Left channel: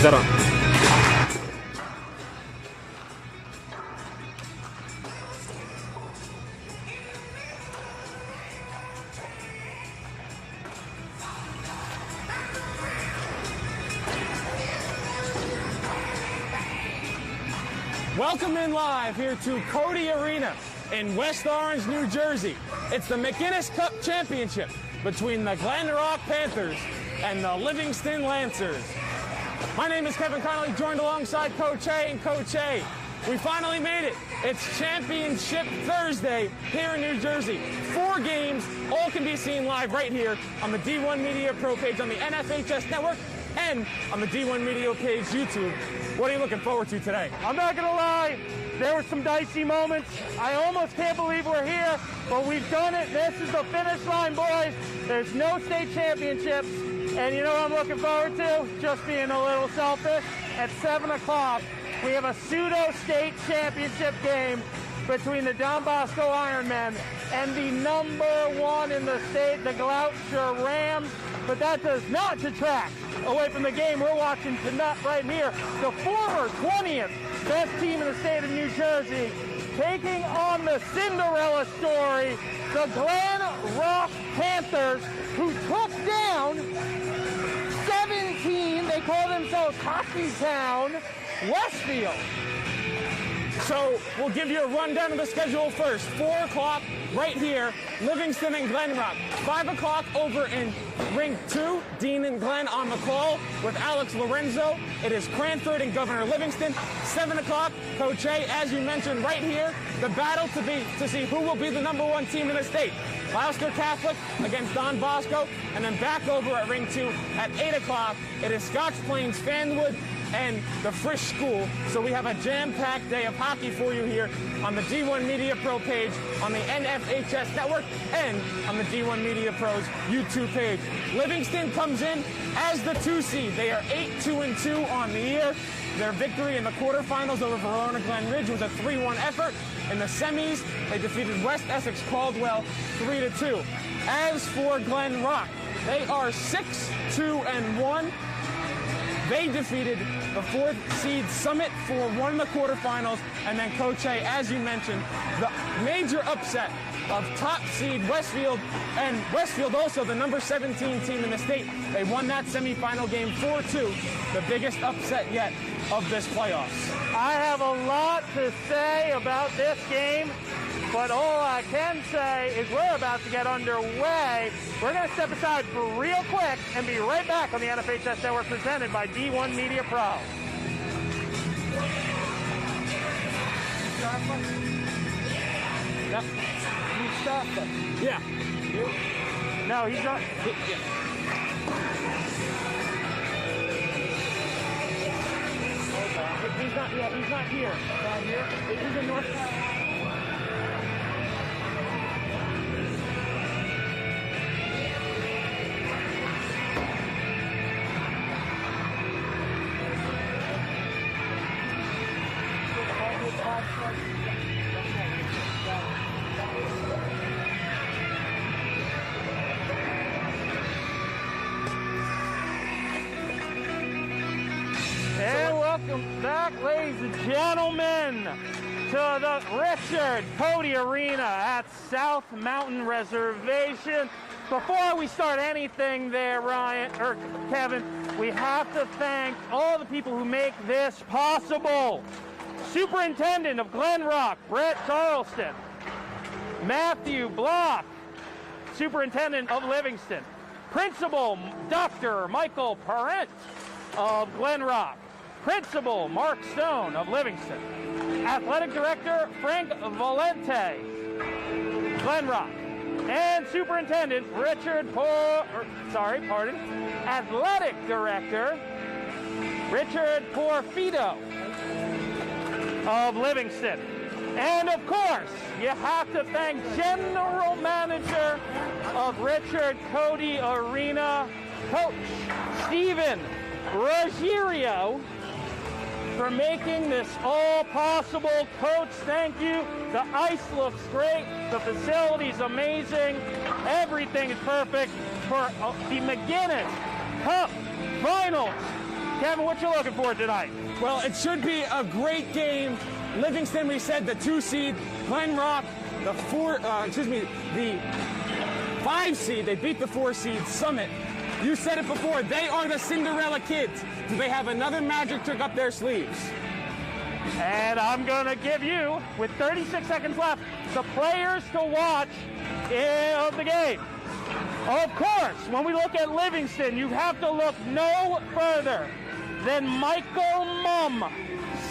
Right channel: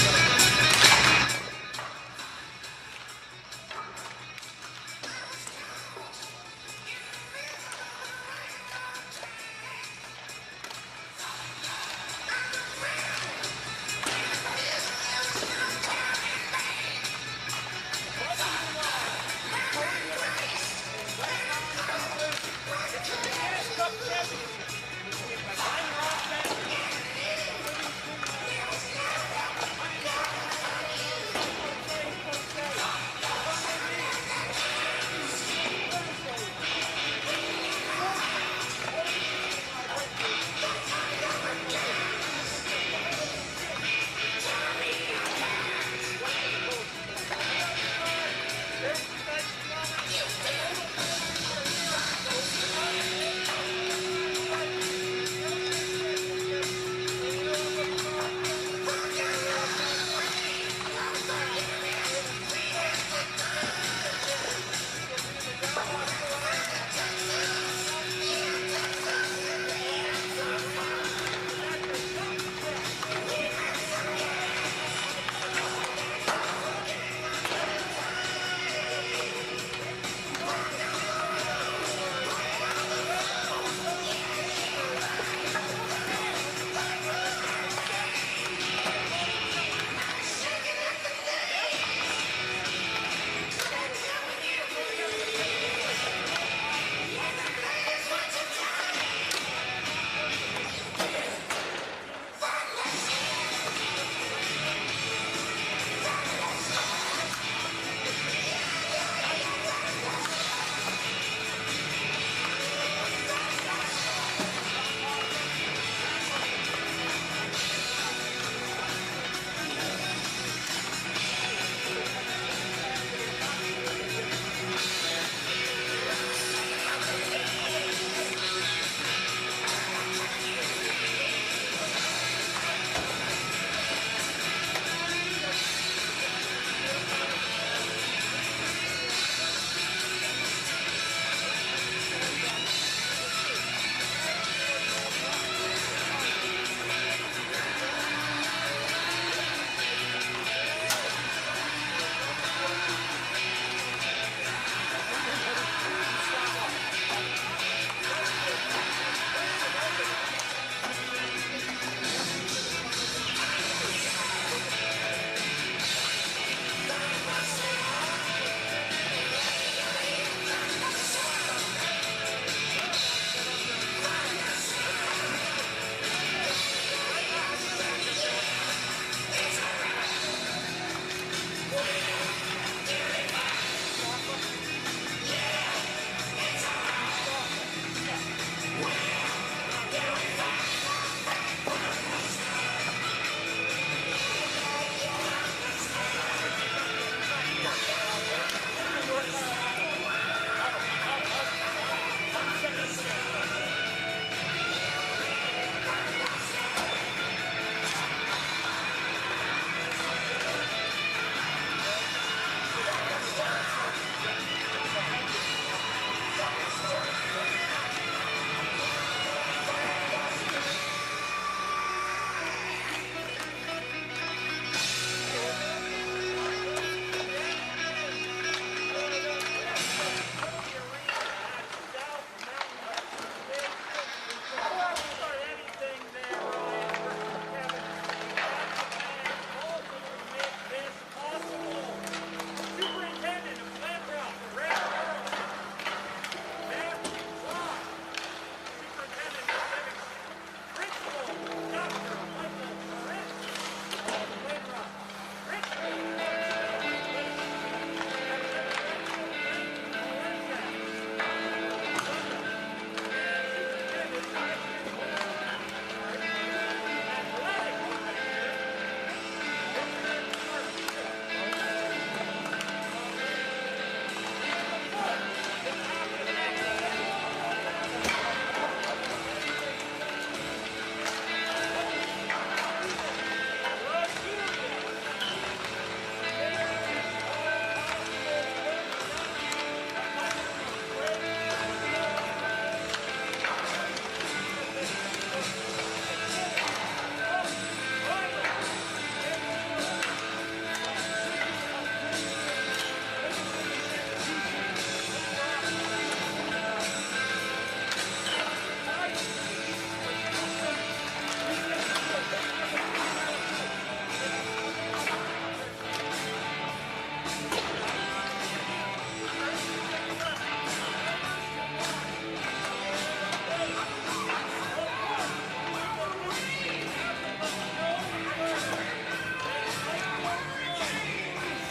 sekarang. Welcome in live here to Cody Arena in West Orange, New Jersey. It's the McInnis Cup Championship between the Glen Rock Panthers and the Livingston Lancers. My name is Kevin Connolly, joined alongside Coach A and Coach A. We finally made it. It's Championship Thursday here in New Jersey. 4 games, all can be seen live right here on the D1 Media Pro page on the NFHS Network and on the D1 Media page YouTube. What are you looking forward to today? I'm not gonna lie, there were some dicey moments. I almost can't believe we're here, but we've done it. This is the finish line, boys. There's no state championship. And you know what I'm looking forward to? Just being a little selfish. At 7 o'clock, we have a pseudo-state championship game between the Don Bosco Ironmen and the #1 in the state, the Gloucester Rams. But that does not detract away from the game we're watching tonight right here. The former 20th best team in the state of New Jersey taking on the Cinderella story, the Glen Rock Panthers, who took down 17, they call themselves Hockey Town, Westfield. So we'll give you a rundown of the schedule first. 4 o'clock right here, Livingston and Glen Rock. 5 o'clock over in Ring 2, Dean and Glenn on the call with Alex Lorenzo. It is Cranford and Governor Livingston. 7 o'clock, Coach A, as you mentioned right here, the battle to see who will be the #1 team in the state. Gloucester Catholic against Don Bosco, and then back over at Ring 2 at 8 o'clock. It is Scotch Plains Fanwood and the Frisch School. So we have a jam-packed day of hockey for you here on the D1 Media Pro page, on the NFHS Network, and on the D1 Media Pro's YouTube page. Livingston comes in as the 2 seed. They are 8-2-2 on the year. Their victory in the quarterfinals over Verona Glen Ridge was a 3-1 effort. In the semis, they defeated West Essex Caldwell 3-2. As for Glen Rock, they are 6-2-1. They defeated the 4th seed Summit for won the quarterfinals, and then Coach A, as you mentioned, the major upset of top seed Westfield, and Westfield also the #17 team in the state. They won that semifinal game 4-2, the biggest upset yet of this playoffs. I have a lot to say about this game, but all I can say is we're about to get underway. We're going to step aside for real quick and be right back on the NFHS Network presented by D1 Media Pro. Yep. Mustafa. Yeah. No, he's not. He's not here. He's in North. Cody Arena at South Mountain Reservation. Before we start anything there, Ryan, or Kevin, we have to thank all the people who make this possible. Superintendent of Glen Rock, Brett Carlson. Matthew Block, Superintendent of Livingston. Principal, Dr. Michael Parent of Glen Rock. Principal, Mark Stone of Livingston. Athletic Director, Frank Valente, Glen Rock. And Superintendent, Athletic Director, Richard Porfido of Livingston. And of course, you have to thank General Manager of Richard Cody Arena, Coach Steven Rogerio, for making this all possible. Coach, thank you. The ice looks great. The facility's amazing. Everything's perfect for the McInnis Cup Finals. Kevin, what you looking for tonight? Well, it should be a great game. Livingston, we said the 2 seed, Glen Rock, the 5 seed, they beat the 4 seed, Summit. You said it before, they are the Cinderella kids. Do they have another magic trick up their sleeves? And I'm going to give you, with 36 seconds left, the players to watch of the game. Of course, when we look at Livingston, you have to look no further than Michael Mumm.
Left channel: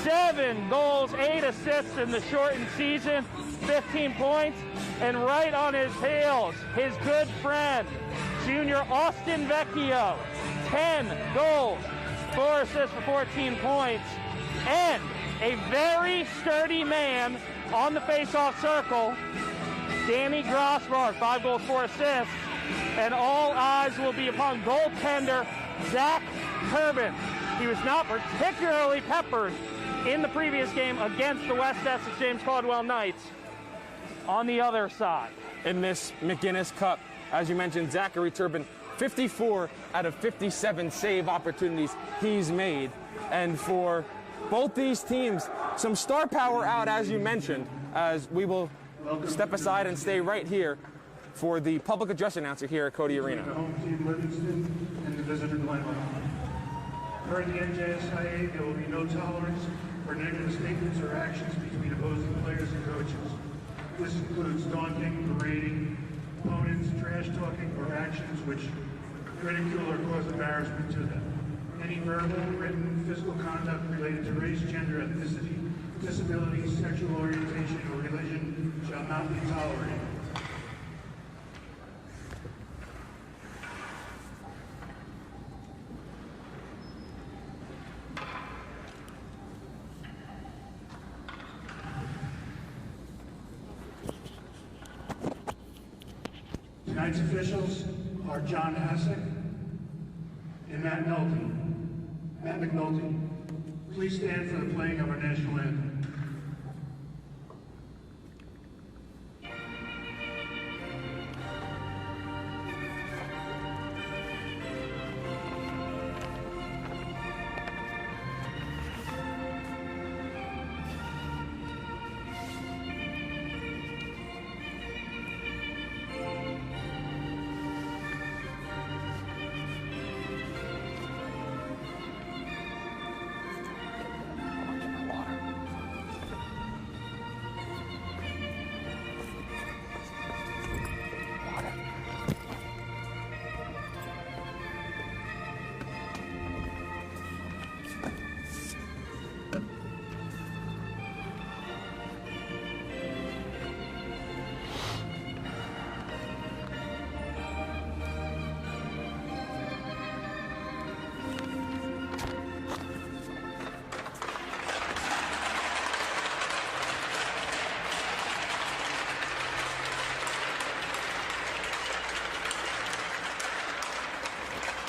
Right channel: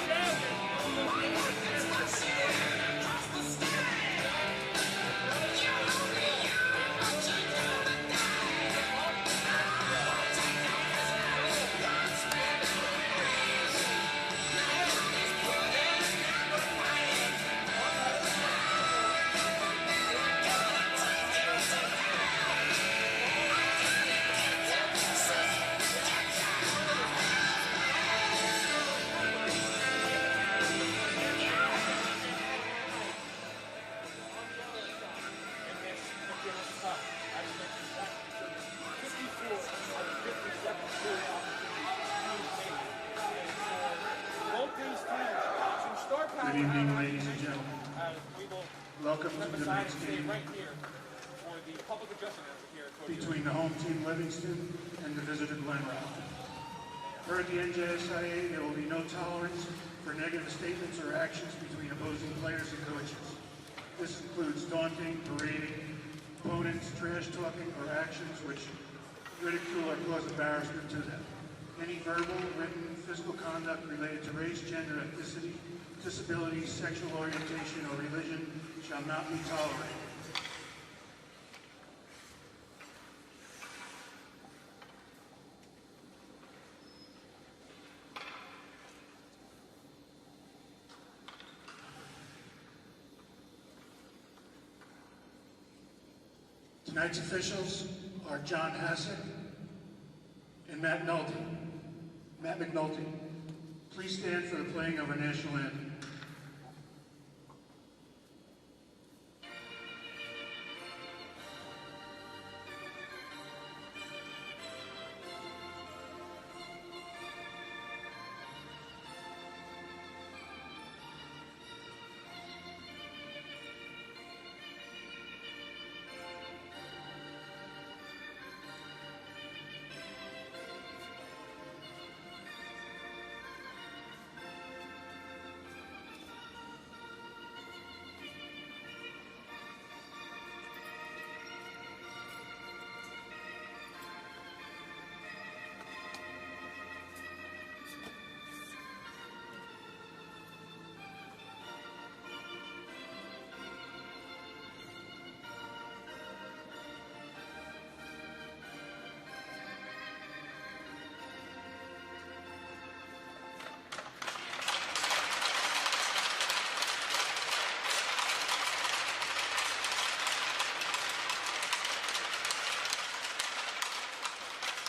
7 goals, 8 assists in the shortened season, 15 points. And right on his heels, his good friend, junior Austin Vecchio. 10 goals, 4 assists for 14 points. And a very sturdy man on the face-off circle, Danny Grossman, 5 goals, 4 assists. And all eyes will be upon goaltender Zach Turbin. He was not particularly peppered in the previous game against the West Essex James Caldwell Knights. On the other side, in this McInnis Cup, as you mentioned, Zachary Turbin, 54 out of 57 save opportunities he's made. And for both these teams, some star power out, as you mentioned, as we will step aside and stay right here for the public address announcer here at Cody Arena. Between the home team Livingston and the visitor Glen Rock. Per the NJSIA, there will be no tolerance for negative statements or actions between opposing players and coaches. This includes taunting, berating, opponents, trash talking, or actions which ridicule or cause embarrassment to them. Any verbal, written, physical conduct related to race, gender, ethnicity, disability, sexual orientation, or religion shall not be tolerated. Tonight's officials are John Hassick and Matt McNulty. Please stand for the playing of our national anthem.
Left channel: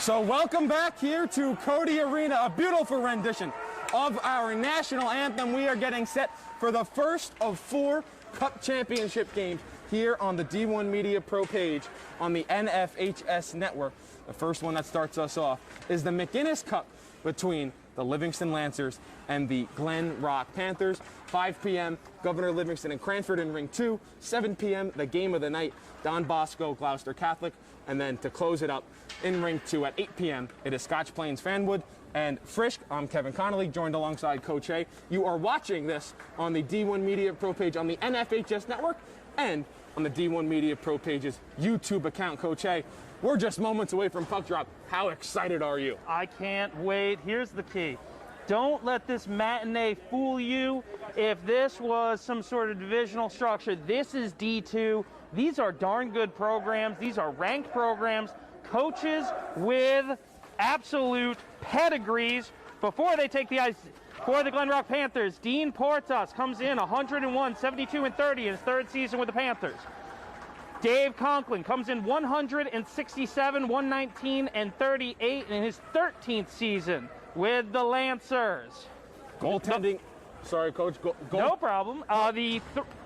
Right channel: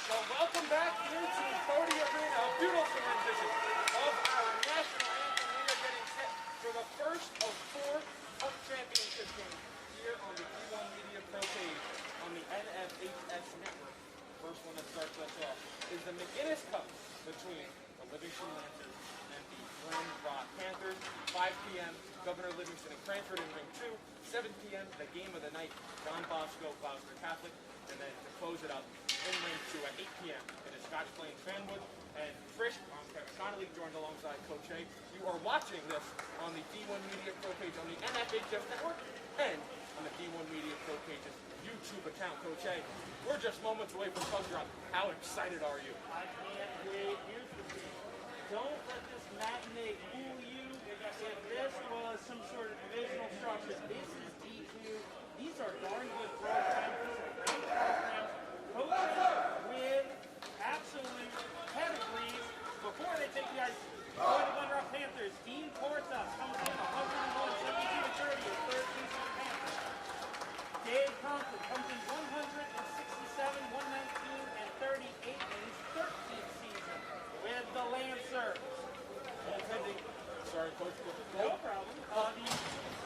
So welcome back here to Cody Arena, a beautiful rendition of our national anthem. We are getting set for the first of 4 Cup Championship games here on the D1 Media Pro page on the NFHS network. The first one that starts us off is the McInnis Cup between the Livingston Lancers and the Glen Rock Panthers. 5 p.m., Governor Livingston and Cranford in Ring 2. 7 p.m., the game of the night, Don Bosco, Gloucester Catholic. And then to close it up, in Ring 2 at 8 p.m., it is Scotch Plains Fanwood and Frisch. I'm Kevin Connolly, joined alongside Coach A. You are watching this on the D1 Media Pro page on the NFHS network and on the D1 Media Pro page's YouTube account, Coach A. We're just moments away from puck drop. How excited are you? I can't wait. Here's the key. Don't let this matinee fool you. If this was some sort of divisional structure, this is D2. These are darn good programs. These are ranked programs. Coaches with absolute pedigrees. Before they take the ice for the Glen Rock Panthers, Dean Portas comes in 101, 72, and 30 in his 3rd season with the Panthers. Dave Conklin comes in 167, 119, and 38 in his 13th season with the Lancers. Goaltending. Sorry, Coach. No problem.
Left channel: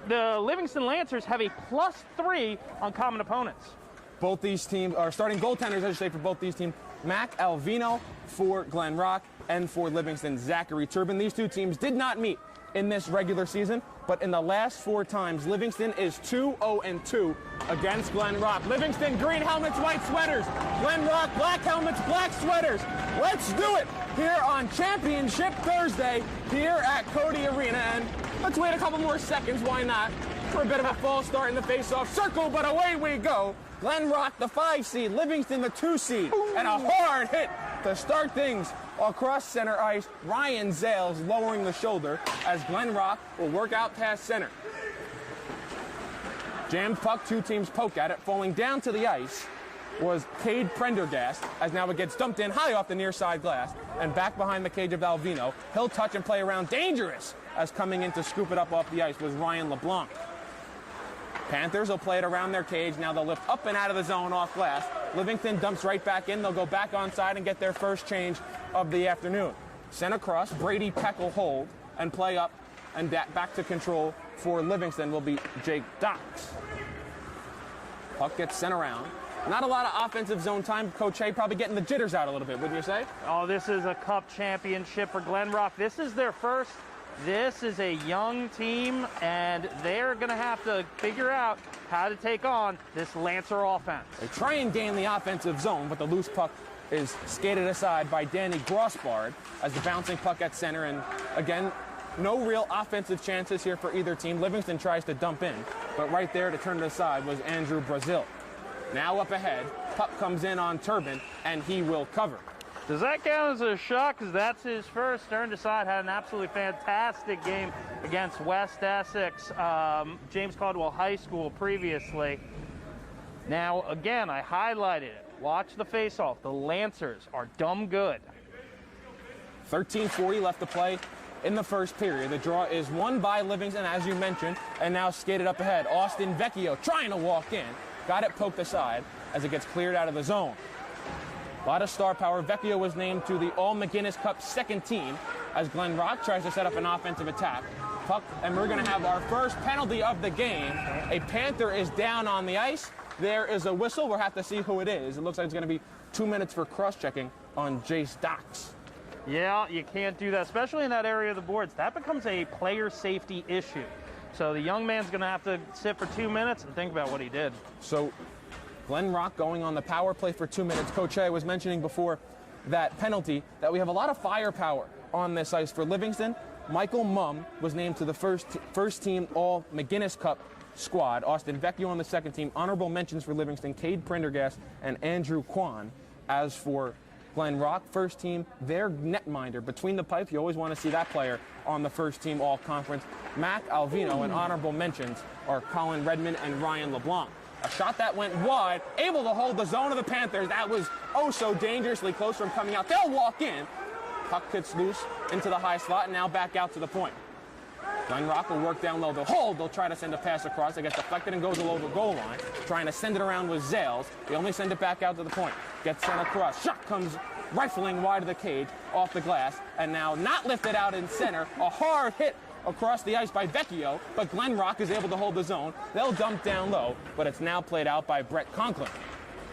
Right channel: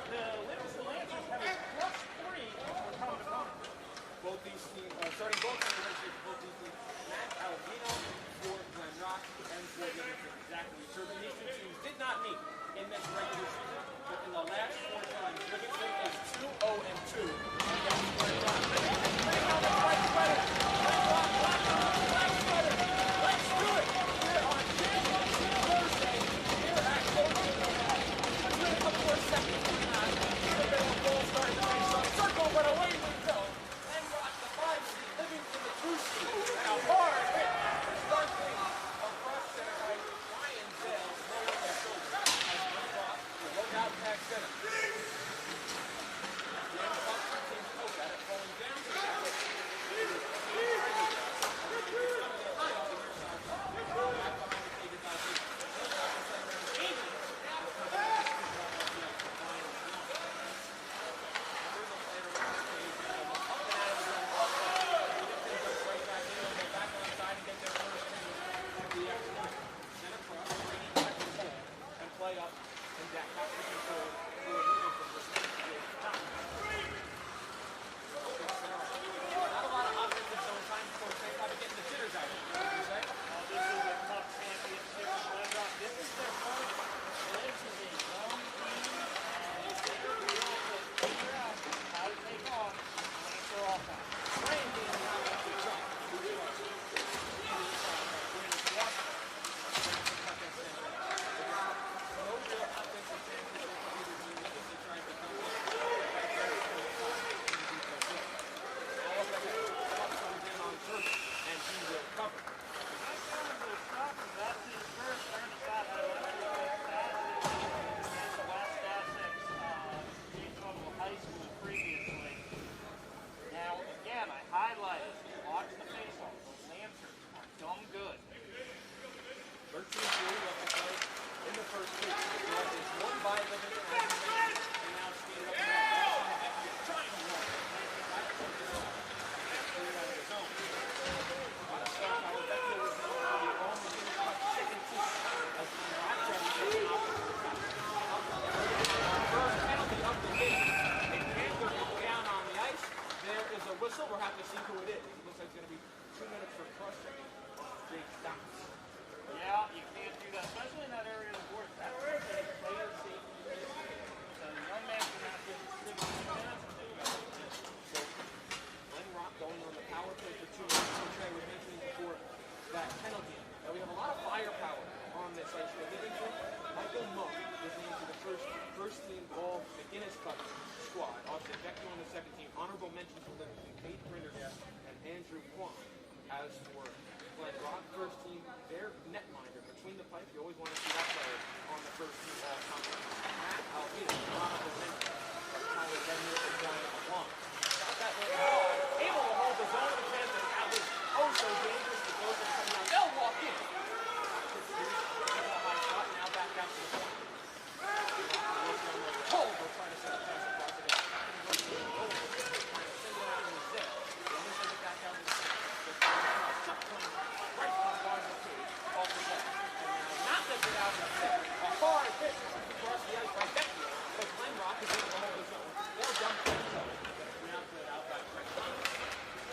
The Livingston Lancers have a +3 on common opponents. Both these teams are starting goaltenders, I should say, for both these teams. Mac Alvino, for Glen Rock and for Livingston, Zachary Turbin. These two teams did not meet in this regular season, but in the last 4 times, Livingston is 2-0-2 against Glen Rock. Livingston, green helmets, white sweaters. Glen Rock, black helmets, black sweaters. Let's do it here on Championship Thursday here at Cody Arena. And between a couple more seconds, why not, for a bit of a false start in the face-off circle, but away we go. Glen Rock, the 5 seed, Livingston, the 2 seed, and a hard hit to start things across center ice. Ryan Zales lowering the shoulder as Glen Rock will work out past center. Jammed puck, 2 teams poke at it. Falling down to the ice was Cade Prendergast, as now it gets dumped in high off the near side glass and back behind the cage of Alvino. He'll touch and play around, dangerous, as coming in to scoop it up off the ice was Ryan LeBlanc. Panthers will play it around their cage. Now they'll lift up and out of the zone off glass. Livingston dumps right back in. They'll go back onside and get their first change of the afternoon. Sent across, Brady Peck will hold and play up and back to control for Livingston will be Jake Docks. Puck gets sent around. Not a lot of offensive zone time. Coach Hay probably getting the jitters out a little bit, wouldn't you say? Oh, this is a cup championship for Glen Rock. This is their first. This is a young team, and they're going to have to figure out how to take on this Lancer offense. They try and gain the offensive zone, but the loose puck is skated aside by Danny Grossbard as the bouncing puck at center. And again, no real offensive chances here for either team. Livingston tries to dump in, but right there to turn it aside was Andrew Brazil. Now up ahead, puck comes in on Turbin, and he will cover. Does that count as a shot? Because that's his first. Turned aside, had an absolutely fantastic game against West Essex, James Caldwell High School previously. Now, again, I highlighted it. Watch the face-off. The Lancers are dumb good. 13:40 left to play in the first period. The draw is won by Livingston, as you mentioned, and now skated up ahead. Austin Vecchio trying to walk in. Got it poked aside as it gets cleared out of the zone. A lot of star power. Vecchio was named to the All-McInnis Cup second team as Glen Rock tries to set up an offensive attack. Puck, and we're going to have our first penalty of the game. A Panther is down on the ice. There is a whistle. We'll have to see who it is. It looks like it's going to be 2 minutes for cross-checking on Jace Docks. Yeah, you can't do that, especially in that area of the boards. That becomes a player safety issue. So the young man's going to have to sit for 2 minutes and think about what he did. So Glen Rock going on the power play for 2 minutes. Coach Hay was mentioning before that penalty that we have a lot of firepower on this ice for Livingston. Michael Mumm was named to the first team All-McInnis Cup squad. Austin Vecchio on the second team. Honorable mentions for Livingston, Cade Prendergast and Andrew Kwan. As for Glen Rock, first team, their netminder. Between the pipes, you always want to see that player on the first team All-Conference. Mac Alvino, and honorable mentions are Colin Redmond and Ryan LeBlanc. A shot that went wide, able to hold the zone of the Panthers. That was oh so dangerously close from coming out. They'll walk in. Puck gets loose into the high slot, and now back out to the point. Glen Rock will work down low. They'll hold. They'll try to send a pass across. It gets deflected and goes below the goal line. Trying to send it around with Zales. They only send it back out to the point. Gets sent across. Shot comes rifling wide of the cage, off the glass, and now not lifted out in center. A hard hit across the ice by Vecchio, but Glen Rock is able to hold the zone. They'll dump down low, but it's now played out by Brett Conklin.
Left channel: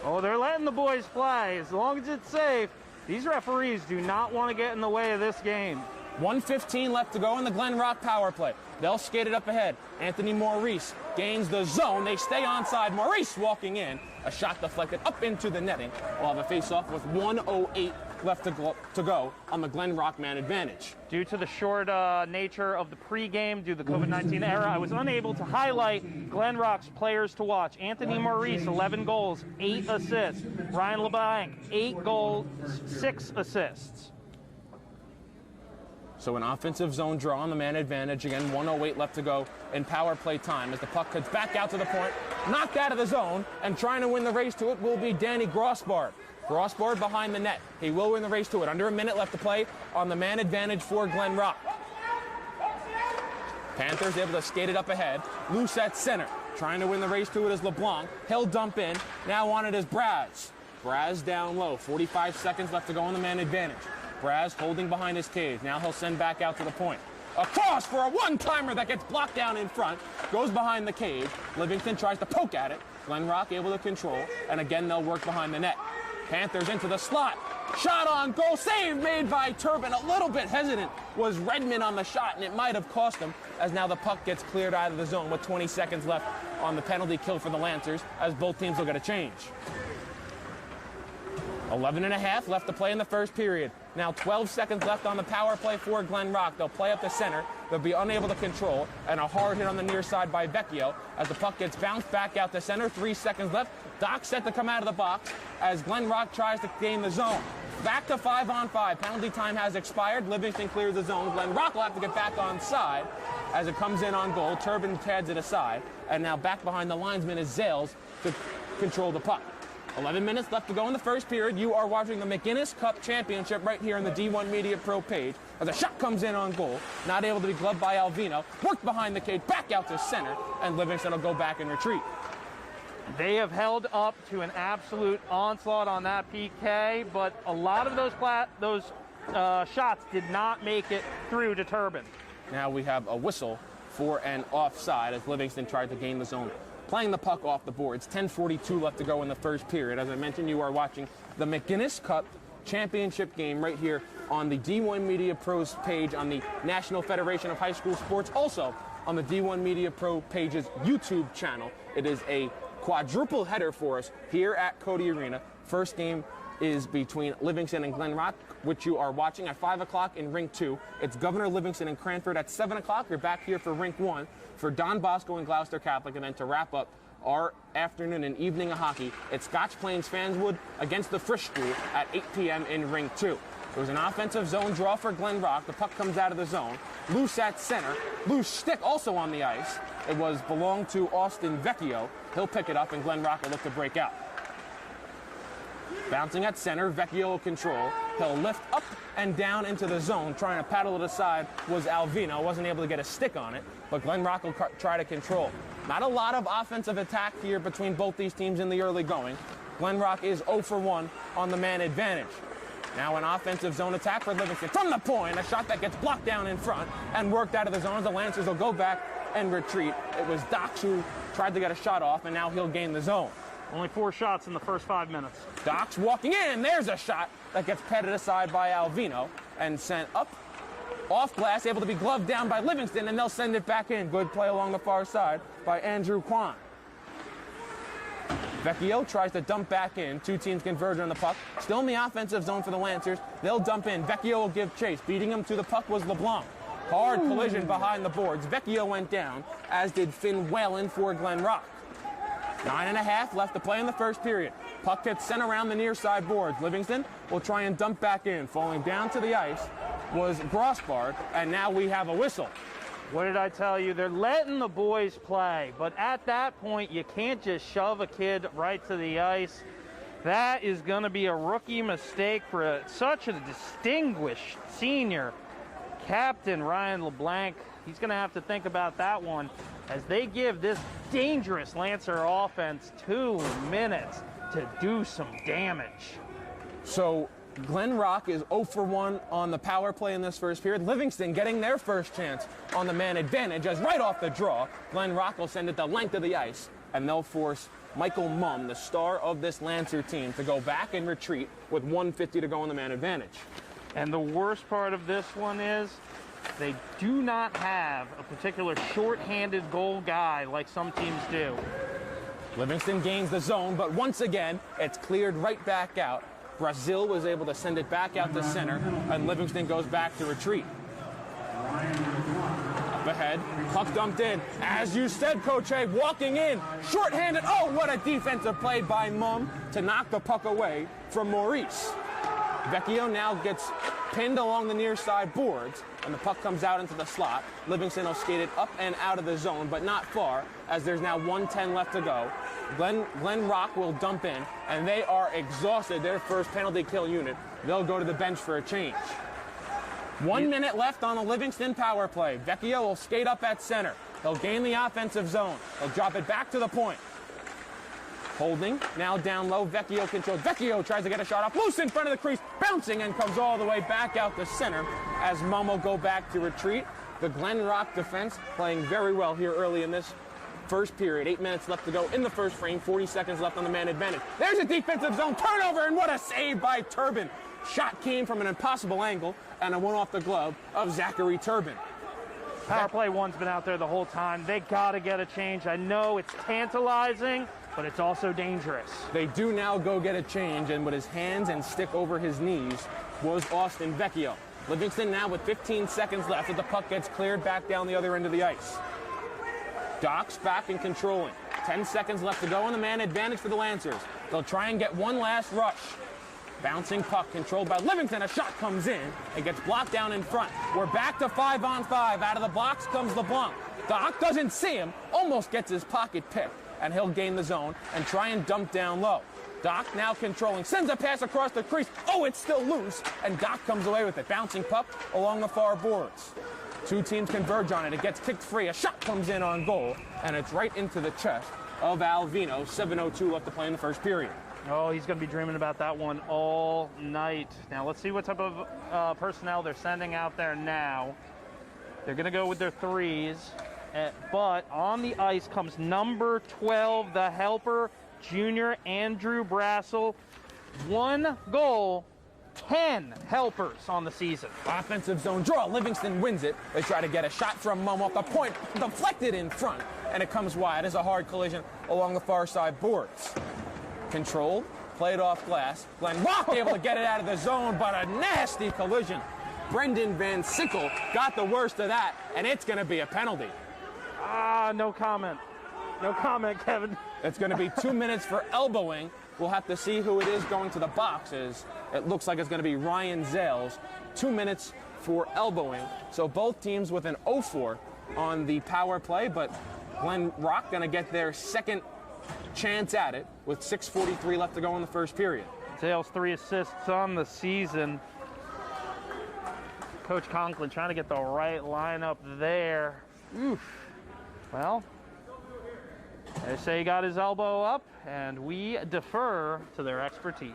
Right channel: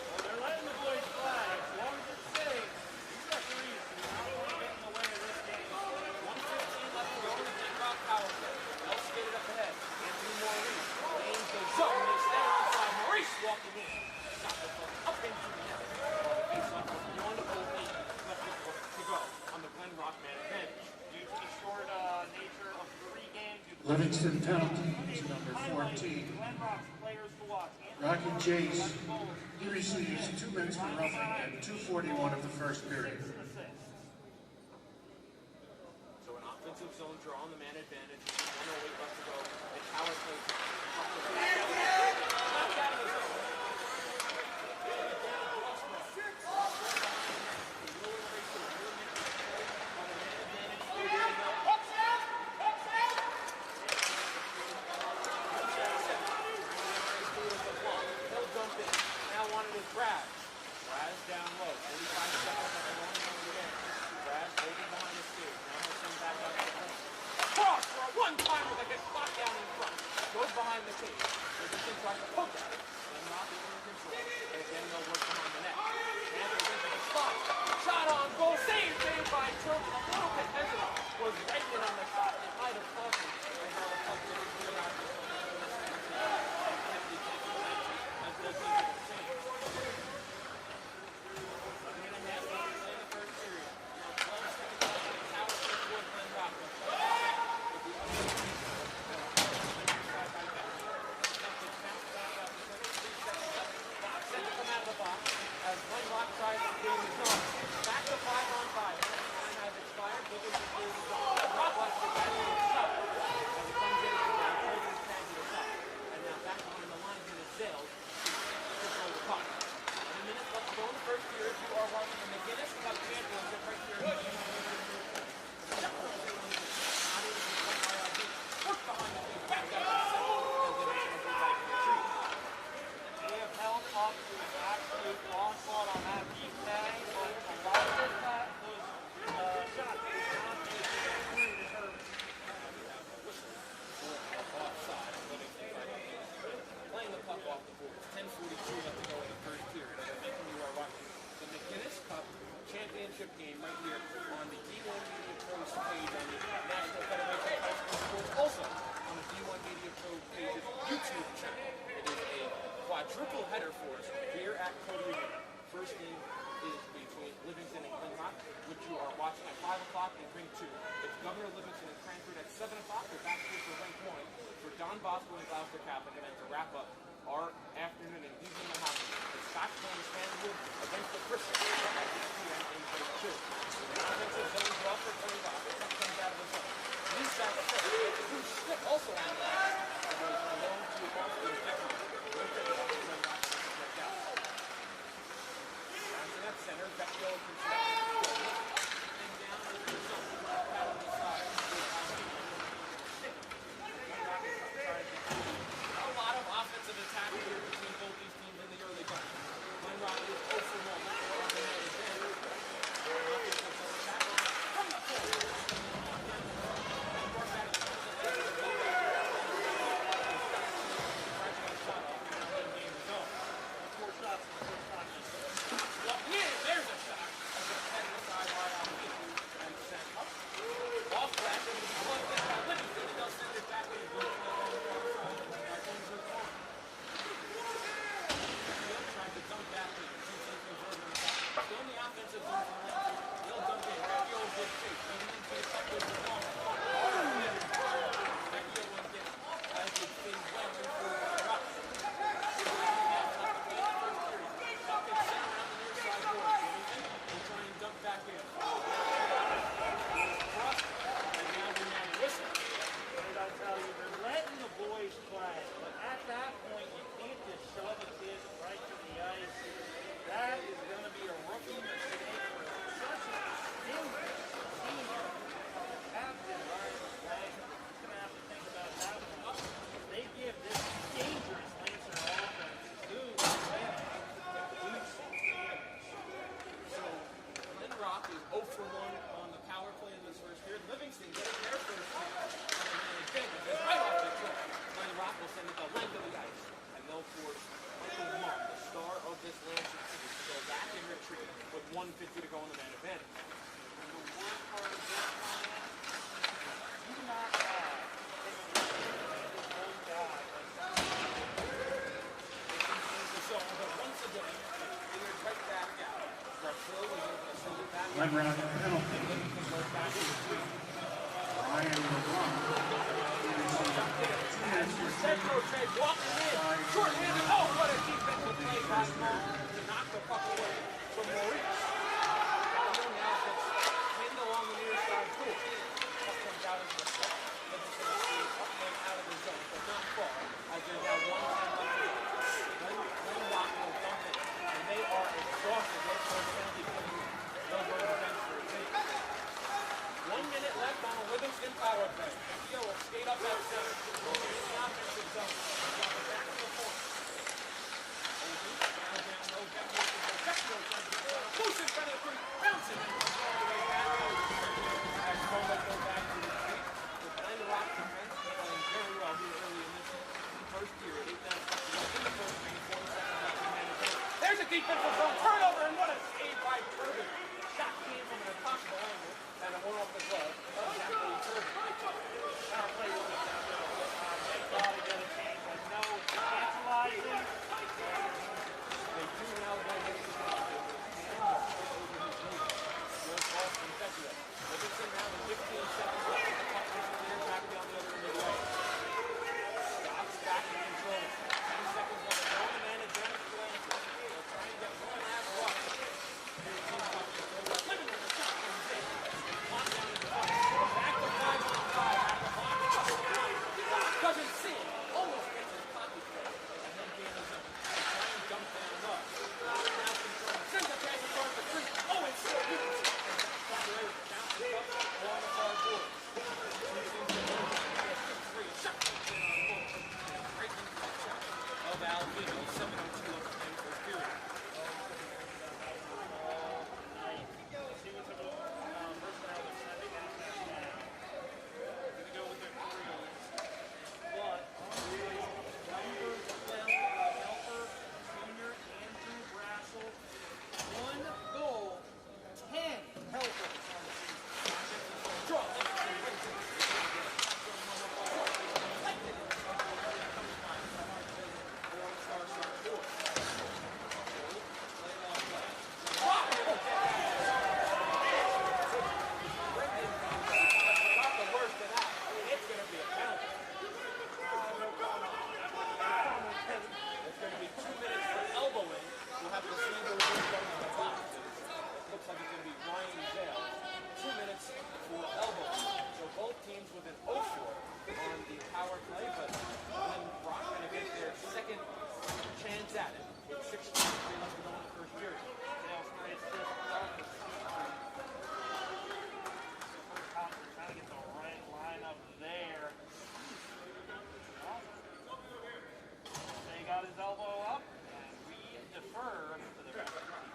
Oh, they're letting the boys play. As long as it's safe, these referees do not want to get in the way of this game. 1:15 left to go in the Glen Rock power play. They'll skate it up ahead. Anthony Maurice gains the zone. They stay onside. Maurice walking in. A shot deflected up into the netting. We'll have a face-off with 1:08 left to go on the Glen Rock man advantage. Due to the short nature of the pregame, due to the COVID-19 era, I was unable to highlight Glen Rock's players to watch. Anthony Maurice, 11 goals, 8 assists. Ryan LeBlanc, 8 goals, 6 assists. So an offensive zone draw on the man advantage. Again, 1:08 left to go in power play time as the puck heads back out to the point, knocked out of the zone, and trying to win the race to it will be Danny Grossbard. Grossbard behind the net. He will win the race to it. Under a minute left to play on the man advantage for Glen Rock. Panthers able to skate it up ahead. Loose at center. Trying to win the race to it is LeBlanc. He'll dump in. Now on it is Braz. Braz down low. 45 seconds left to go on the man advantage. Braz holding behind his cage. Now he'll send back out to the point. A cross for a one-timer that gets blocked down in front. Goes behind the cage. Livingston tries to poke at it. Glen Rock able to control. And again, they'll work behind the net. Panthers into the slot. Shot on goal, save made by Turbin. A little bit hesitant was Redmond on the shot, and it might have cost him, as now the puck gets cleared out of the zone with 20 seconds left on the penalty kill for the Lancers, as both teams will get a change. 11.5 left to play in the first period. Now 12 seconds left on the power play for Glen Rock. They'll play up the center. They'll be unable to control, and a hard hit on the near side by Vecchio as the puck gets bounced back out to center. 3 seconds left. Doc set to come out of the box as Glen Rock tries to gain the zone. Back to 5-on-5. Penalty time has expired. Livingston clears the zone. Glen Rock will have to get back on side as it comes in on goal. Turbin pads it aside, and now back behind the linesman is Zales to control the puck. 11 minutes left to go in the first period. You are watching the McInnis Cup Championship right here on the D1 Media Pro page. As the shot comes in on goal, not able to be gloved by Alvino. Worked behind the cage, back out to center, and Livingston will go back and retreat. They have held up to an absolute onslaught on that PK, but a lot of those shots did not make it through to Turbin. Now we have a whistle for an offside as Livingston tried to gain the zone, playing the puck off the boards. 10:42 left to go in the first period. As I mentioned, you are watching the McInnis Cup Championship game right here on the D1 Media Pros page on the National Federation of High School Sports, also on the D1 Media Pro page's YouTube channel. It is a quadruple header for us here at Cody Arena. First game is between Livingston and Glen Rock, which you are watching at 5 o'clock in Rink 2. It's Governor Livingston and Cranford at 7 o'clock. You're back here for Rink 1 for Don Bosco and Gloucester Catholic. And then to wrap up our afternoon and evening of hockey, it's Scotch Plains Fanswood against the Frisch School at 8 p.m. in Rink 2. It was an offensive zone draw for Glen Rock. The puck comes out of the zone. Loose at center. Loose stick also on the ice. It belonged to Austin Vecchio. He'll pick it up, and Glen Rock will look to break out. Bouncing at center, Vecchio will control. He'll lift up and down into the zone. Trying to paddle it aside was Alvino. Wasn't able to get a stick on it, but Glen Rock will try to control. Not a lot of offensive attack here between both these teams in the early going. Glen Rock is 0 for 1 on the man advantage. Now an offensive zone attack for Livingston from the point. A shot that gets blocked down in front and worked out of the zone. The Lancers will go back and retreat. It was Doc who tried to get a shot off, and now he'll gain the zone. Only 4 shots in the first 5 minutes. Doc's walking in. There's a shot that gets patted aside by Alvino and sent up off glass, able to be gloved down by Livingston, and they'll send it back in. Good play along the far side by Andrew Kwan. Vecchio tries to dump back in. Two teams converge on the puck. Still in the offensive zone for the Lancers. They'll dump in. Vecchio will give chase. Beating him to the puck was LeBlanc. Hard collision behind the boards. Vecchio went down, as did Finn Whalen for Glen Rock. 9.5 left to play in the first period. Puck gets sent around the near side boards. Livingston will try and dump back in. Falling down to the ice was Grossbard, and now we have a whistle. What did I tell you? They're letting the boys play, but at that point, you can't just shove a kid right to the ice. That is going to be a rookie mistake for such a distinguished senior. Captain Ryan LeBlanc, he's going to have to think about that one as they give this dangerous Lancer offense 2 minutes to do some damage. So Glen Rock is 0 for 1 on the power play in this first period. Livingston getting their first chance on the man advantage, as right off the draw, Glen Rock will send it the length of the ice, and they'll force Michael Mumm, the star of this Lancer team, to go back and retreat with 1:50 to go on the man advantage. And the worst part of this one is they do not have a particular short-handed goal guy like some teams do. Livingston gains the zone, but once again, it's cleared right back out. Brazil was able to send it back out the center, and Livingston goes back to retreat. Up ahead, puck dumped in. As you said, Coach A, walking in, short-handed. Oh, what a defensive play by Mumm to knock the puck away from Maurice. Vecchio now gets pinned along the near side boards, and the puck comes out into the slot. Livingston will skate it up and out of the zone, but not far, as there's now 1:10 left to go. Glen Rock will dump in, and they are exhausted. Their first penalty kill unit. They'll go to the bench for a change. 1 minute left on a Livingston power play. Vecchio will skate up at center. They'll gain the offensive zone. They'll drop it back to the point. Holding, now down low, Vecchio controls. Vecchio tries to get a shot off, loose in front of the crease, bouncing and comes all the way back out to center as Mumm will go back to retreat. The Glen Rock defense playing very well here early in this first period. 8 minutes left to go in the first frame. 40 seconds left on the man advantage. There's a defensive zone turnover, and what a save by Turbin. Shot came from an impossible angle, and it went off the glove of Zachary Turbin. Power play one's been out there the whole time. They got to get a change. I know it's tantalizing, but it's also dangerous. They do now go get a change, and with his hands and stick over his knees was Austin Vecchio. Livingston now with 15 seconds left as the puck gets cleared back down the other end of the ice. Doc's back and controlling. 10 seconds left to go, and the man advantage for the Lancers. They'll try and get one last rush. Bouncing puck controlled by Livingston. A shot comes in. It gets blocked down in front. We're back to 5-on-5. Out of the box comes LeBlanc. Doc doesn't see him. Almost gets his pocket picked. And he'll gain the zone and try and dump down low. Doc now controlling. Sends a pass across the crease. Oh, it's still loose. And Doc comes away with it. Bouncing puck along the far boards. Two teams converge on it. It gets kicked free. A shot comes in on goal. And it's right into the chest of Alvino. 7:02 left to play in the first period. Oh, he's going to be dreaming about that one all night. Now, let's see what type of personnel they're sending out there now. They're going to go with their threes. But on the ice comes number 12, the helper, junior Andrew Brassel. 1 goal, 10 helpers on the season. Offensive zone draw. Livingston wins it. They try to get a shot from Mum off the point. Deflected in front. And it comes wide as a hard collision along the far side boards. Controlled, played off glass. Glenn Rock able to get it out of the zone, but a nasty collision. Brendan Van Sickle got the worst of that, and it's going to be a penalty. No comment. No comment, Kevin. It's going to be 2 minutes for elbowing. We'll have to see who it is going to the boxes. It looks like it's going to be Ryan Zales. 2 minutes for elbowing. So both teams with an 0-4 on the power play, but Glen Rock going to get their second chance at it with 6:43 left to go in the first period. Zales 3 assists on the season. Coach Conklin trying to get the right lineup there. Oof. Well, they say he got his elbow up, and we defer to their expertise.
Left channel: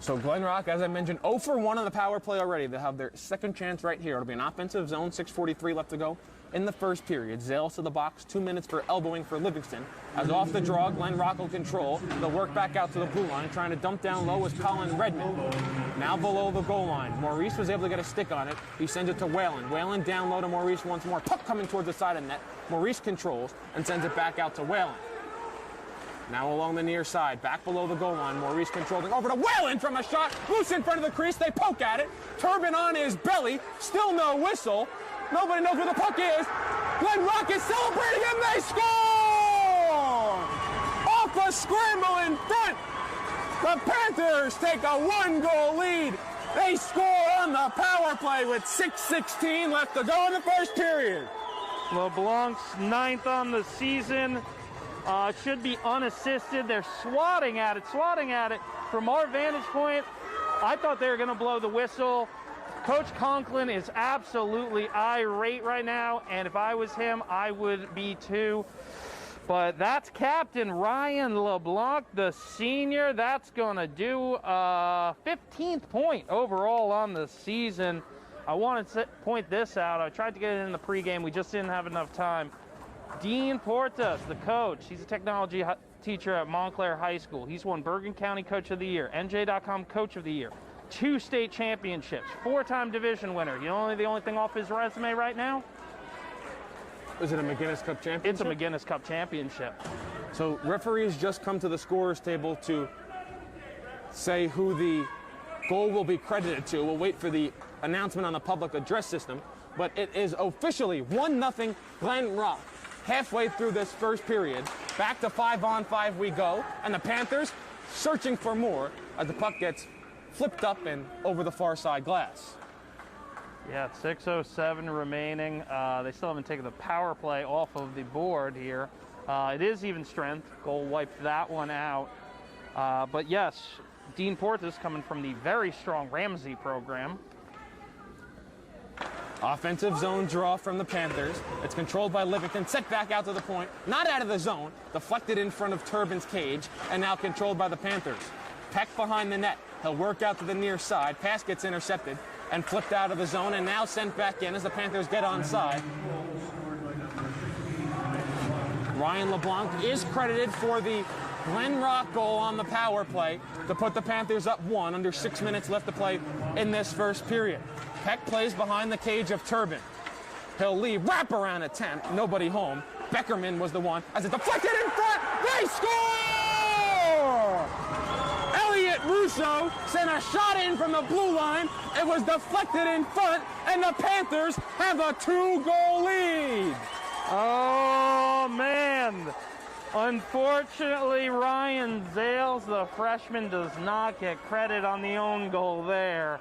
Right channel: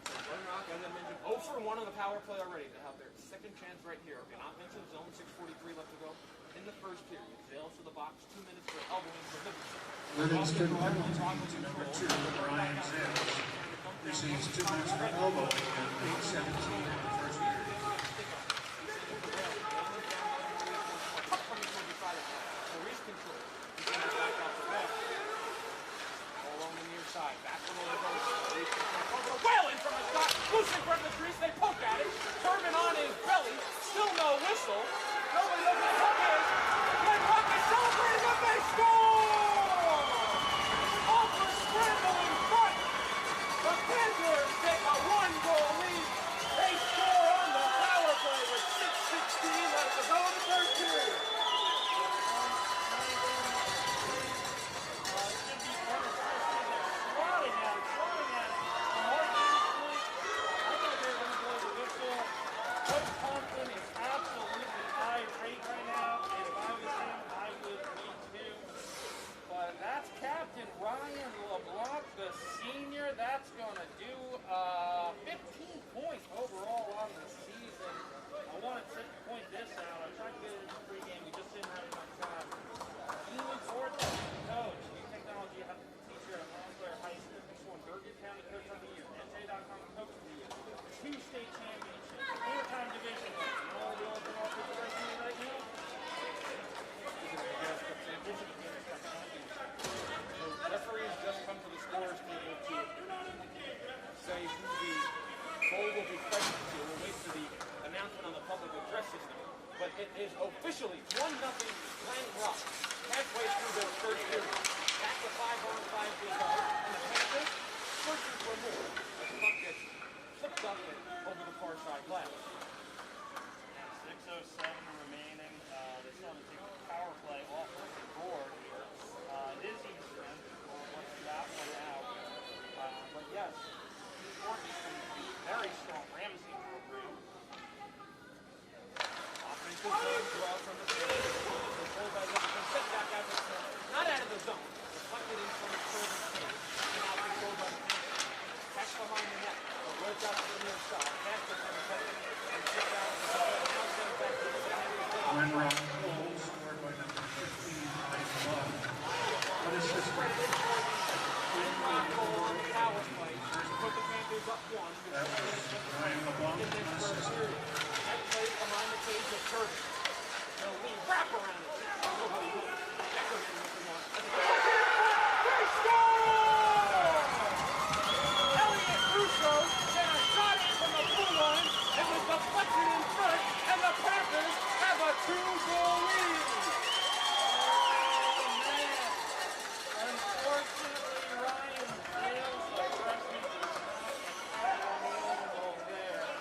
So Glen Rock, as I mentioned, 0 for 1 on the power play already. They have their second chance right here. It'll be an offensive zone, 6:43 left to go in the first period. Zales to the box, 2 minutes for elbowing for Livingston. As off the draw, Glen Rock will control. They'll work back out to the blue line, trying to dump down low with Colin Redmond. Now below the goal line. Maurice was able to get a stick on it. He sends it to Whalen. Whalen down low to Maurice once more. Puck coming towards the side of net. Maurice controls and sends it back out to Whalen. Now along the near side, back below the goal line. Maurice controls it over to Whalen from a shot. Loose in front of the crease. They poke at it. Turbin on his belly. Still no whistle. Nobody knows where the puck is. Glen Rock is celebrating and they score! Off a scramble in front. The Panthers take a 1-goal lead. They score on the power play with 6:16 left to go in the first period. LeBlanc's 9th on the season. Should be unassisted. They're swatting at it. From our vantage point, I thought they were going to blow the whistle. Coach Conklin is absolutely irate right now, and if I was him, I would be too. But that's Captain Ryan LeBlanc, the senior. That's going to do 15th point overall on the season. I want to point this out. I tried to get it in the pregame. We just didn't have enough time. Dean Portas, the coach. He's a technology teacher at Montclair High School. He's won Bergen County Coach of the Year, NJ.com Coach of the Year, 2 state championships, 4-time division winner. You know the only thing off his resume right now? Is it a McInnis Cup championship? It's a McInnis Cup championship. So referees just come to the scorer's table to say who the goal will be credited to. We'll wait for the announcement on the public address system. But it is officially 1-0 Glen Rock. Halfway through this first period, back to 5-on-5 we go, and the Panthers searching for more as the puck gets flipped up and over the far side glass. Yeah, 6:07 remaining. They still haven't taken the power play off of the board here. It is even strength. Goal wiped that one out. But yes, Dean Portas coming from the very strong Ramsey program. Offensive zone draw from the Panthers. It's controlled by Livingston, set back out to the point, not out of the zone, deflected in front of Turbin's cage, and now controlled by the Panthers. Peck behind the net. He'll work out to the near side. Pass gets intercepted and flipped out of the zone and now sent back in as the Panthers get onside. Ryan LeBlanc is credited for the Glen Rock goal on the power play to put the Panthers up 1 under 6 minutes left to play in this first period. Peck plays behind the cage of Turbin. He'll leave, wraparound attempt, nobody home. Beckerman was the one, as it deflected in front, they score! Elliot Russo sent a shot in from the blue line. It was deflected in front, and the Panthers have a 2-goal lead. Oh, man. Unfortunately, Ryan Zales, the freshman, does not get credit on the own goal there.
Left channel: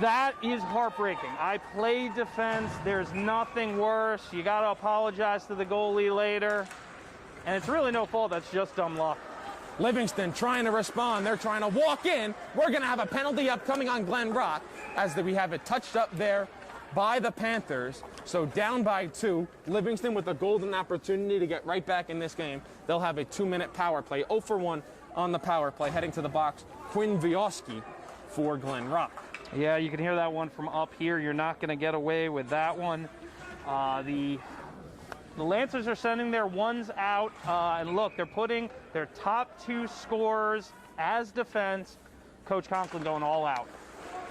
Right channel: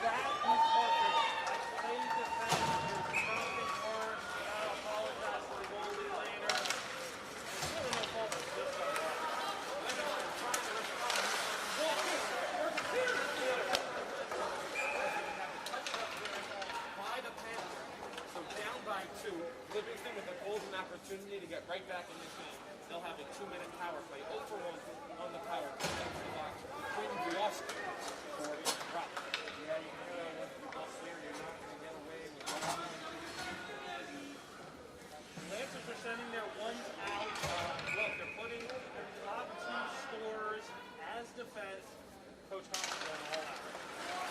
That is heartbreaking. I played defense. There's nothing worse. You got to apologize to the goalie later. And it's really no fault. That's just dumb luck. Livingston trying to respond. They're trying to walk in. We're going to have a penalty upcoming on Glen Rock as we have it touched up there by the Panthers. So down by 2. Livingston with a golden opportunity to get right back in this game. They'll have a 2-minute power play. 0 for 1 on the power play. Heading to the box, Quinn Vioski for Glen Rock. Yeah, you can hear that one from up here. You're not going to get away with that one. The Lancers are sending their ones out, and look, they're putting their top 2 scorers as defense. Coach Conklin going all out.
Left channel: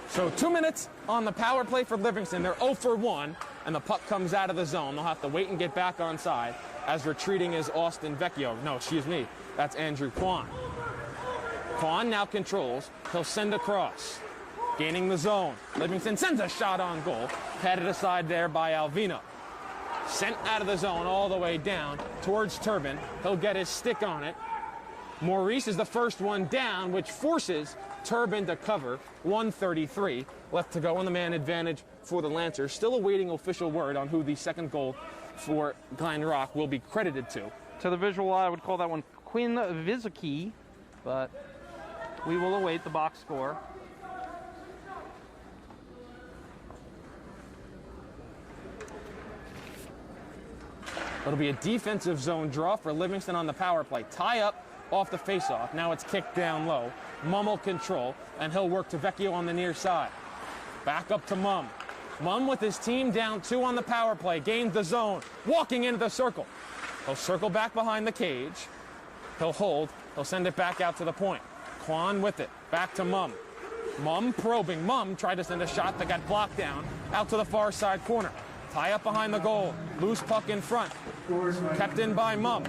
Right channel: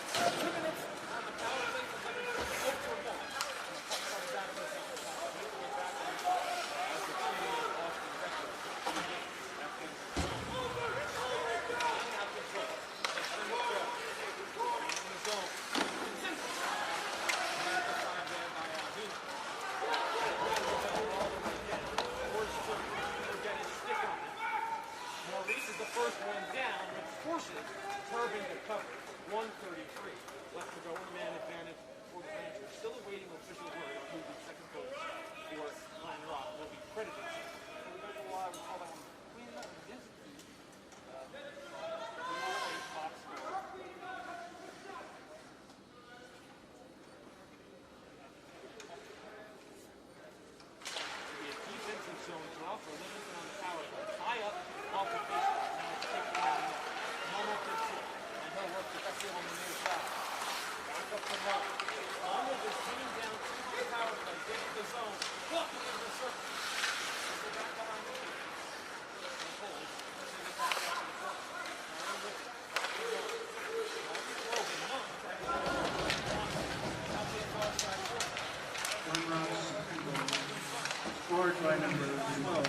So 2 minutes on the power play for Livingston. They're 0 for 1, and the puck comes out of the zone. They'll have to wait and get back on side, as retreating is Austin Vecchio. No, excuse me, that's Andrew Kwan. Kwan now controls. He'll send across. Gaining the zone. Livingston sends a shot on goal. Patted aside there by Alvino. Sent out of the zone all the way down towards Turbin. He'll get his stick on it. Maurice is the first one down, which forces Turbin to cover. 1:33 left to go on the man advantage for the Lancers. Still awaiting official word on who the second goal for Glen Rock will be credited to. To the visual eye, I would call that one Quinn Vizicki, but we will await the box score. It'll be a defensive zone draw for Livingston on the power play. Tie up off the faceoff. Now it's kicked down low. Mumm will control, and he'll work to Vecchio on the near side. Back up to Mumm. Mumm with his team down 2 on the power play. Gained the zone. Walking into the circle. He'll circle back behind the cage. He'll hold. He'll send it back out to the point. Kwan with it. Back to Mumm. Mumm probing. Mumm tried to send a shot that got blocked down. Out to the far side corner. Tie up behind the goal. Loose puck in front. Kept in by Mumm.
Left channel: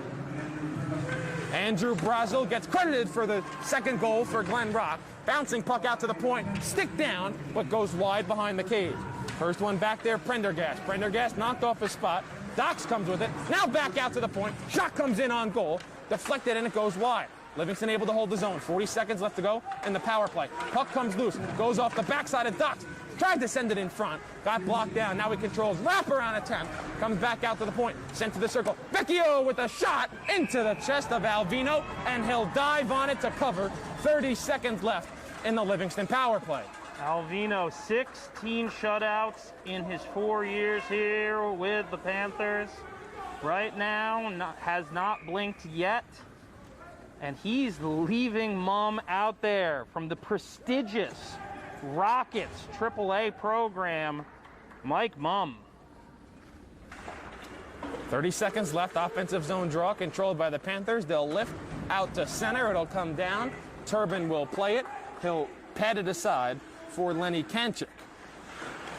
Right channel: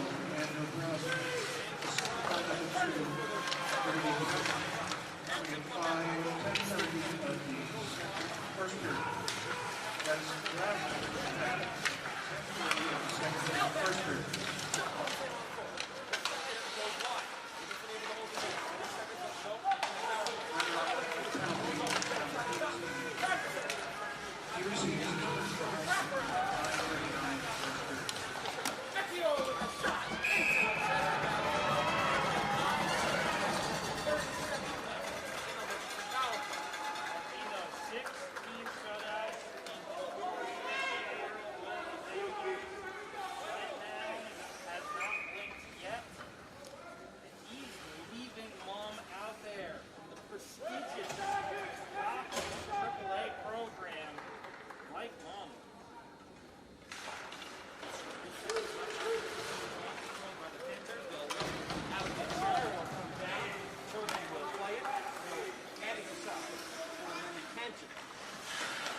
Andrew Brazel gets credited for the second goal for Glen Rock. Bouncing puck out to the point. Stick down, but goes wide behind the cage. First one back there, Prendergast. Prendergast knocked off his spot. Dox comes with it. Now back out to the point. Shot comes in on goal. Deflected and it goes wide. Livingston able to hold the zone. 40 seconds left to go in the power play. Puck comes loose. Goes off the backside of Dox. Tried to send it in front. Got blocked down. Now he controls. Wraparound attempt. Comes back out to the point. Sent to the circle. Vecchio with a shot into the chest of Alvino. And he'll dive on it to cover. 30 seconds left in the Livingston power play. Alvino, 16 shutouts in his 4 years here with the Panthers. Right now, has not blinked yet. And he's leaving Mumm out there from the prestigious Rockets AAA program, Mike Mumm. 30 seconds left. Offensive zone draw controlled by the Panthers. They'll lift out to center. It'll come down. Turbin will play it. He'll pat it aside for Lenny Kantrick.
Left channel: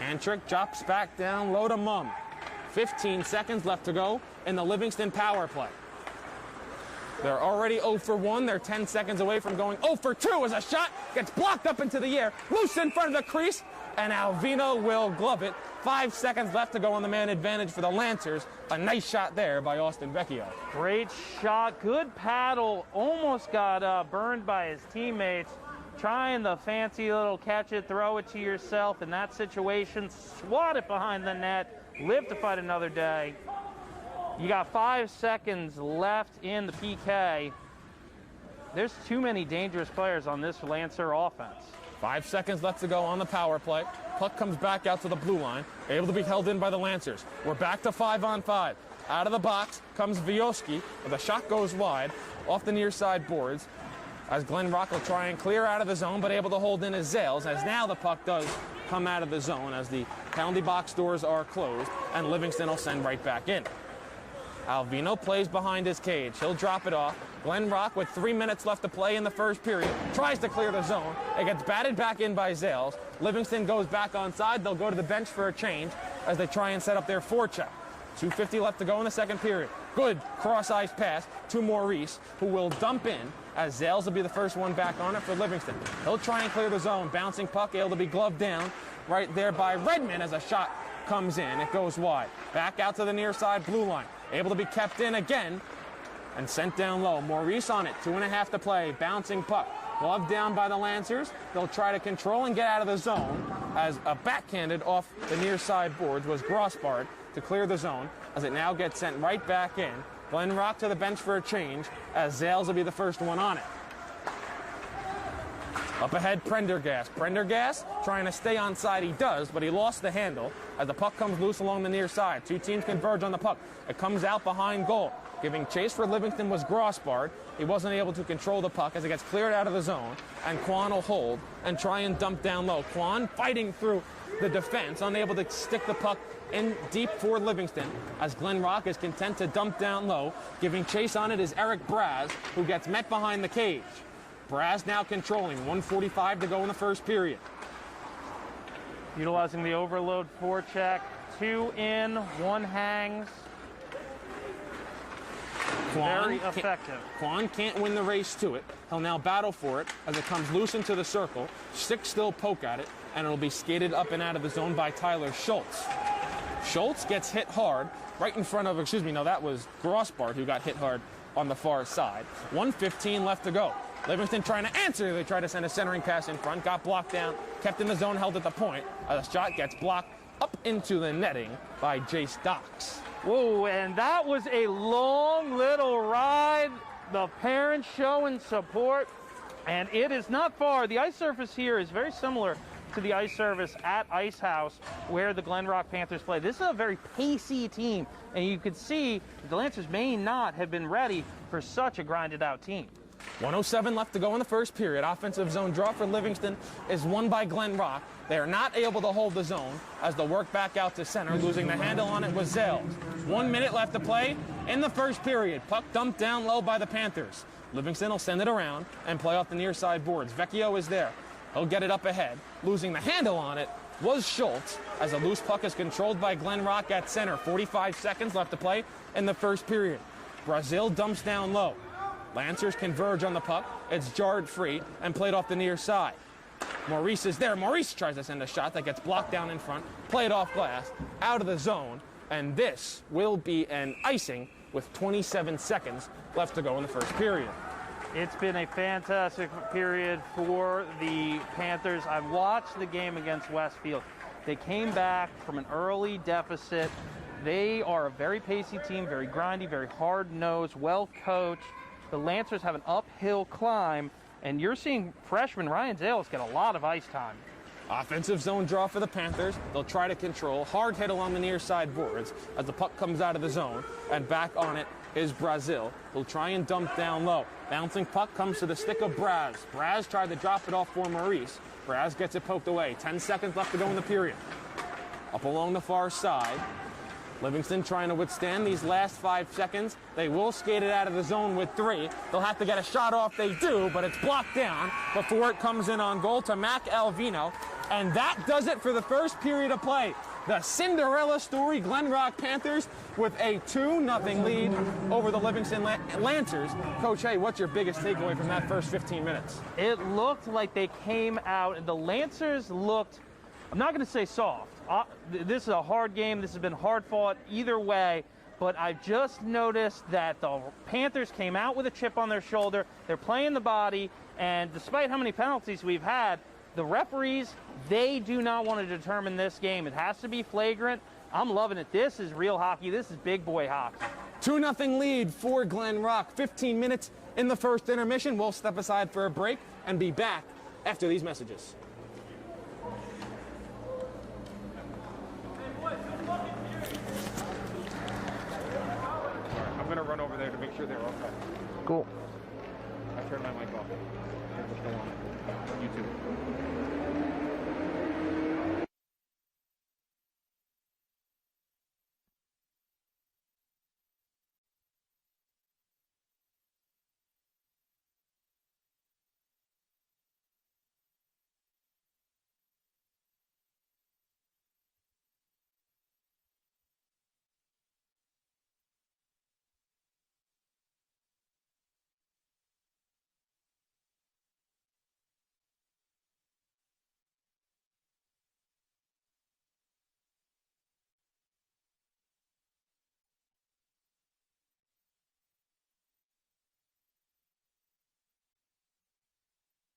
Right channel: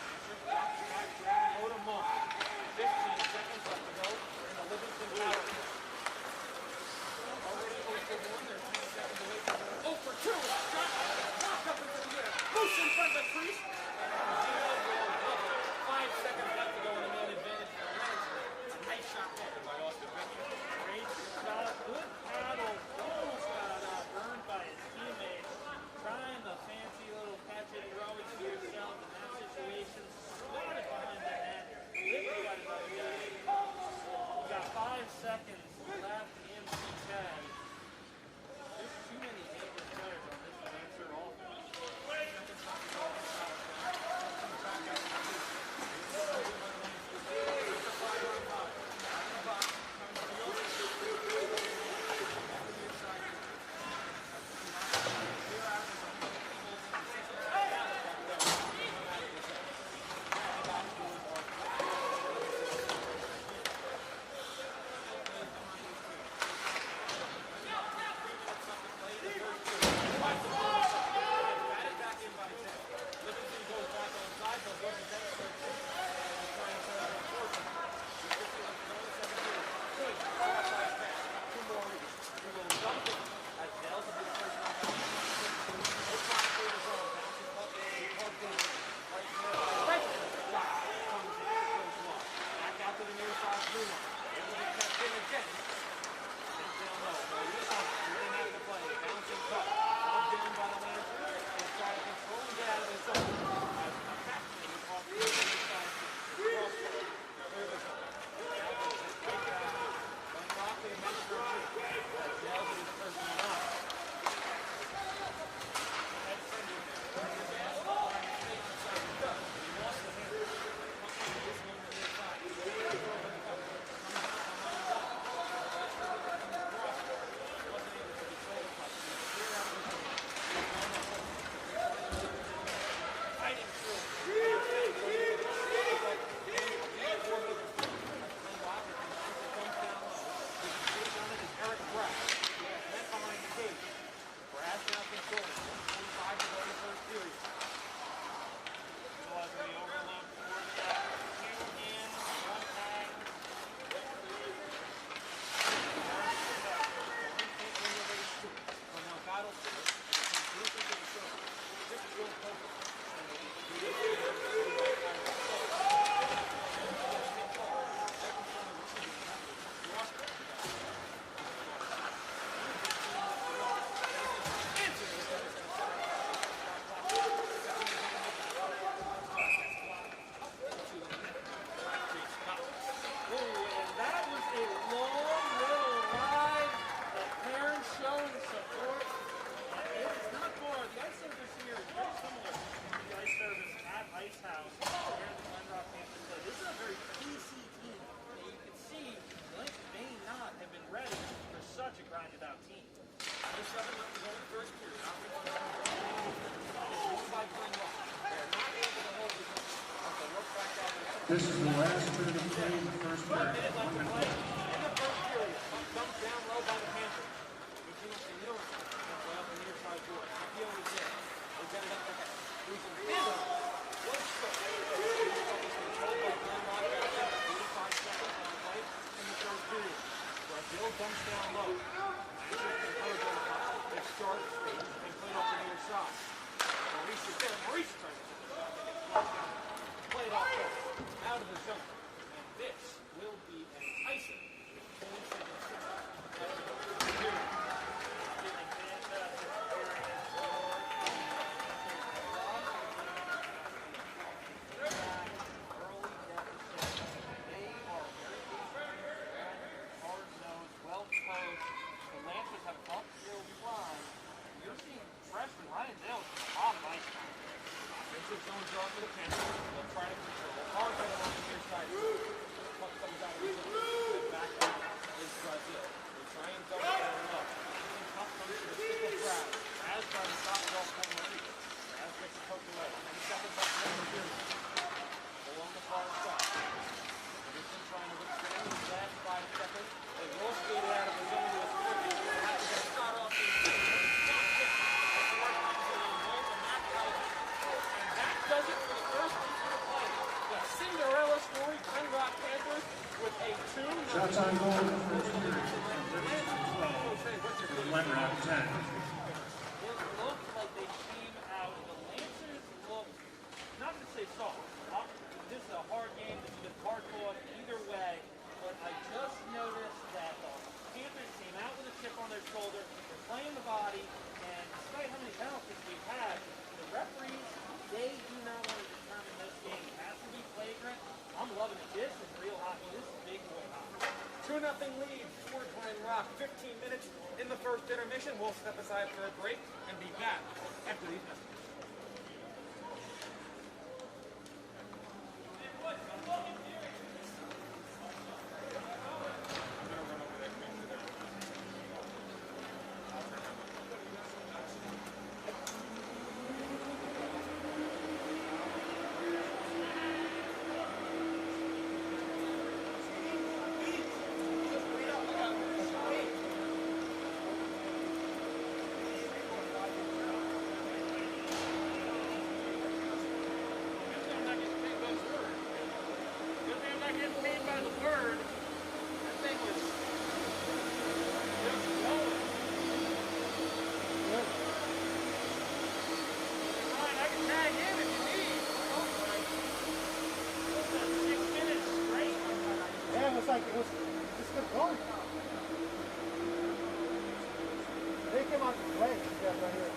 Kantrick drops back down low to Mumm. 15 seconds left to go in the Livingston power play. They're already 0 for 1. They're 10 seconds away from going 0 for 2 as a shot gets blocked up into the air. Loose in front of the crease, and Alvino will glove it. 5 seconds left to go on the man advantage for the Lancers. A nice shot there by Austin Vecchio. Great shot. Good paddle. Almost got burned by his teammates. Trying the fancy little catch it, throw it to yourself in that situation. Swat it behind the net. Live to fight another day. You got 5 seconds left in the PK. There's too many dangerous players on this Lancer offense. 5 seconds left to go on the power play. Puck comes back out to the blue line. Able to be held in by the Lancers. We're back to 5-on-5. Out of the box comes Vioski. The shot goes wide off the near side boards as Glen Rock will try and clear out of the zone, but able to hold in as Zales, as now the puck does come out of the zone as the penalty box doors are closed, and Livingston will send right back in. Alvino plays behind his cage. He'll drop it off. Glen Rock with 3 minutes left to play in the first period. Tries to clear the zone. It gets batted back in by Zales. Livingston goes back onside. They'll go to the bench for a change as they try and set up their forecheck. 2:50 left to go in the second period. Good cross-ice pass to Maurice, who will dump in as Zales will be the first one back on it for Livingston. He'll try and clear the zone. Bouncing puck able to be gloved down right there by Redmond as a shot comes in. It goes wide. Back out to the near side blue line. Able to be kept in again and sent down low. Maurice on it. 2.5 to play. Bouncing puck. Gloved down by the Lancers. They'll try to control and get out of the zone as a backhanded off the near side boards was Grossbard to clear the zone as it now gets sent right back in. Glen Rock to the bench for a change as Zales will be the first one on it. Up ahead, Prendergast. Prendergast trying to stay onside. He does, but he lost the handle as the puck comes loose along the near side. Two teams converge on the puck. It comes out behind goal. Giving chase for Livingston was Grossbard. He wasn't able to control the puck as it gets cleared out of the zone, and Quan will hold and try and dump down low. Quan fighting through the defense, unable to stick the puck in deep for Livingston as Glen Rock is content to dump down low. Giving chase on it is Eric Braz, who gets met behind the cage. Braz now controlling. 1:45 to go in the first period. Utilizing the overload forecheck. 2 in, 1 hang. Very effective. Quan can't win the race to it. He'll now battle for it as it comes loose into the circle. 6 still poke at it, and it'll be skated up and out of the zone by Tyler Schultz. Schultz gets hit hard right in front of, that was Grossbard who got hit hard on the far side. 1:15 left to go. Livingston trying to answer. They try to send a centering pass in front. Got blocked down. Kept in the zone, held at the point. A shot gets blocked up into the netting by Jace Docks. Whoa, and that was a long little ride. The parents showing support, and it is not far. The ice surface here is very similar to the ice surface at Ice House where the Glen Rock Panthers play. This is a very pacey team, and you can see the Lancers may not have been ready for such a grinded out team. 1:07 left to go in the first period. Offensive zone draw for Livingston is won by Glen Rock. They are not able to hold the zone as they'll work back out to center. Losing the handle on it was Zell. 1 minute left to play in the first period. Puck dumped down low by the Panthers. Livingston will send it around and play off the near side boards. Vecchio is there. He'll get it up ahead. Losing the handle on it was Schultz as a loose puck is controlled by Glen Rock at center. 45 seconds left to play in the first period. Brazil dumps down low. Lancers converge on the puck. It's jarred free and played off the near side. Maurice is there. Maurice tries to send a shot that gets blocked down in front. Played off glass, out of the zone. And this will be an icing with 27 seconds left to go in the first period. It's been a fantastic period for the Panthers. I've watched the game against Westfield. They came back from an early deficit. They are a very pacey team, very grindy, very hard-nosed, well-coached. The Lancers have an uphill climb, and you're seeing freshman Ryan Zales get a lot of ice time. Offensive zone draw for the Panthers. They'll try to control. Hard hit along the near side boards as the puck comes out of the zone. And back on it is Brazil. Will try and dump down low. Bouncing puck comes to the stick of Braz. Braz tried to drop it off for Maurice. Braz gets it poked away. 10 seconds left to go in the period. Up along the far side. Livingston trying to withstand these last 5 seconds. They will skate it out of the zone with 3. They'll have to get a shot off. They do, but it's blocked down before it comes in on goal to Mac Alvino. And that does it for the first period of play. The Cinderella story, Glen Rock Panthers with a 2-0 lead over the Livingston Lancers. Coach Hay, what's your biggest takeaway from that first 15 minutes? It looked like they came out, and the Lancers looked, I'm not going to say soft. This is a hard game. This has been hard fought either way. But I just noticed that the Panthers came out with a chip on their shoulder. They're playing the body. And despite how many penalties we've had, the referees, they do not want to determine this game. It has to be flagrant. I'm loving it. This is real hockey. This is big boy hockey. 2-0 lead for Glen Rock. 15 minutes in the first intermission. We'll step aside for a break and be back after these messages. I'm going to run over there to make sure they're okay. Cool. I turned my mic off. You too. just kept going. They came out to play. Yeah, right here.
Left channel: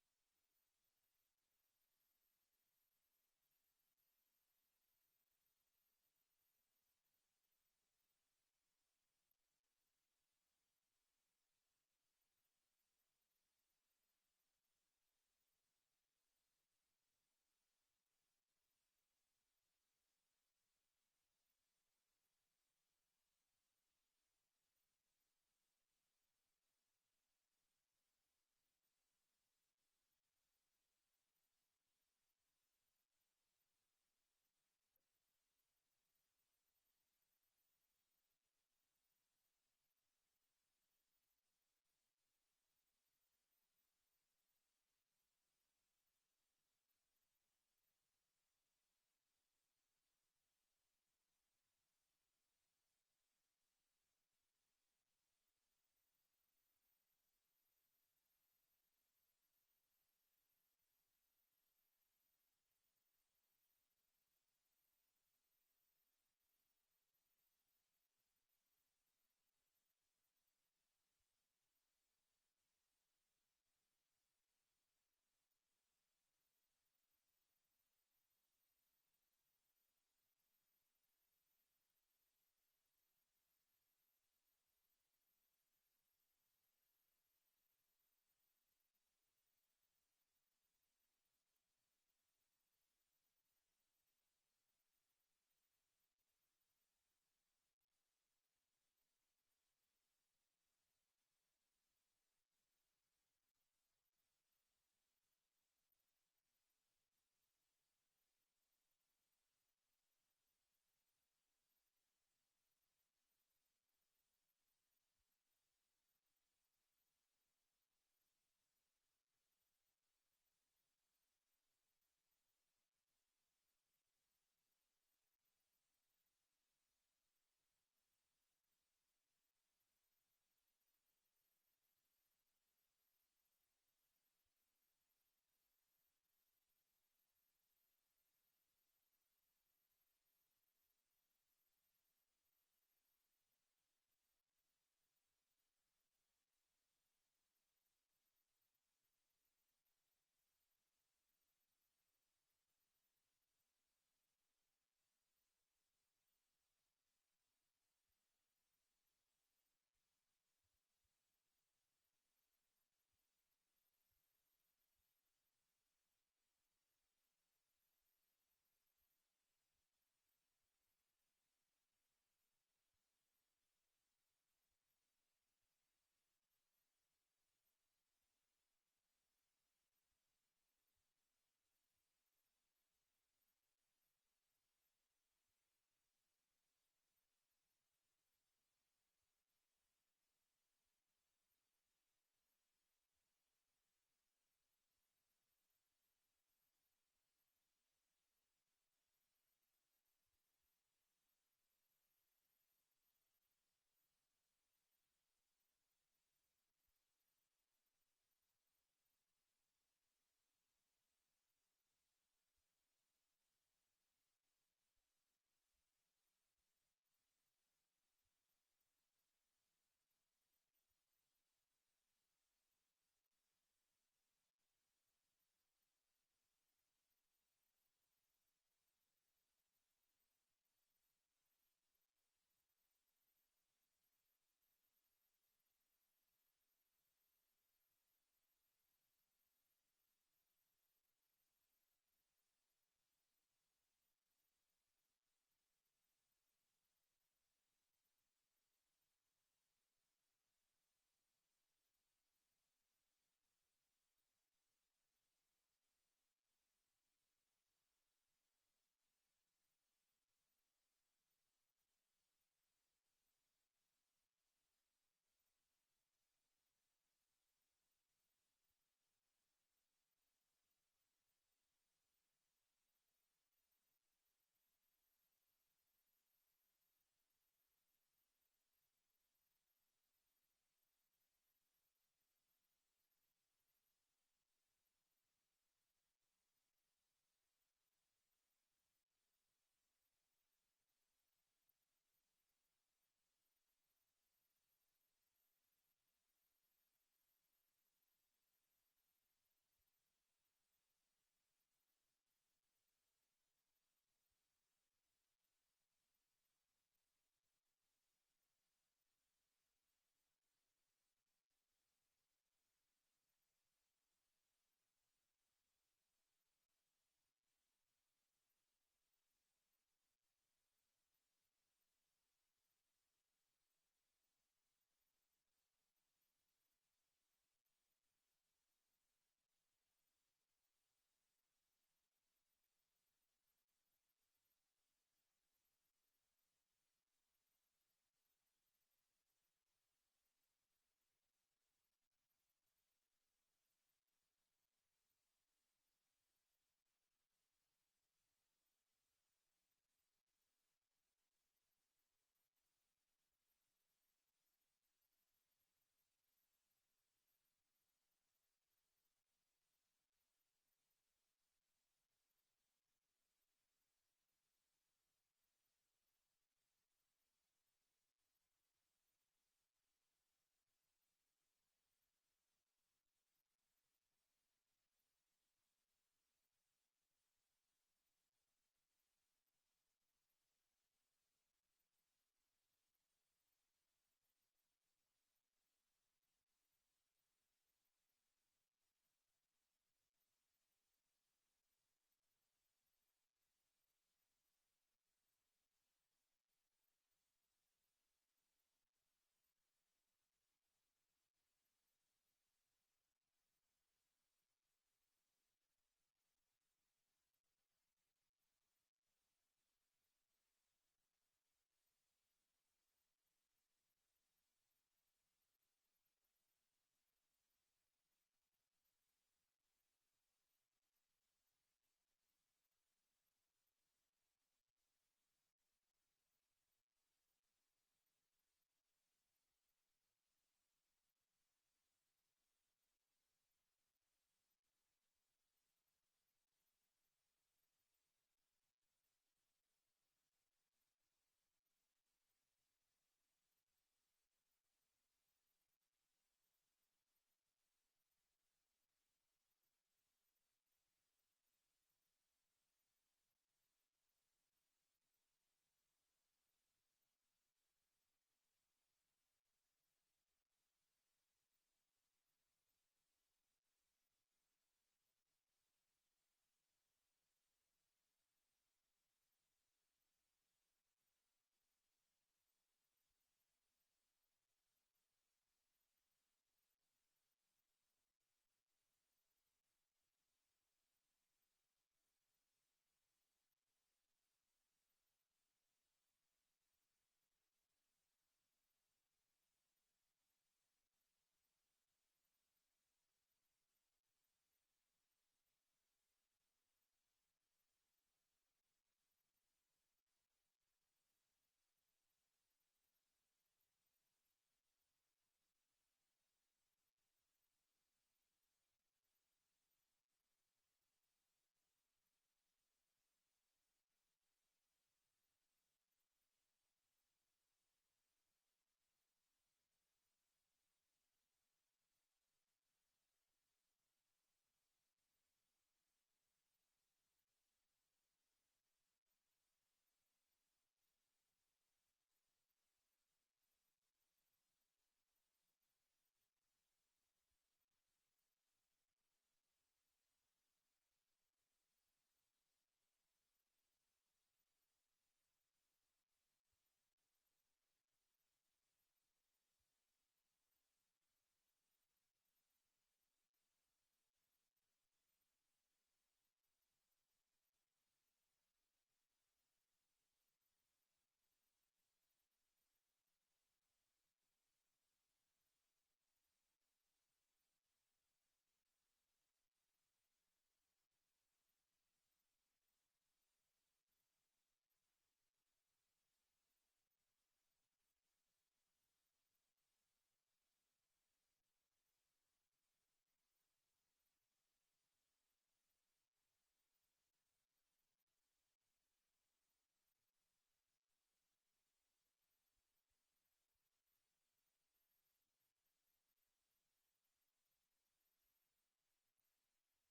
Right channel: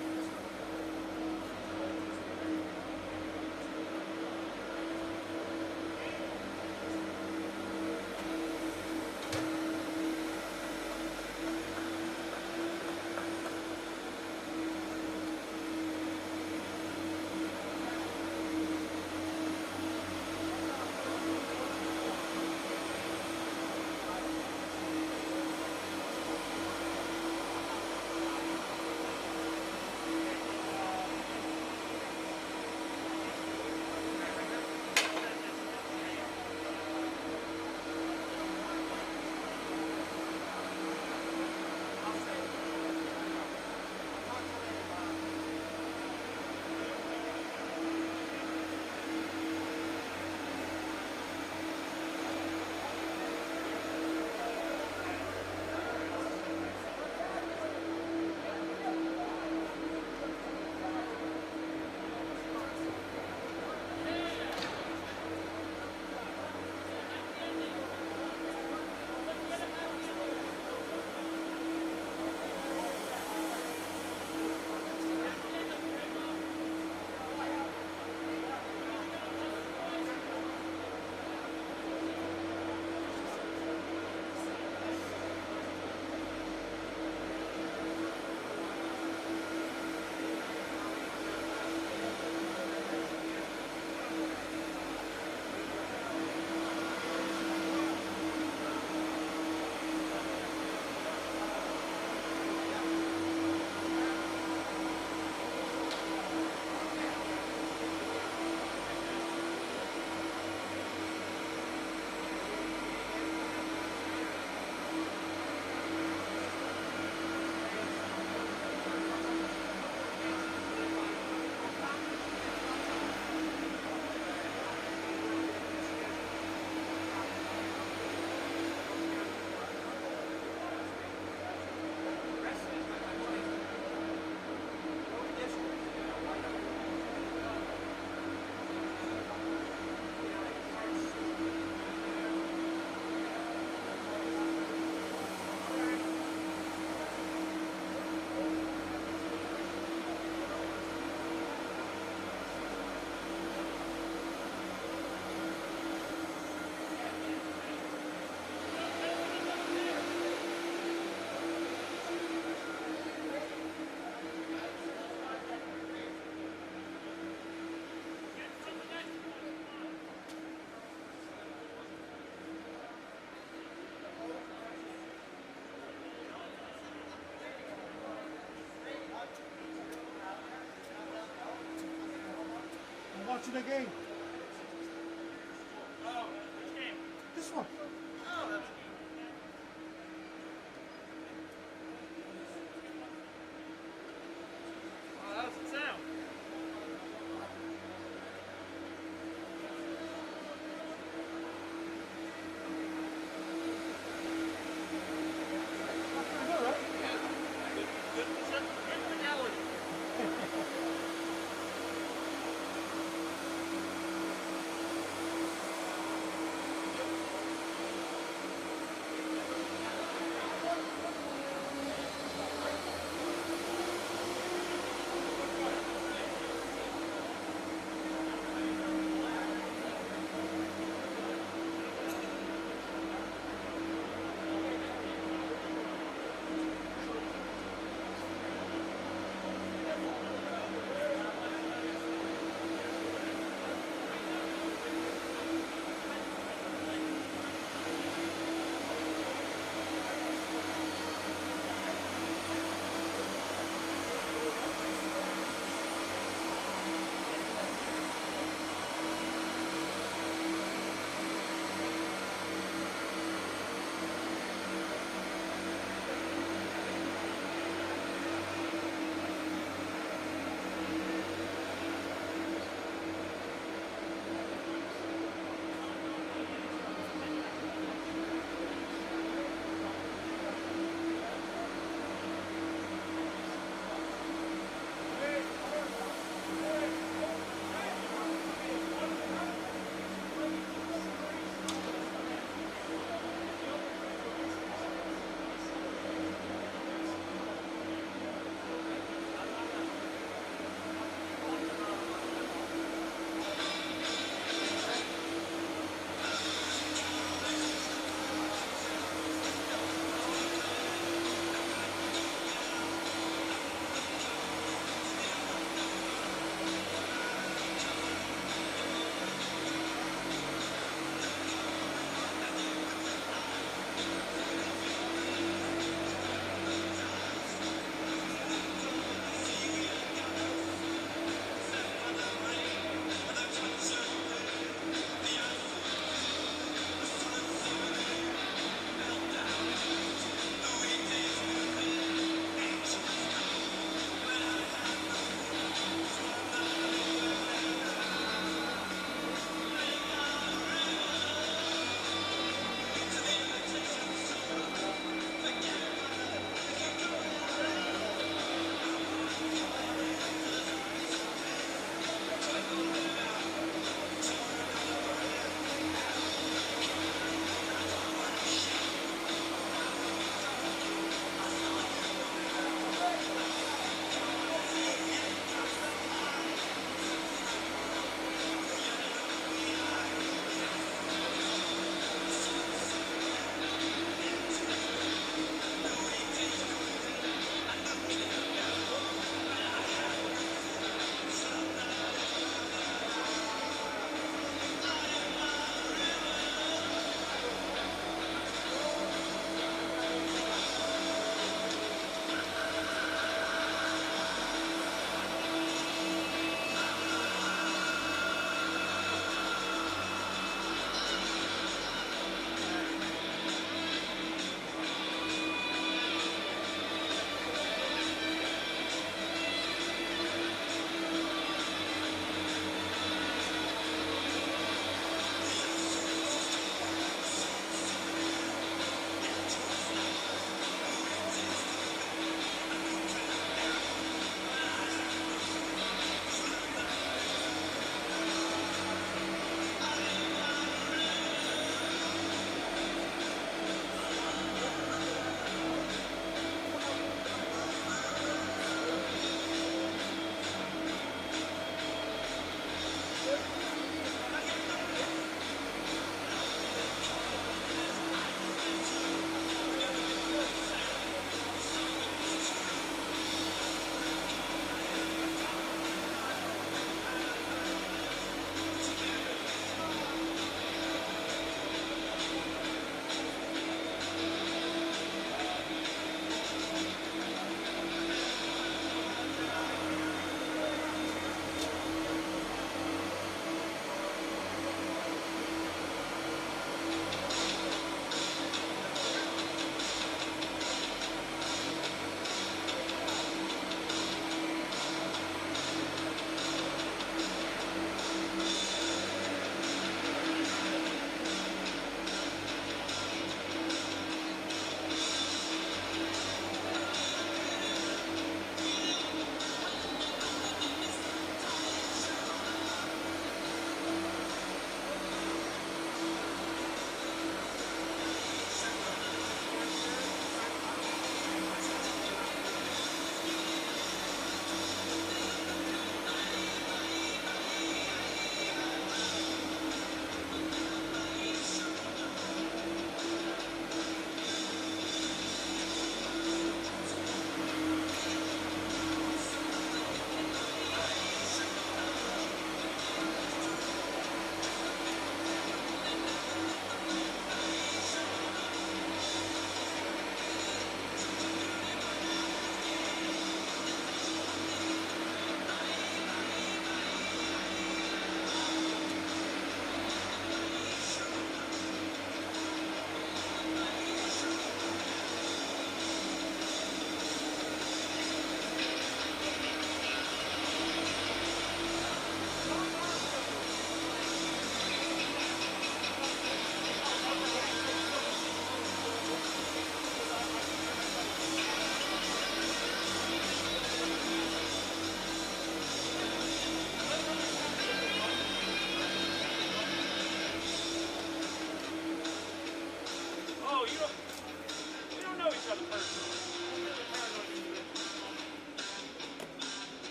Watching the game. Oh, which game? This one. Oh, that's oh, how's it sound? Good, right? Good fidelity.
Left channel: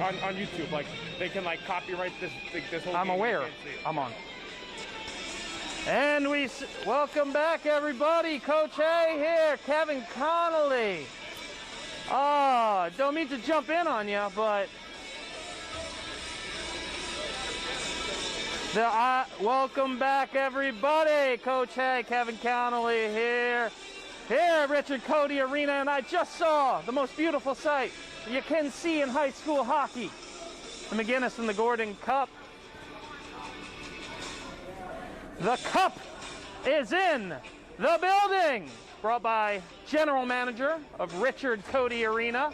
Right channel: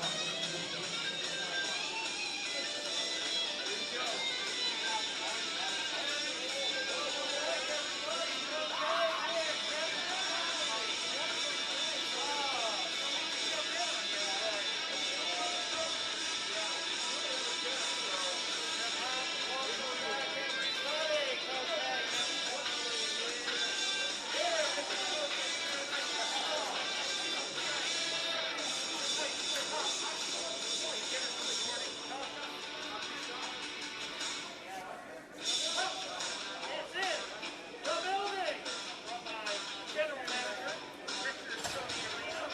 on YouTube. Like, they can, like, copyright this whole I'm game. aware. I'm on. And we welcome back, everybody. Coach A here, Kevin Connolly. Don't mean to jump in on you, but welcome back, everybody. Coach A, Kevin Connolly here. Here at Richard Cody Arena, and I just saw the most beautiful sight you can see in high school hockey. The McInnis and the Gordon Cup. The Cup is in the building. Brought by General Manager of Richard Cody Arena,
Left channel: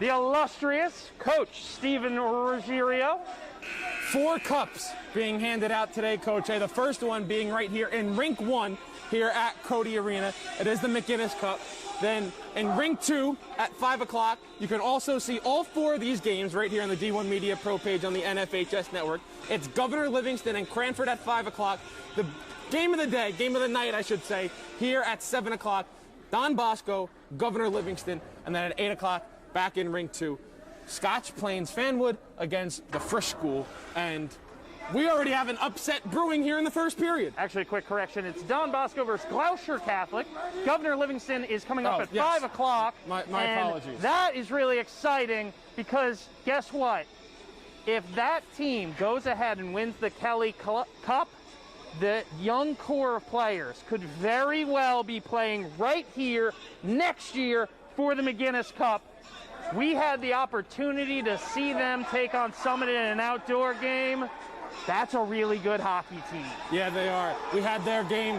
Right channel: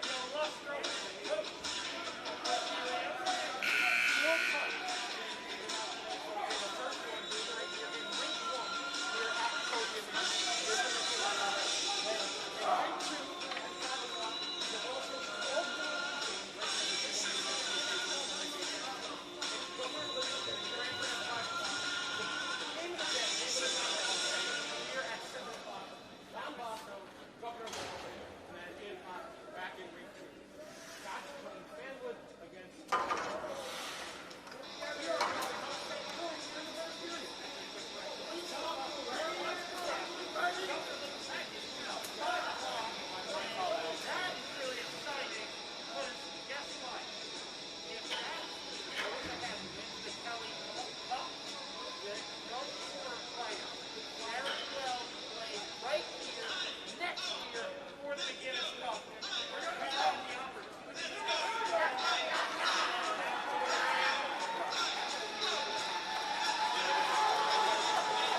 the illustrious Coach Steven Ruggiero. 4 cups being handed out today, Coach A. The first one being right here in Rink 1 here at Cody Arena. It is the McInnis Cup. Then in Rink 2 at 5 o'clock, you can also see all 4 of these games right here on the D1 Media Pro page on the NFHS network. It's Governor Livingston and Cranford at 5 o'clock. The game of the day, game of the night, I should say, here at 7 o'clock, Don Bosco, Governor Livingston, and then at 8 o'clock, back in Rink 2, Scotch Plains Fanwood against the Frisch School. And we already have an upset brewing here in the first period. Actually, a quick correction. It's Don Bosco versus Gloucester Catholic. Governor Livingston is coming up at 5 o'clock. My and apologies. That is really exciting because guess what? If that team goes ahead and wins the Kelly Cup, the young core of players could very well be playing right here next year for the McInnis Cup. We had the opportunity to see them take on Summit in an outdoor game. That's a really good hockey team. Yeah, they are. We had their game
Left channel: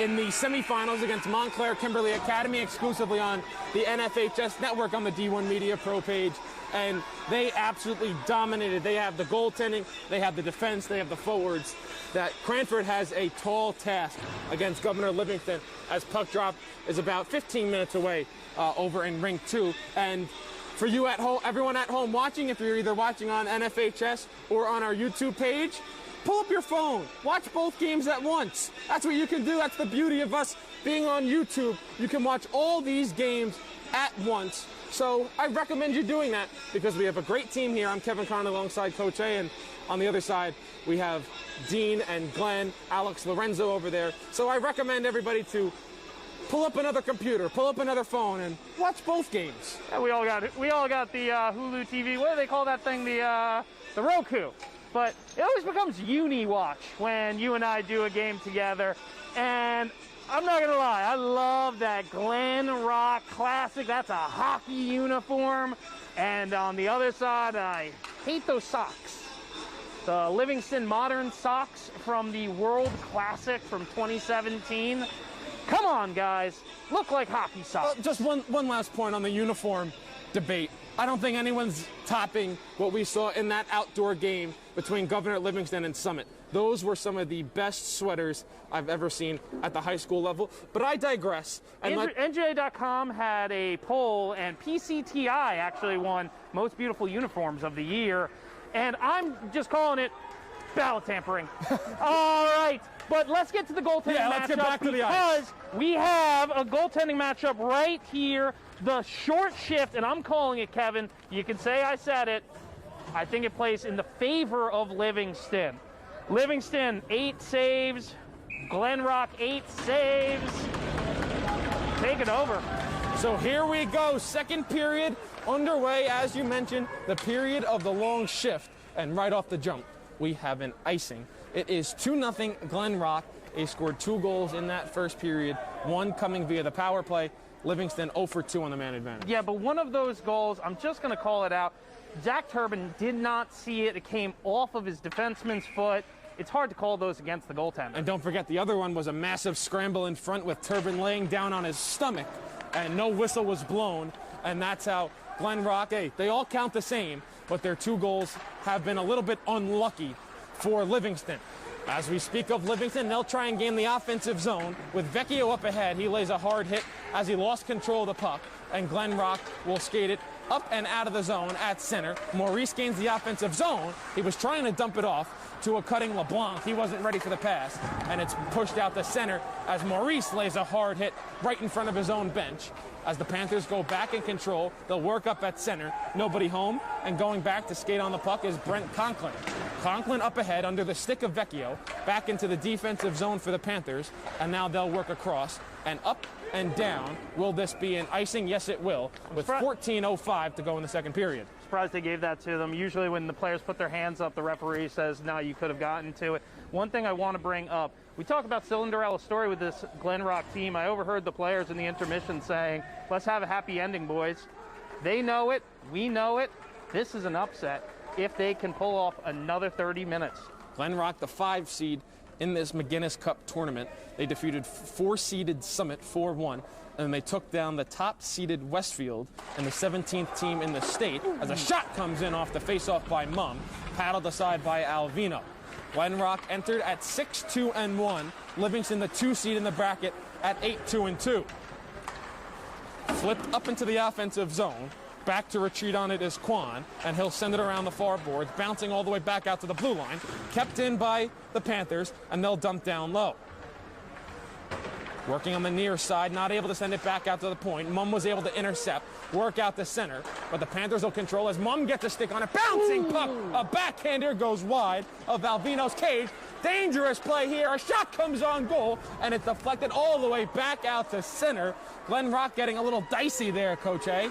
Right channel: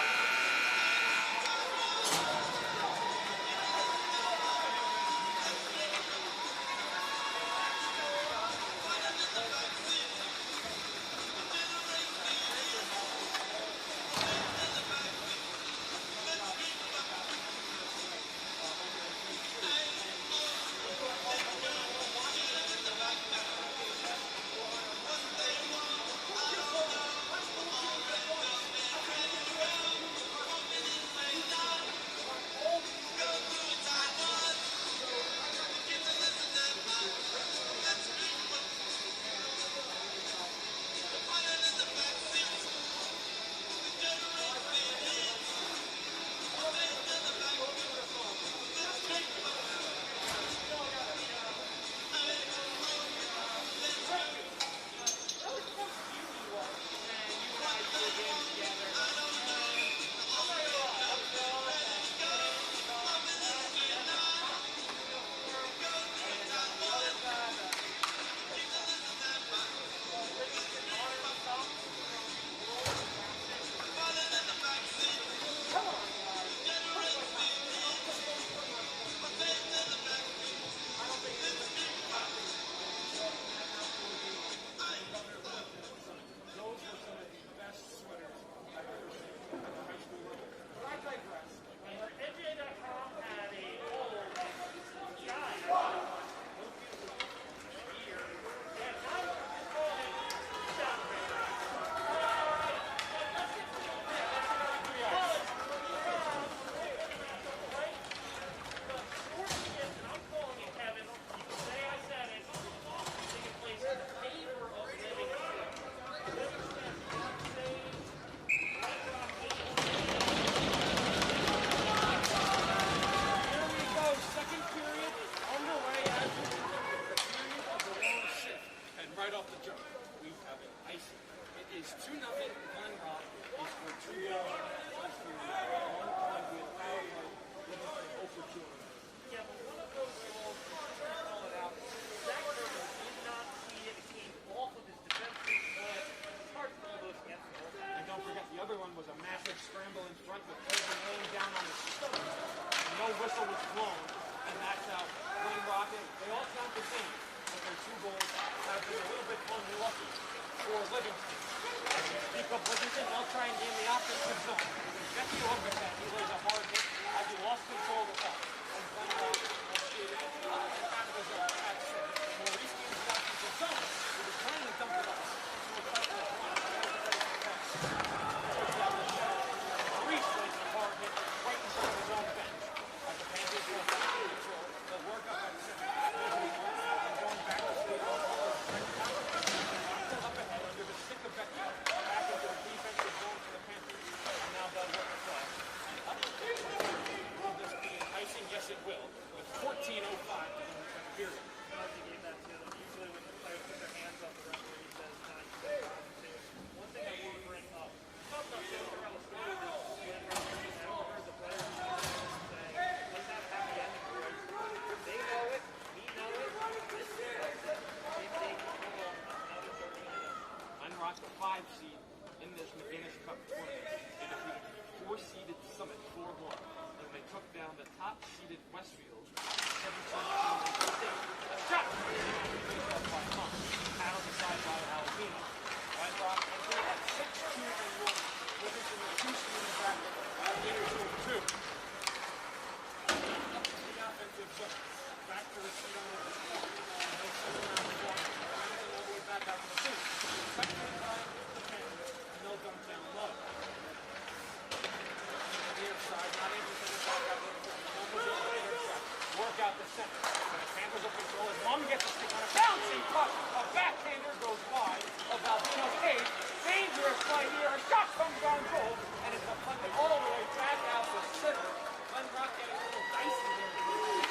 in the semifinals against Montclair Kimberly Academy exclusively on the NFHS network on the D1 Media Pro page. And they absolutely dominated. They have the goaltending, they have the defense, they have the forwards. That Cranford has a tall task against Governor Livingston as puck drop is about 15 minutes away over in Rink 2. And for you at home, everyone at home watching, if you're either watching on NFHS or on our YouTube page, pull up your phone, watch both games at once. That's what you can do. That's the beauty of us being on YouTube. You can watch all these games at once. So I recommend you doing that because we have a great team here. I'm Kevin Conn alongside Coach A, and on the other side, we have Dean and Glenn, Alex Lorenzo over there. So I recommend everybody to pull up another computer, pull up another phone, and watch both games. And we all got the Hulu TV. What do they call that thing? The Roku. But it always becomes uni-watch when you and I do a game together. And I'm not gonna lie, I love that Glen Rock Classic. That's a hockey uniform. And on the other side, I hate those socks. The Livingston Modern socks from the World Classic from 2017. Come on, guys. Look like hockey socks. Just one last point on the uniform debate. I don't think anyone's topping what we saw in that outdoor game between Governor Livingston and Summit. Those were some of the best sweaters I've ever seen at the high school level. But I digress. And NJ.com had a poll, and PCTI actually won Most Beautiful Uniforms of the Year. And I'm just calling it ballot tampering. All right, but let's get to the goaltending matchup. Let's get back to the ice. Because we have a goaltending matchup right here, the short shift, and I'm calling it, Kevin. You can say I said it. I think it plays in the favor of Livingston. Livingston, 8 saves. Glen Rock, 8 saves. Take it over. So here we go, second period underway, as you mentioned, the period of the long shift. And right off the jump, we have an icing. It is 2-0 Glen Rock. They scored 2 goals in that first period, 1 coming via the power play. Livingston 0 for 2 on the man advantage. Yeah, but one of those goals, I'm just going to call it out. Zach Turbin did not see it. It came off of his defenseman's foot. It's hard to call those against the goaltender. And don't forget, the other one was a massive scramble in front with Turbin laying down on his stomach, and no whistle was blown. And that's how Glen Rock, hey, they all count the same, but their 2 goals have been a little bit unlucky for Livingston. As we speak of Livingston, they'll try and gain the offensive zone. With Vecchio up ahead, he lays a hard hit as he lost control of the puck, and Glen Rock will skate it up and out of the zone at center. Maurice gains the offensive zone. He was trying to dump it off to a cutting LeBlanc. He wasn't ready for the pass, and it's pushed out the center as Maurice lays a hard hit right in front of his own bench. As the Panthers go back in control, they'll work up at center. Nobody home, and going back to skate on the puck is Brent Conklin. Conklin up ahead under the stick of Vecchio, back into the defensive zone for the Panthers, and now they'll work across and up and down. Will this be an icing? Yes, it will, with 14:05 to go in the second period. Surprised they gave that to them. Usually when the players put their hands up, the referee says, no, you could have gotten to it. One thing I want to bring up, we talk about Cinderella's story with this Glen Rock team. I overheard the players in the intermission saying, let's have a happy ending, boys. They know it. We know it. This is an upset if they can pull off another 30 minutes. Glen Rock, the 5 seed in this McInnis Cup tournament. They defeated 4-seeded Summit 4-1, and they took down the top-seeded Westfield and the 17th team in the state as a shot comes in off the face-off by Mum, paddled aside by Alvino. Glen Rock entered at 6-2-1. Livingston, the 2 seed in the bracket, at 8-2-2. Flipped up into the offensive zone. Back to retreat on it is Quan, and he'll send it around the far board, bouncing all the way back out to the blue line. Kept in by the Panthers, and they'll dump down low. Working on the near side, not able to send it back out to the point. Mum was able to intercept, work out the center, but the Panthers will control as Mum gets a stick on a bouncing puck. A backhander goes wide of Alvino's cage. Dangerous play here. A shot comes on goal, and it's deflected all the way back out to center. Glen Rock getting a little dicey there, Coach A.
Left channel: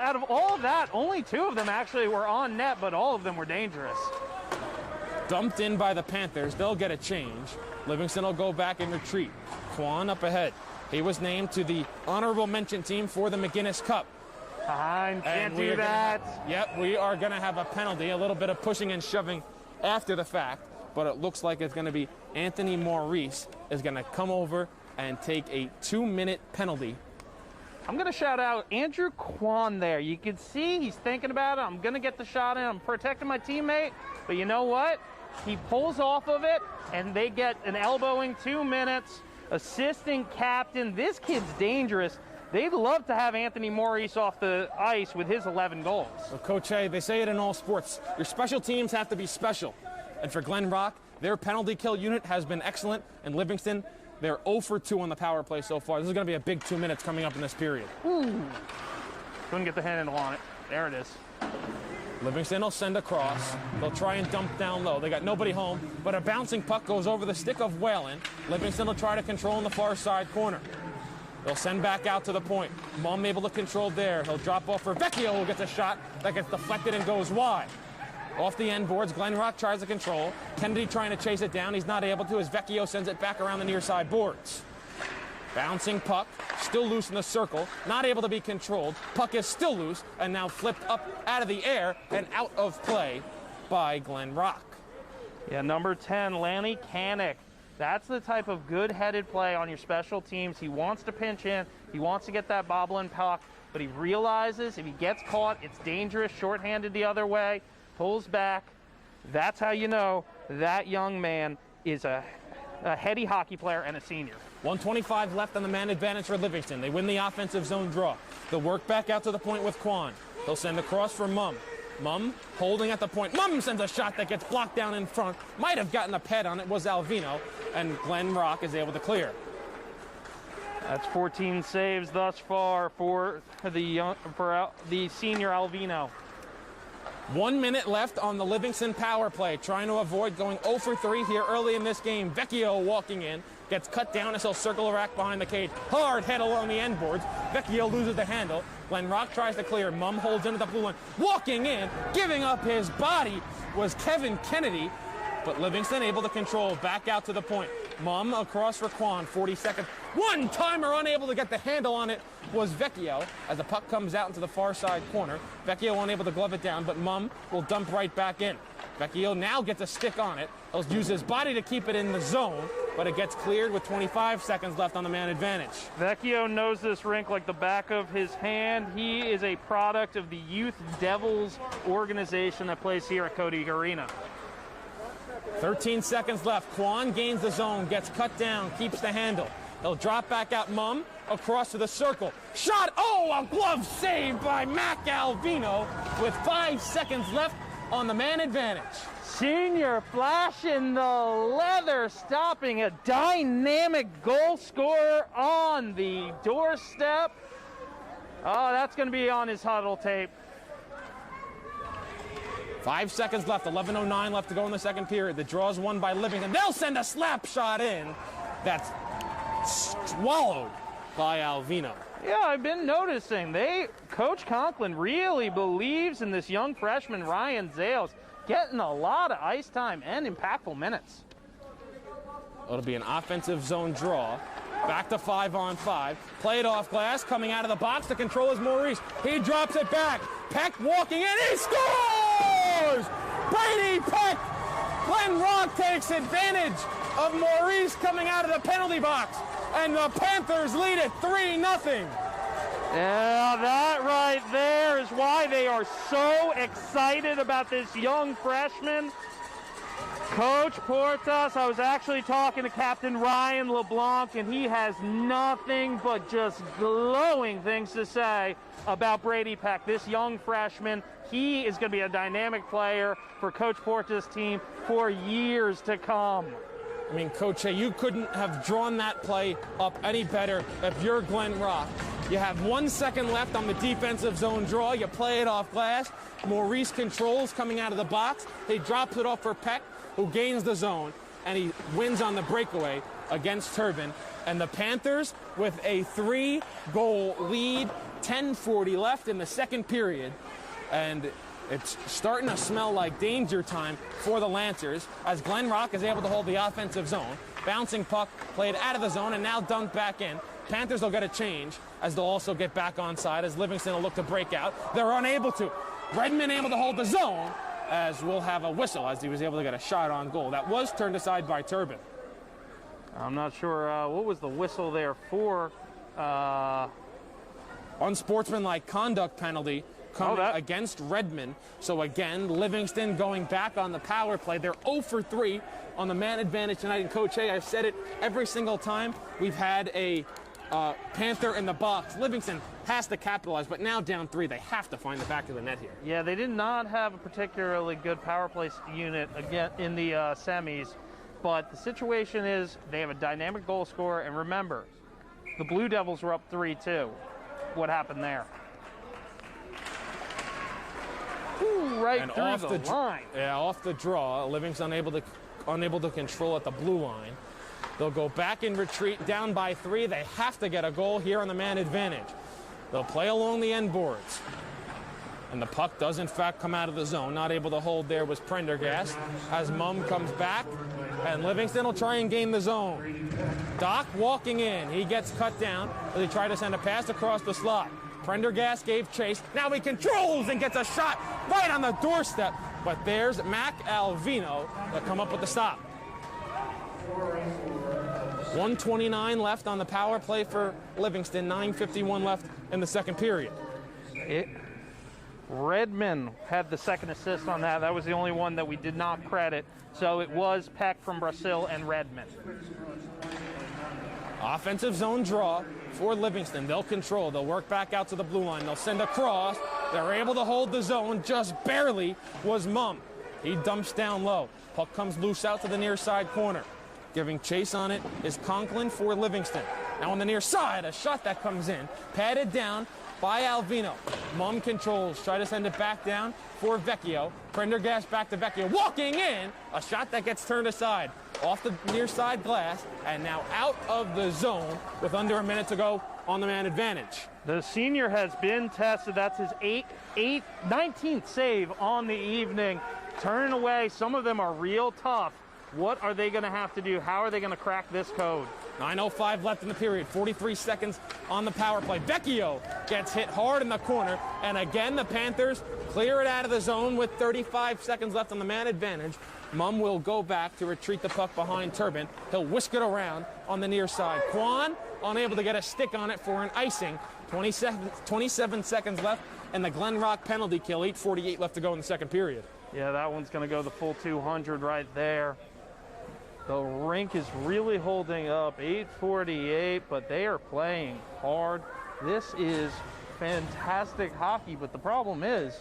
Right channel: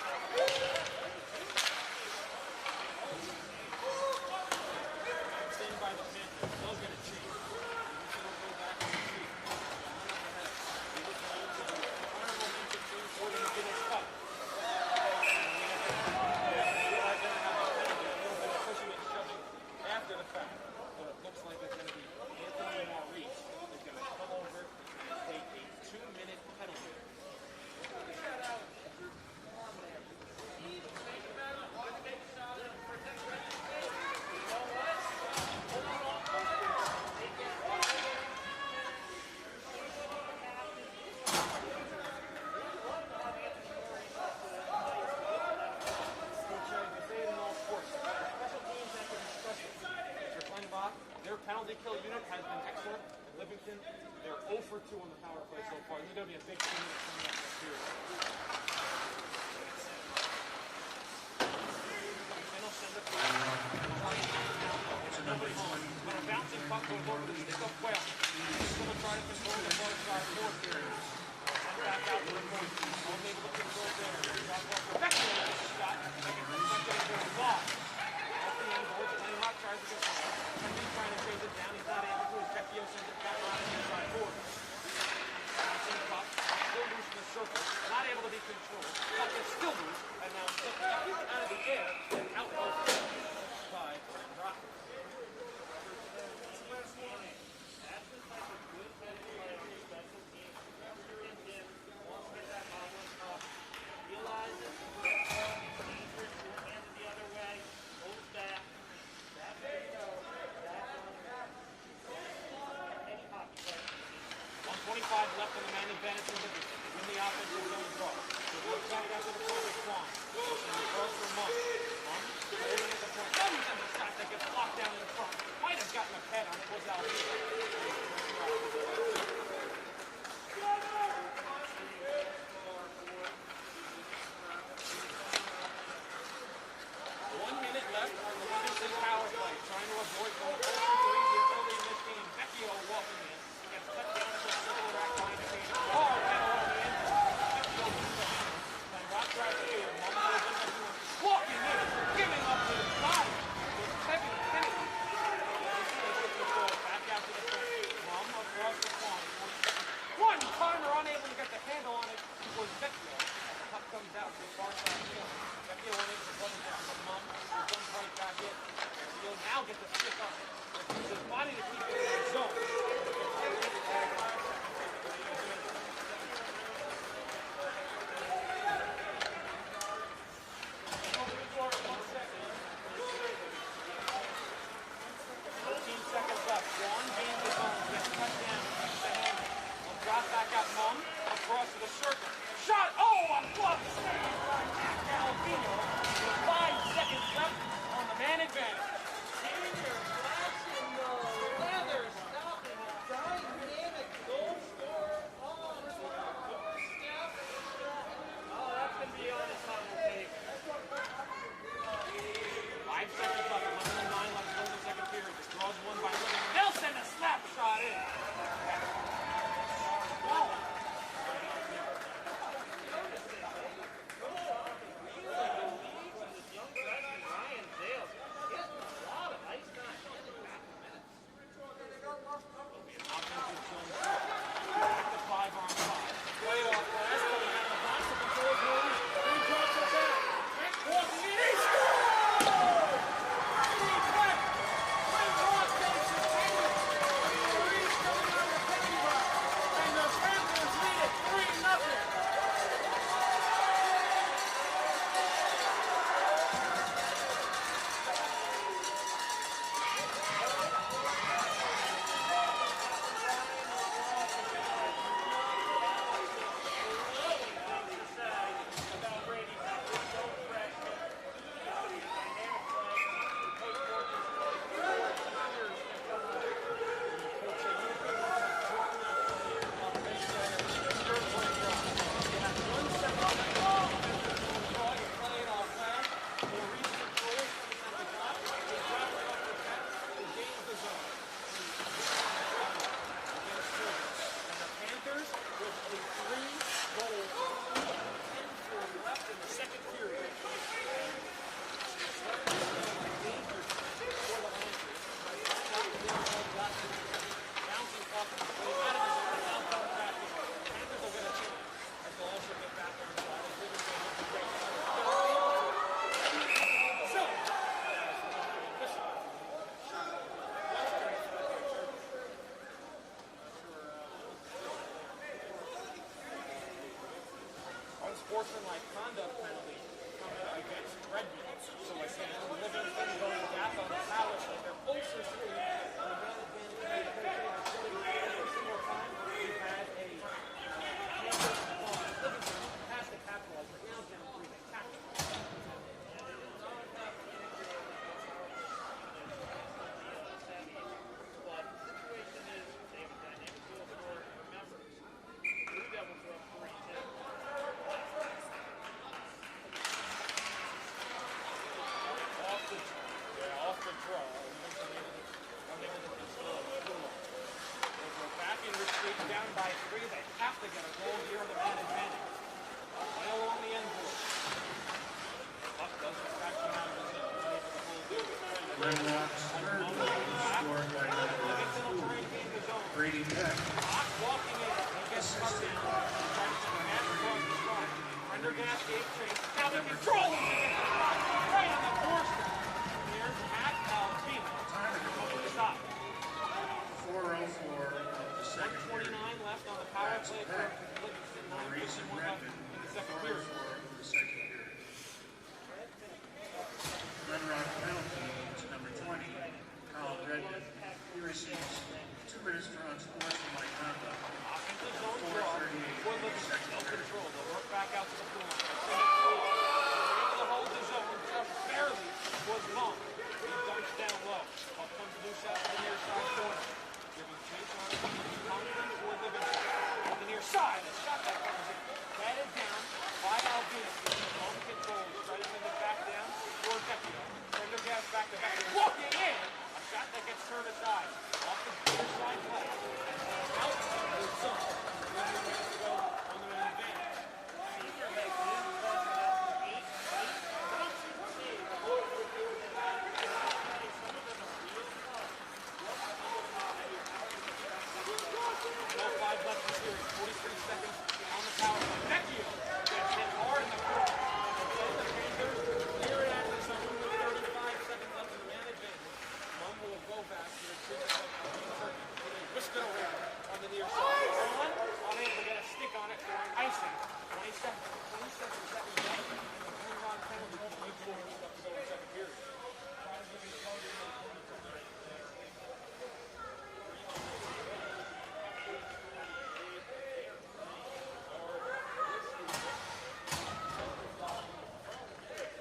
Out of all of that, only 2 of them actually were on net, but all of them were dangerous. Dumped in by the Panthers. They'll get a change. Livingston will go back and retreat. Quan up ahead. He was named to the honorable mention team for the McInnis Cup. Can't do that. Yep, we are going to have a penalty, a little bit of pushing and shoving after the fact, but it looks like it's going to be Anthony Maurice is going to come over and take a 2-minute penalty. I'm going to shout out Andrew Quan there. You can see he's thinking about it. I'm going to get the shot in. I'm protecting my teammate. But you know what? He pulls off of it, and they get an elbowing 2 minutes. Assisting captain. This kid's dangerous. They'd love to have Anthony Maurice off the ice with his 11 goals. Well, Coach A, they say it in all sports. Your special teams have to be special. And for Glen Rock, their penalty kill unit has been excellent. And Livingston, they're 0 for 2 on the power play so far. This is going to be a big 2 minutes coming up in this period. Couldn't get the handle on it. There it is. Livingston will send across. They'll try and dump down low. They got nobody home, but a bouncing puck goes over the stick of Whalen. Livingston will try to control in the far side corner. They'll send back out to the point. Mum able to control there. He'll drop off for Vecchio, who gets a shot that gets deflected and goes wide. Off the end boards, Glen Rock tries to control. Kennedy trying to chase it down. He's not able to as Vecchio sends it back around the near side boards. Bouncing puck, still loose in the circle, not able to be controlled. Puck is still loose and now flipped up out of the air and out of play by Glen Rock. Yeah, number 10, Lanny Kanik. That's the type of good-headed play on your special teams. He wants to pinch in. He wants to get that bobbling puck, but he realizes if he gets caught, it's dangerous, shorthanded the other way, pulls back. That's how you know that young man is a heady hockey player and a senior. 1:25 left on the man advantage for Livingston. They win the offensive zone draw. They'll work back out to the point with Quan. They'll send across for Mum. Mum holding at the point. Mum sends a shot that gets blocked down in front. Might have gotten a pad on it, was Alvino, and Glen Rock is able to clear. That's 14 saves thus far for the senior Alvino. 1 minute left on the Livingston power play. Trying to avoid going 0 for 3 here early in this game. Vecchio walking in. Gets cut down as he'll circle around behind the cage. Hard head along the end boards. Vecchio loses the handle. Glen Rock tries to clear. Mum holds into the blue line. Walking in, giving up his body was Kevin Kennedy. But Livingston able to control. Back out to the point. Mum across for Quan. 40 seconds. One-timer unable to get the handle on it was Vecchio as the puck comes out into the far side corner. Vecchio unable to glove it down, but Mum will dump right back in. Vecchio now gets a stick on it. He'll use his body to keep it in the zone, but it gets cleared with 25 seconds left on the man advantage. Vecchio knows this rink like the back of his hand. He is a product of the Youth Devils organization that plays here at Cody Arena. 13 seconds left. Quan gains the zone, gets cut down, keeps the handle. He'll drop back out Mum across to the circle. Shot! Oh, a glove save by Mac Alvino with 5 seconds left on the man advantage. Senior flashing the leather, stopping a dynamic goal scorer on the doorstep. Oh, that's going to be on his huddle tape. 5 seconds left, 11:09 left to go in the second period. The draw is won by Livingston. They'll send a slap shot in. That's swallowed by Alvino. Yeah, I've been noticing. Coach Conklin really believes in this young freshman, Ryan Zales, getting a lot of ice time and impactful minutes. It'll be an offensive zone draw. Back to 5-on-5. Play it off glass, coming out of the box. The control is Maurice. He drops it back. Peck walking in. He scores! Brady Peck! Glen Rock takes advantage of Maurice coming out of the penalty box. And the Panthers lead it 3-0. Yeah, that right there is why they are so excited about this young freshman. Coach Portas, I was actually talking to Captain Ryan LeBlanc, and he has nothing but just glowing things to say about Brady Peck, this young freshman. He is going to be a dynamic player for Coach Portas' team for years to come. I mean, Coach, you couldn't have drawn that play up any better if you're Glen Rock. You have 1 second left on the defensive zone draw. You play it off glass. Maurice controls coming out of the box. He drops it off for Peck, who gains the zone, and he wins on the breakaway against Turbin. And the Panthers with a 3-goal lead, 10:40 left in the second period. And it's starting to smell like danger time for the Lancers as Glen Rock is able to hold the offensive zone. Bouncing puck played out of the zone and now dumped back in. Panthers will get a change as they'll also get back onside as Livingston will look to break out. They're unable to. Redmond able to hold the zone as we'll have a whistle as he was able to get a shot on goal. That was turned aside by Turbin. I'm not sure what was the whistle there for. Unsportsmanlike conduct penalty coming against Redmond. So again, Livingston going back on the power play. They're 0 for 3 on the man advantage tonight. And Coach Hay, I've said it every single time we've had a Panther in the box. Livingston has to capitalize, but now down 3, they have to find the back of the net here. Yeah, they did not have a particularly good power play unit again in the semis, but the situation is they have a dynamic goal scorer, and remember, the Blue Devils were up 3-2. What happened there? Ooh, right And through off the line. Yeah, off the draw. Livingston unable to control at the blue line. They'll go back in retreat, down by 3. They have to get a goal here on the man advantage. They'll play along the end boards. And the puck does, in fact, come out of the zone. Not able to hold there was Prendergast as Mum comes back. And Livingston will try and gain the zone. Doc walking in. He gets cut down. They try to send a pass across the slot. Prendergast gave chase. Now he controls and gets a shot right on the doorstep. But there's Mac Alvino to come up with the stop. 1:29 left on the power play for Livingston. 9:51 left in the second period. Redmond had the second assist on that. That was the only one that we did not credit. So it was Peck from Brazil and Redmond. Offensive zone draw for Livingston. They'll control. They'll work back out to the blue line. They'll send a cross. They're able to hold the zone. Just barely was Mum. He dumps down low. Puck comes loose out to the near side corner. Giving chase on it is Conklin for Livingston. Now on the near side, a shot that comes in. Patted down by Alvino. Mum controls. Try to send it back down for Vecchio. Prendergast back to Vecchio. Walking in. A shot that gets turned aside. Off the near side glass. And now out of the zone with under a minute to go on the man advantage. The senior has been tested. That's his 19th save on the evening. Turning away. Some of them are real tough. What are they going to have to do? How are they going to crack this code? 9:05 left in the period. 43 seconds on the power play. Vecchio gets hit hard in the corner. And again, the Panthers clear it out of the zone with 35 seconds left on the man advantage. Mum will go back to retreat the puck behind Turbin. He'll whisk it around on the near side. Braun unable to get a stick on it for an icing. 27 seconds left and the Glen Rock penalty kill. 8:48 left to go in the second period. Yeah, that one's going to go the full 200 right there. The rink is really holding up. 8:48, but they are playing hard. This is fantastic hockey, but the problem is,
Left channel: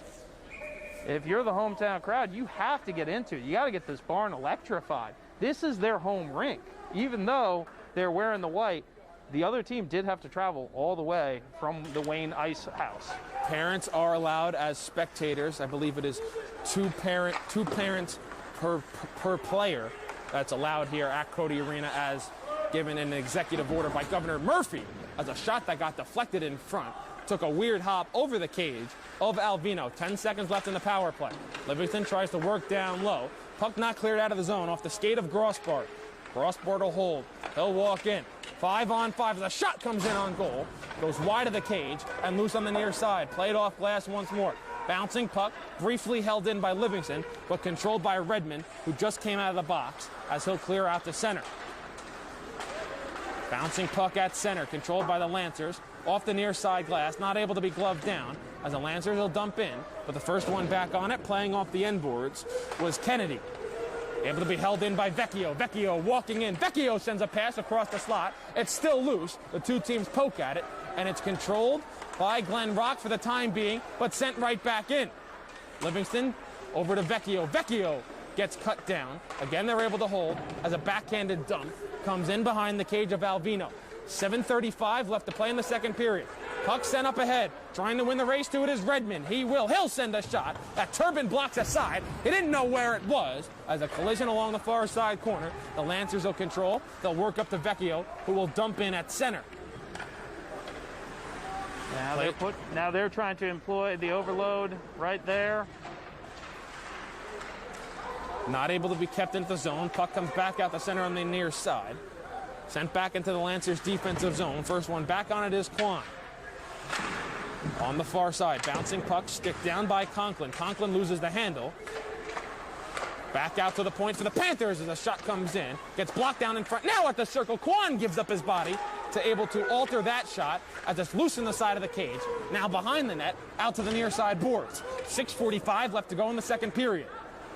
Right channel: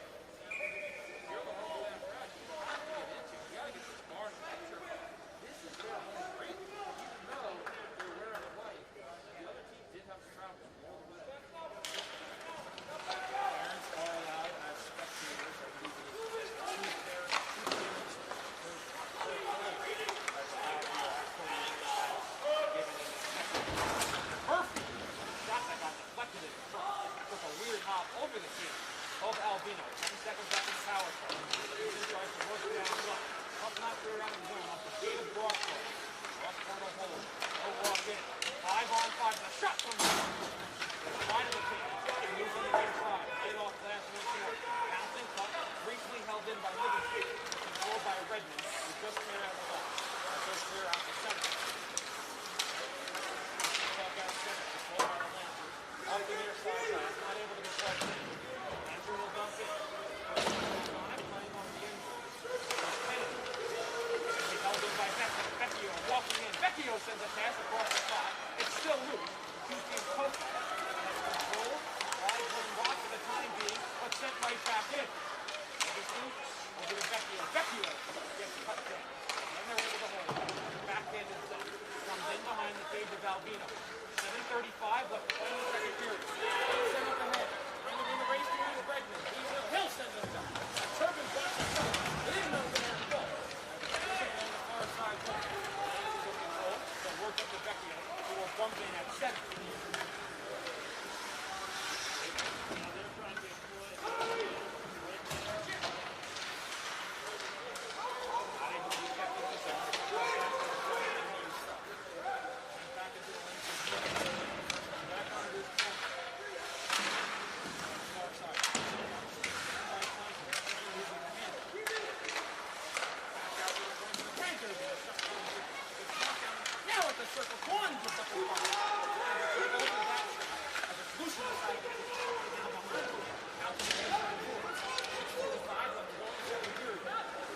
if you're the hometown crowd, you have to get into it. You got to get this barn electrified. This is their home rink. Even though they're wearing the white, the other team did have to travel all the way from the Wayne Ice House. Parents are allowed as spectators. I believe it is two parents per player that's allowed here at Cody Arena, as given an executive order by Governor Murphy, as a shot that got deflected in front took a weird hop over the cage of Alvino. 10 seconds left in the power play. Livingston tries to work down low. Puck not cleared out of the zone off the skate of Grossbart. Grossbart will hold. He'll walk in. 5-on-5. The shot comes in on goal. Goes wide of the cage and loose on the near side. Played off glass once more. Bouncing puck, briefly held in by Livingston, but controlled by Redmond, who just came out of the box, as he'll clear out to center. Bouncing puck at center, controlled by the Lancers. Off the near side glass, not able to be gloved down. As the Lancers will dump in, but the first one back on it, playing off the end boards, was Kennedy. Able to be held in by Vecchio. Vecchio walking in. Vecchio sends a pass across the slot. It's still loose. The two teams poke at it, and it's controlled by Glen Rock for the time being, but sent right back in. Livingston over to Vecchio. Vecchio gets cut down. Again, they're able to hold as a backhanded dump comes in behind the cage of Alvino. 7:35 left to play in the second period. Puck sent up ahead. Trying to win the race to it is Redmond. He'll send a shot. That Turbin blocks aside. He didn't know where it was. As a collision along the far side corner, the Lancers will control. They'll work up to Vecchio, who will dump in at center. Now they're trying to employ the overload right there. Not able to be kept into the zone. Puck comes back out the center on the near side. Sent back into the Lancers' defensive zone. First one back on it is Klein. On the far side, bouncing puck, stick down by Conklin. Conklin loses the handle. Back out to the point for the Panthers as a shot comes in. Gets blocked down in front. Now at the circle, Kwan gives up his body to able to alter that shot as it's loose in the side of the cage. Now behind the net, out to the near side boards. 6:45 left to go in the second period.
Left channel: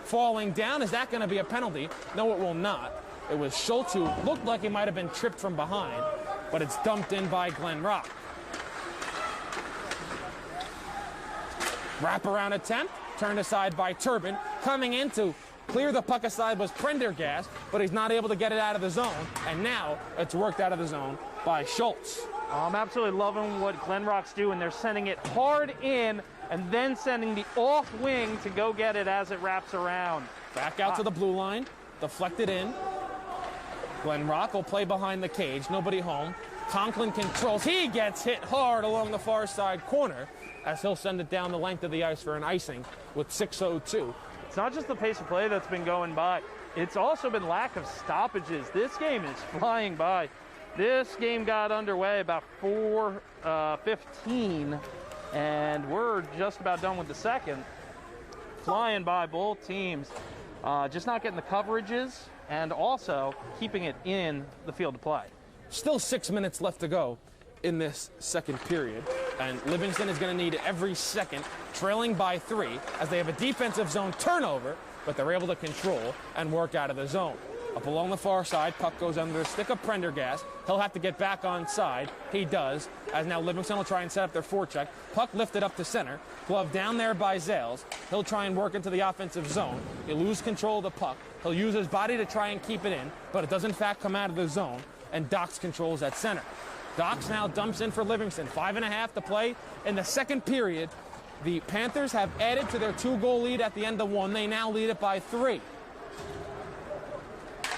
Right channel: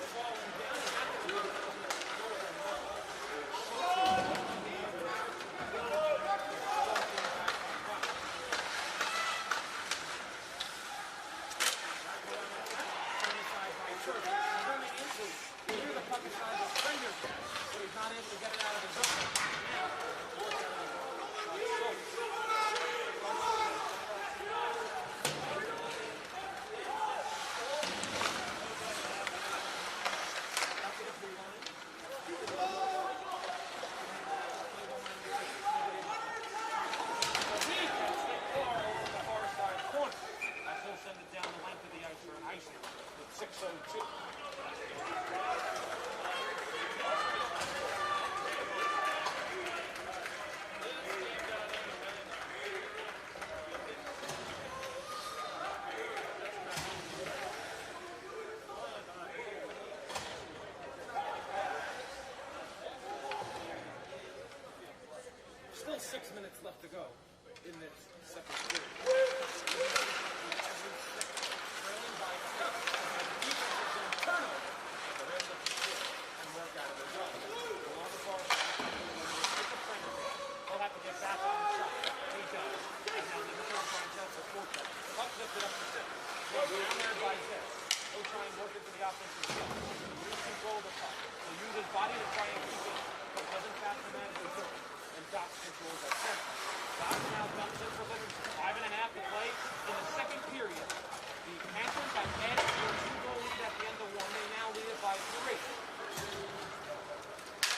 Falling down, is that going to be a penalty? No, it will not. It was Schultz who looked like he might have been tripped from behind, but it's dumped in by Glen Rock. Wraparound attempt, turned aside by Turbin. Coming in to clear the puck aside was Prendergast, but he's not able to get it out of the zone, and now it's worked out of the zone by Schultz. I'm absolutely loving what Glen Rock's doing. They're sending it hard in and then sending the off wing to go get it as it wraps around. Back out to the blue line, deflected in. Glen Rock will play behind the cage, nobody home. Conklin controls, he gets hit hard along the far side corner as he'll send it down the length of the ice for an icing with 6:02. It's not just the pace of play that's been going by, it's also been lack of stoppages. This game is flying by. This game got underway about 4:15, and we're just about done with the second. Flying by both teams, just not getting the coverages, and also keeping it in the field of play. Still 6 minutes left to go in this second period, and Livingston is going to need every second, trailing by 3, as they have a defensive zone turnover, but they're able to control and work out of the zone. Up along the far side, puck goes under a stick of Prendergast. He'll have to get back on side. He does, as now Livingston will try and set up their forecheck. Puck lifted up to center. Glove down there by Zales. He'll try and work into the offensive zone. He'll lose control of the puck. He'll use his body to try and keep it in, but it does in fact come out of the zone, and Dox controls at center. Dox now dumps in for Livingston. 5:30 to play in the second period. The Panthers have added to their 2-goal lead at the end of one. They now lead it by 3.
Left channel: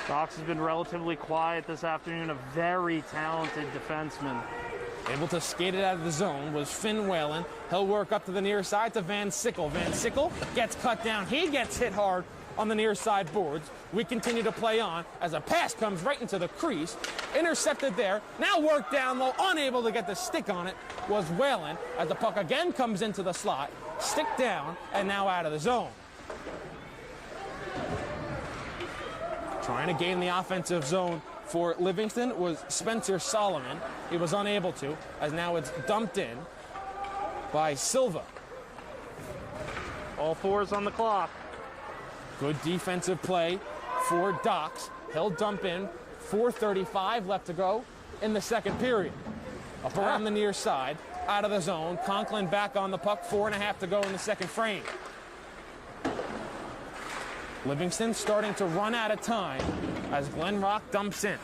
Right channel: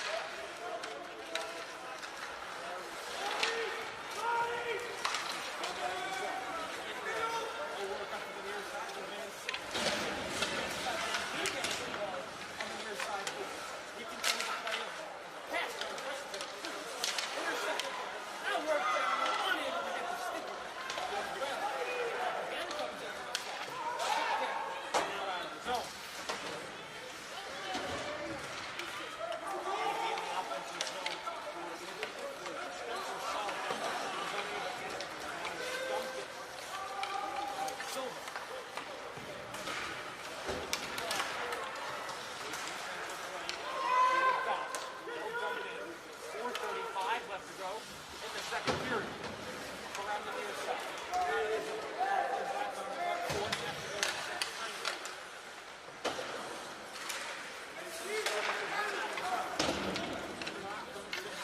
Dox has been relatively quiet this afternoon, a very talented defenseman. Able to skate it out of the zone was Finn Whalen. He'll work up to the near side to Van Sickle. Van Sickle gets cut down. He gets hit hard on the near side boards. We continue to play on as a pass comes right into the crease. Intercepted there. Now worked down low. Unable to get the stick on it was Whalen as the puck again comes into the slot. Stick down and now out of the zone. Trying to gain the offensive zone for Livingston was Spencer Solomon. He was unable to, as now it's dumped in by Silva. All 4 is on the clock. Good defensive play for Dox. He'll dump in. 4:35 left to go in the second period. Up around the near side, out of the zone. Conklin back on the puck. 4:30 to go in the second frame. Livingston starting to run out of time as Glen Rock dumps in.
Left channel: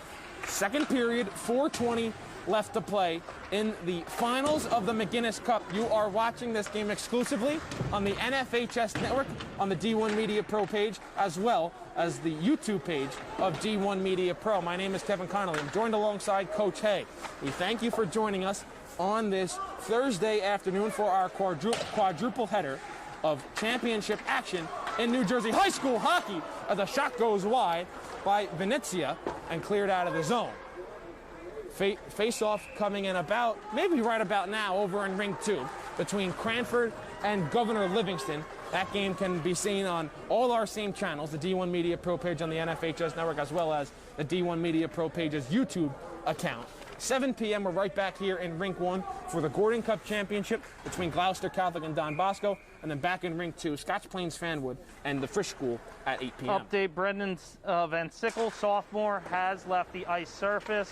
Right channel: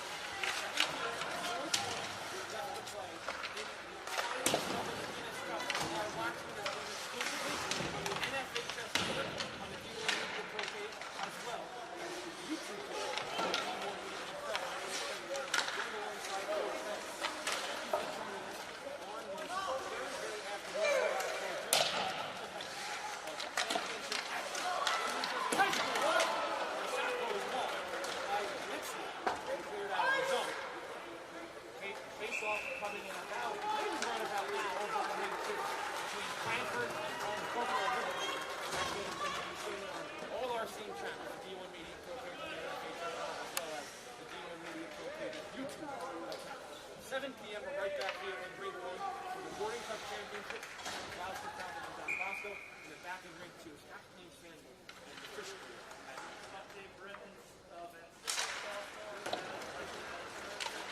Second period, 4:20 left to play in the finals of the McInnis Cup. You are watching this game exclusively on the NFHS network, on the D1 Media Pro page, as well as the YouTube page of D1 Media Pro. My name is Kevin Connolly. I'm joined alongside Coach Hay. We thank you for joining us on this Thursday afternoon for our quadruple header of championship action in New Jersey high school hockey, as a shot goes wide by Venezia and cleared out of the zone. Face-off coming in about, maybe right about now, over in Ring 2 between Cranford and Governor Livingston. That game can be seen on all our same channels, the D1 Media Pro page on the NFHS network, as well as the D1 Media Pro page's YouTube account. 7 p.m. we're right back here in Rink 1 for the Gordon Cup Championship between Gloucester Catholic and Don Bosco, and then back in Rink 2, Scotch Plains Fanwood and the Frisch School at 8 p.m. Update, Brendan Van Sickle, sophomore, has left the ice surface.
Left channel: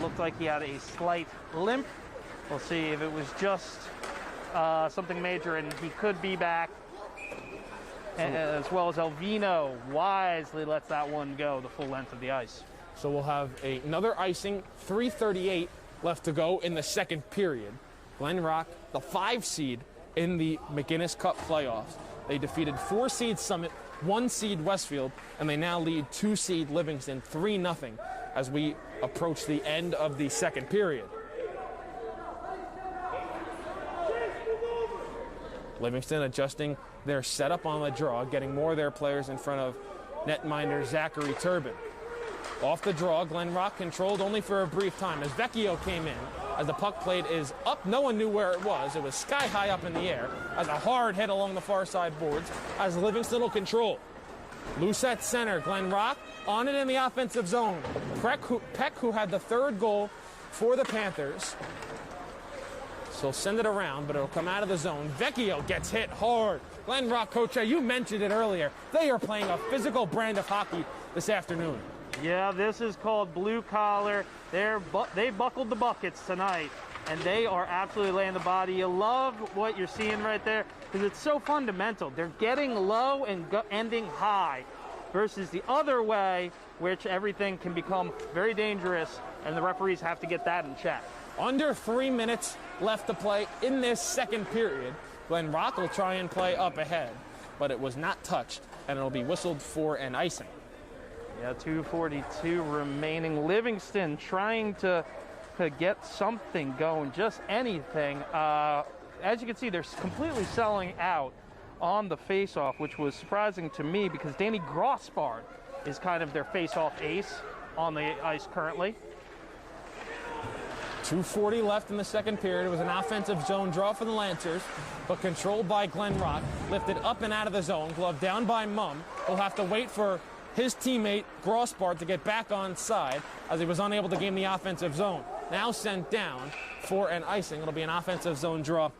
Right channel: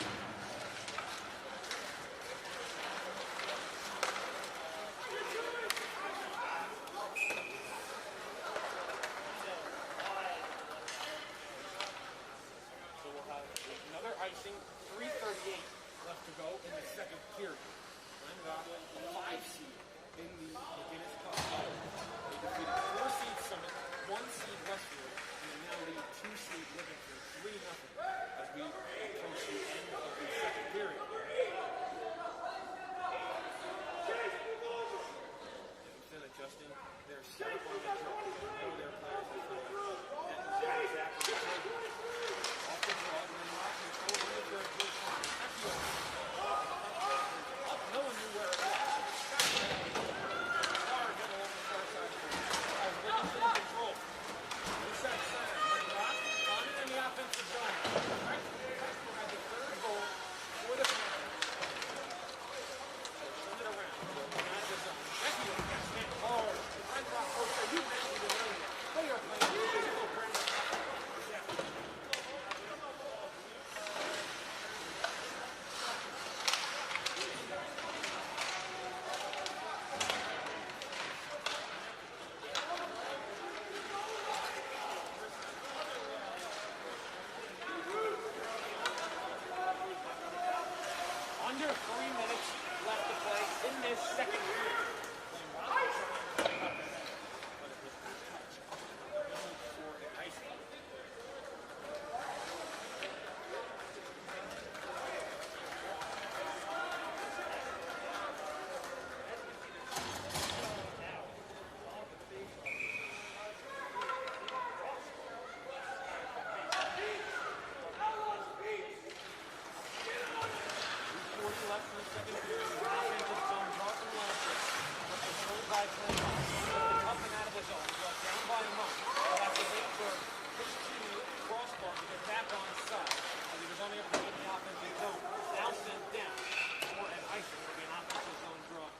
Looked like he had a slight limp. We'll see if it was just something major, and he could be back. And, as well as Elvino wisely lets that one go the full length of the ice. So we'll have another icing, 3:38 left to go in the second period. Glen Rock, the 5 seed in the McInnis Cup playoffs. They defeated 4 seed Summit, 1 seed Westfield, and they now lead 2 seed Livingston 3-0 as we approach the end of the second period. Livingston adjusting their setup on the draw, getting more of their players in front of netminder Zachary Turbin. Off the draw, Glen Rock controlled only for a brief time as Vecchio came in. As the puck plate is up, no one knew where it was. It was sky high up in the air as a hard hit along the far side boards as Livingston will control. Loose at center, Glen Rock on it in the offensive zone. Peck, who had the 3rd goal for the Panthers. So send it around, but it'll come out of the zone. Vecchio gets hit hard. Glen Rock, Coach, you mentioned it earlier. They are playing a physical brand of hockey this afternoon. Yeah, this is called blue collar. They buckled the buckets tonight, and they are absolutely laying the body. You love what you're seeing right there because it's so fundamental. They're getting low and ending high versus the other way, which everything can become very dangerous, and the referees have to get that in check. Under 3 minutes left to play in this second period. Glen Rock will try and play up ahead, but it was not touched, and it'll be whistled for an icing. Yeah, 2:42 remaining. Livingston trying to get something going, just anything. As you can see, they're completely selling out on the face-off, which was surprising to me because Danny Grossbard is kind of their face-off ace on the ice currently. 2:40 left in the second period. It was an offensive zone draw for the Lancers, but controlled by Glen Rock. Lifted up and out of the zone. Glove down by Mum. He'll have to wait for his teammate, Grossbard, to get back on side as he was unable to gain the offensive zone. Now sent down for an icing. It'll be an offensive zone draw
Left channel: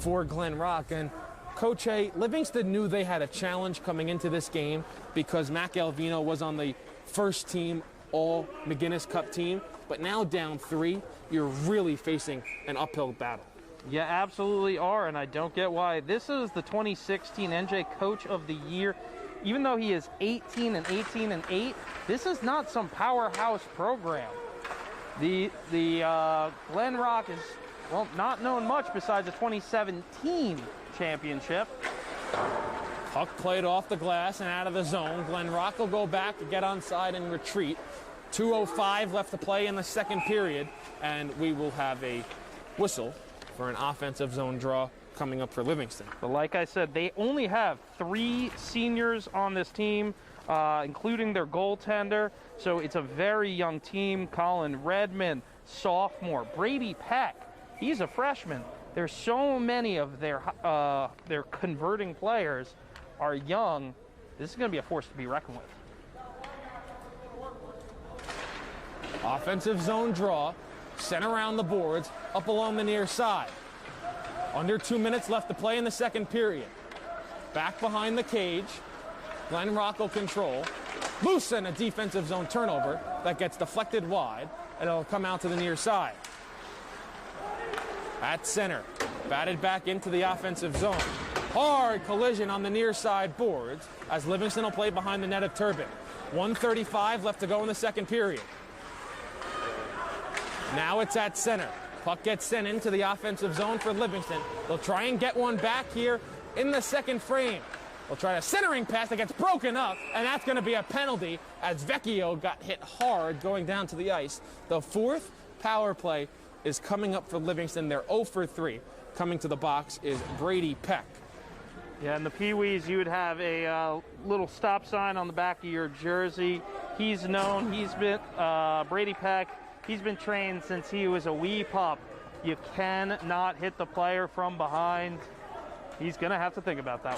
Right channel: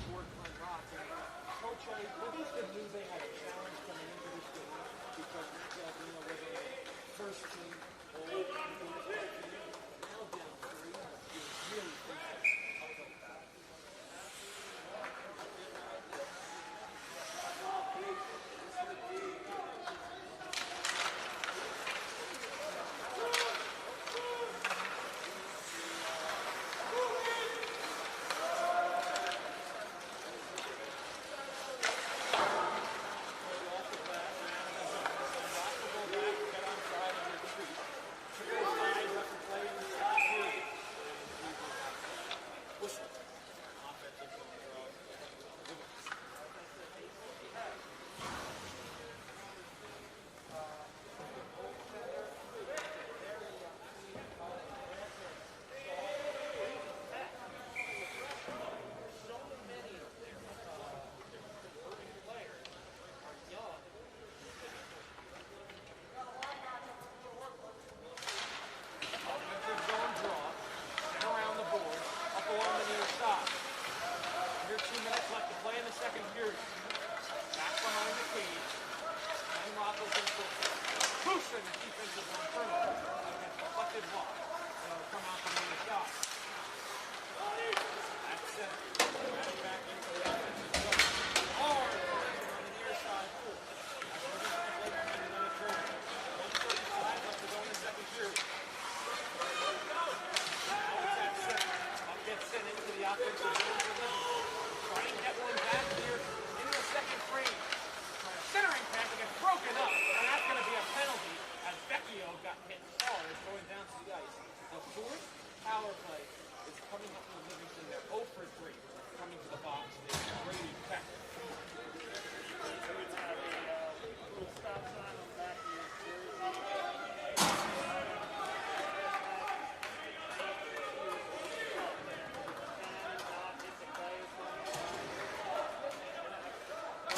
for Glen Rock. And Coach A, Livingston knew they had a challenge coming into this game because Mac Elvino was on the first team all McInnis Cup team. But now down 3, you're really facing an uphill battle. Yeah, absolutely are, and I don't get why. This is the 2016 NJ Coach of the Year. Even though he is 18 and 18 and 8, this is not some powerhouse program. The Glen Rock is, well, not known much besides the 2017 championship. Puck played off the glass and out of the zone. Glen Rock will go back, get on side, and retreat. 2:05 left to play in the second period, and we will have a whistle for an offensive zone draw coming up for Livingston. But like I said, they only have 3 seniors on this team, including their goaltender. So it's a very young team. Colin Redmond, sophomore. Brady Peck, he's a freshman. There's so many of their converting players are young. This is going to be a force to be reckoned with. Offensive zone draw, sent around the boards, up along the near side. Under 2 minutes left to play in the second period. Back behind the cage, Glen Rock will control. Loose and a defensive zone turnover that gets deflected wide, and it'll come out to the near side. At center, batted back into the offensive zone. Hard collision on the near side boards as Livingston will play behind the net of Turbin. 1:35 left to go in the second period. Now it's at center. Puck gets sent into the offensive zone for Livingston. They'll try and get one back here in the second frame. They'll try a centering pass that gets broken up, and that's going to be a penalty as Vecchio got hit hard going down to the ice. The fourth power play is coming up for Livingston. They're 0 for 3. Coming to the box is Brady Peck. Yeah, in the Pee-wees, you would have a little stop sign on the back of your jersey. He's known, Brady Peck, he's been trained since he was a wee pup. You cannot hit the player from behind. He's going to have to think about that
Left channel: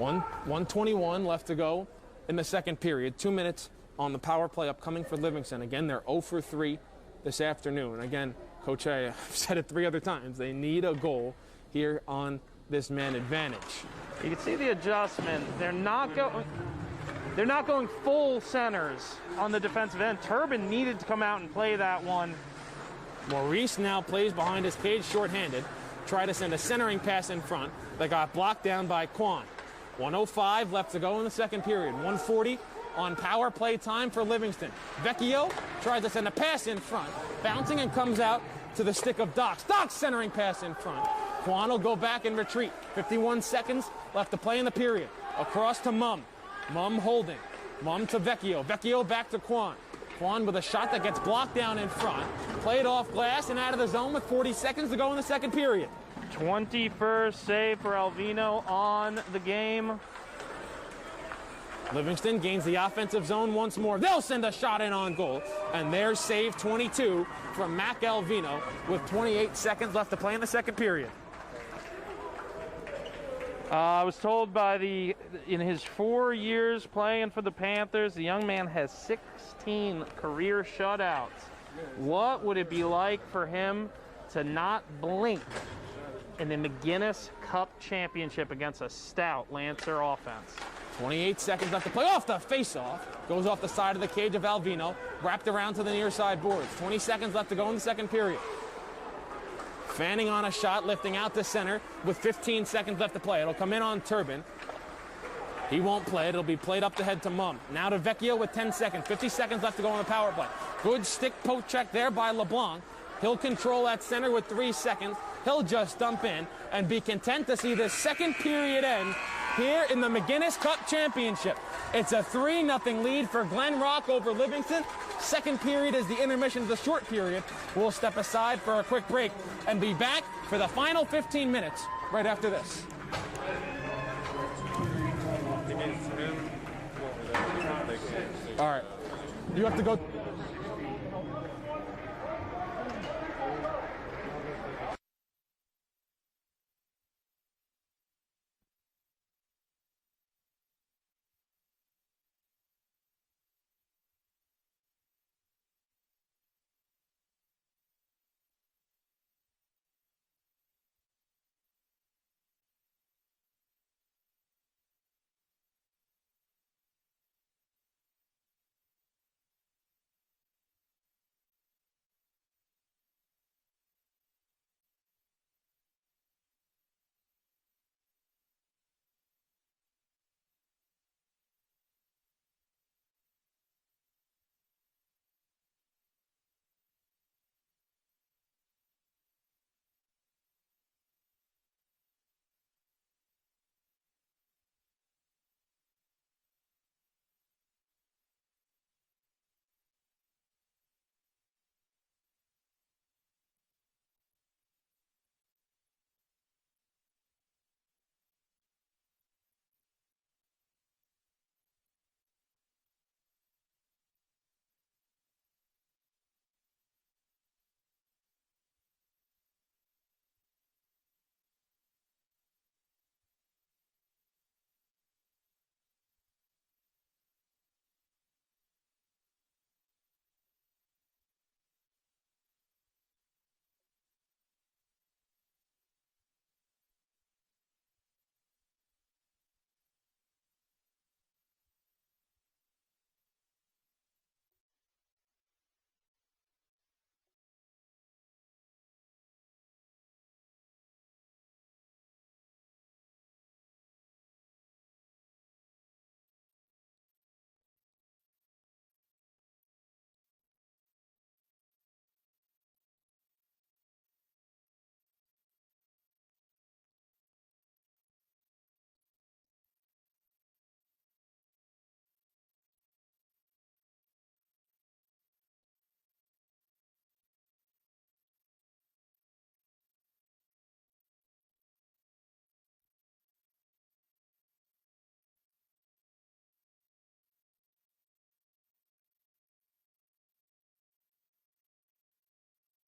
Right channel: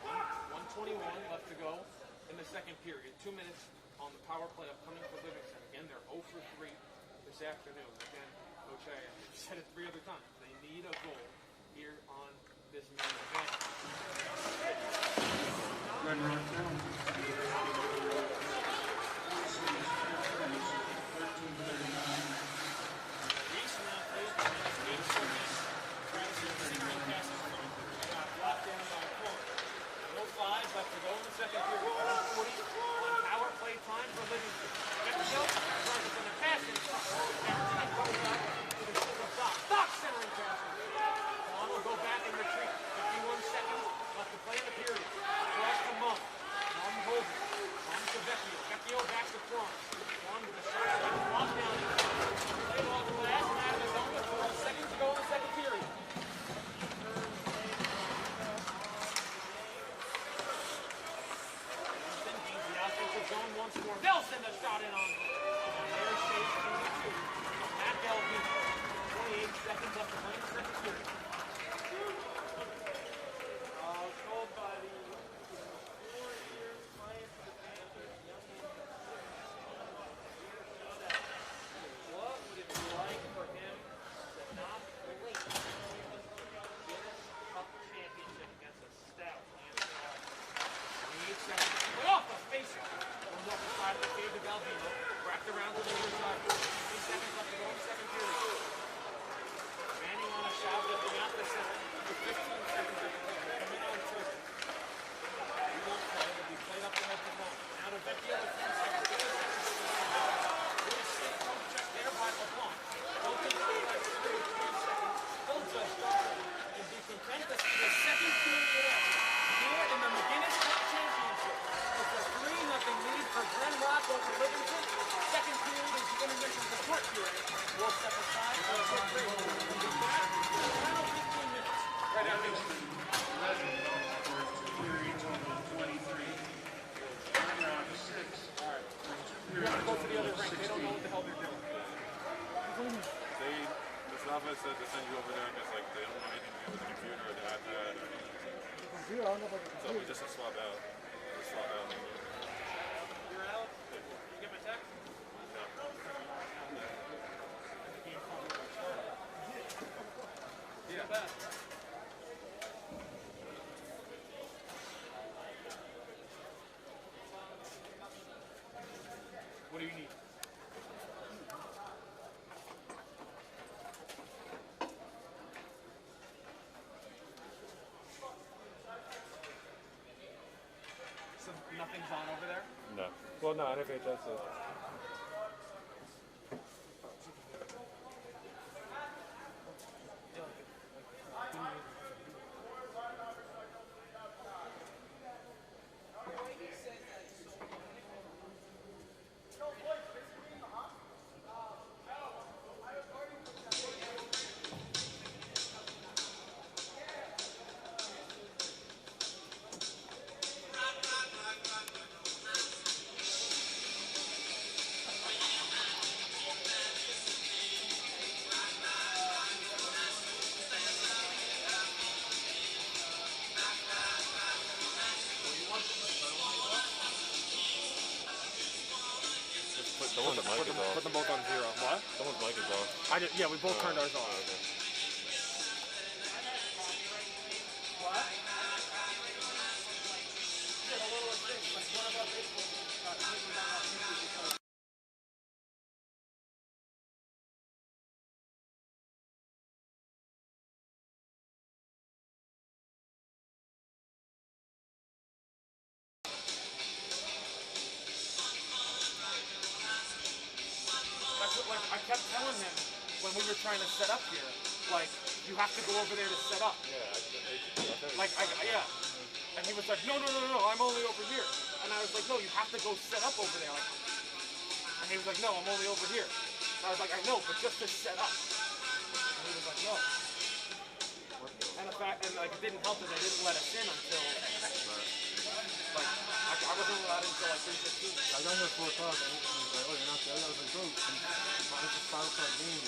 one. 1:21 left to go in the second period. 2 minutes on the power play upcoming for Livingston. Again, they're 0 for 3 this afternoon. And again, Coach, I've said it 3 other times. They need a goal here on this man advantage. You can see the adjustment. They're not going full centers on the defensive end. Turbin needed to come out and play that one. Maurice now plays behind his cage shorthanded. Try to send a centering pass in front that got blocked down by Quan. 1:05 left to go in the second period. 1:40 on power play time for Livingston. Vecchio tries to send a pass in front. Bouncing and comes out to the stick of Dox. Dox centering pass in front. Quan will go back and retreat. 51 seconds left to play in the period. Across to Mum. Mum holding. Mum to Vecchio. Vecchio back to Quan. Quan with a shot that gets blocked down in front. Played off glass and out of the zone with 40 seconds to go in the second period. 21st save for Alvino on the game. Livingston gains the offensive zone once more. They'll send a shot in on goal. And there's save 22 from Mac Alvino with 28 seconds left to play in the second period. I was told in his 4 years playing for the Panthers, the young man has 16 career shutouts. What would it be like for him to not blink in the McInnis Cup championship against a stout Lancer offense? 28 seconds left to play off the face-off. Goes off the side of the cage of Alvino. Wrapped around to the near side boards. 20 seconds left to go in the second period. Fanning on a shot, lifting out to center with 15 seconds left to play. It'll come in on Turbin. He won't play it. It'll be played up the head to Mum. Now to Vecchio with 10 seconds. 50 seconds left to go on the power play. Good stick poke check there by LeBlanc. He'll control that center with 3 seconds. He'll just dump in and be content to see the second period end here in the McInnis Cup Championship. It's a 3-0 lead for Glen Rock over Livingston. Second period is the intermission, the short period. We'll step aside for a quick break and be back for the final 15 minutes right after this. All right. You have to go. Just a swap out. You're out? You get my text? Yeah. Back. What do you need? So nothing's on over there? No. Well, no, NFHS is. Put them both on 0. What? Someone's mic is off. Yeah, we both turned ours off. Okay. trying to set up here. Like, you have to go over there to set up. Like, yeah. And he was like, no, I'm only over here. And I was like, no, you have to go set up over there. Like, and he was like, no, I'm only over here. And I was like, I know, but just to set up. And he was like, no. And the fact, and like, it didn't help that they didn't let us in until, like, I wasn't allowed in until like 3:15. I got here at 4 o'clock, and he was like, oh, you're not there? I was like, bro, it's a 5 o'clock game.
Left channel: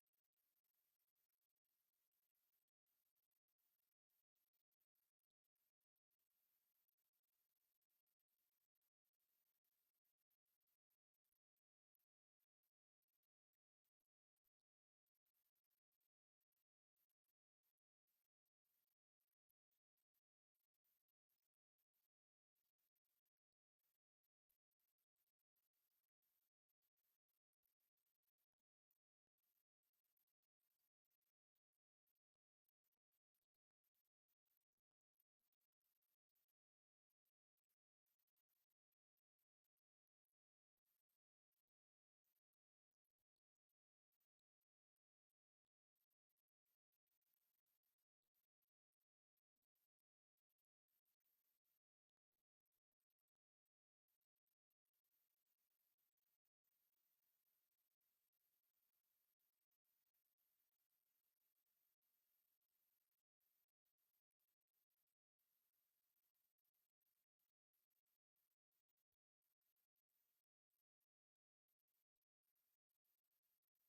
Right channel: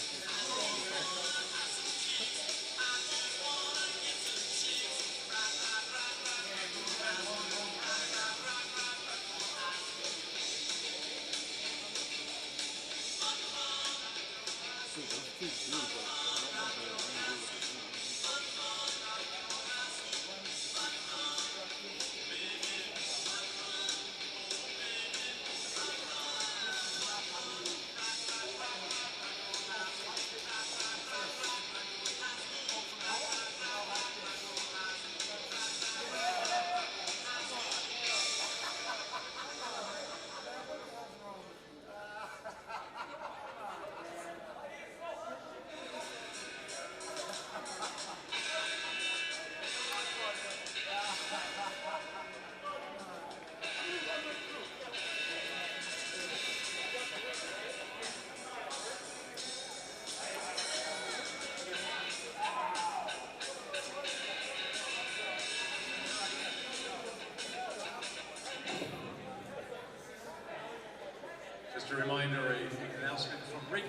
Just a reminder, an announcement from rink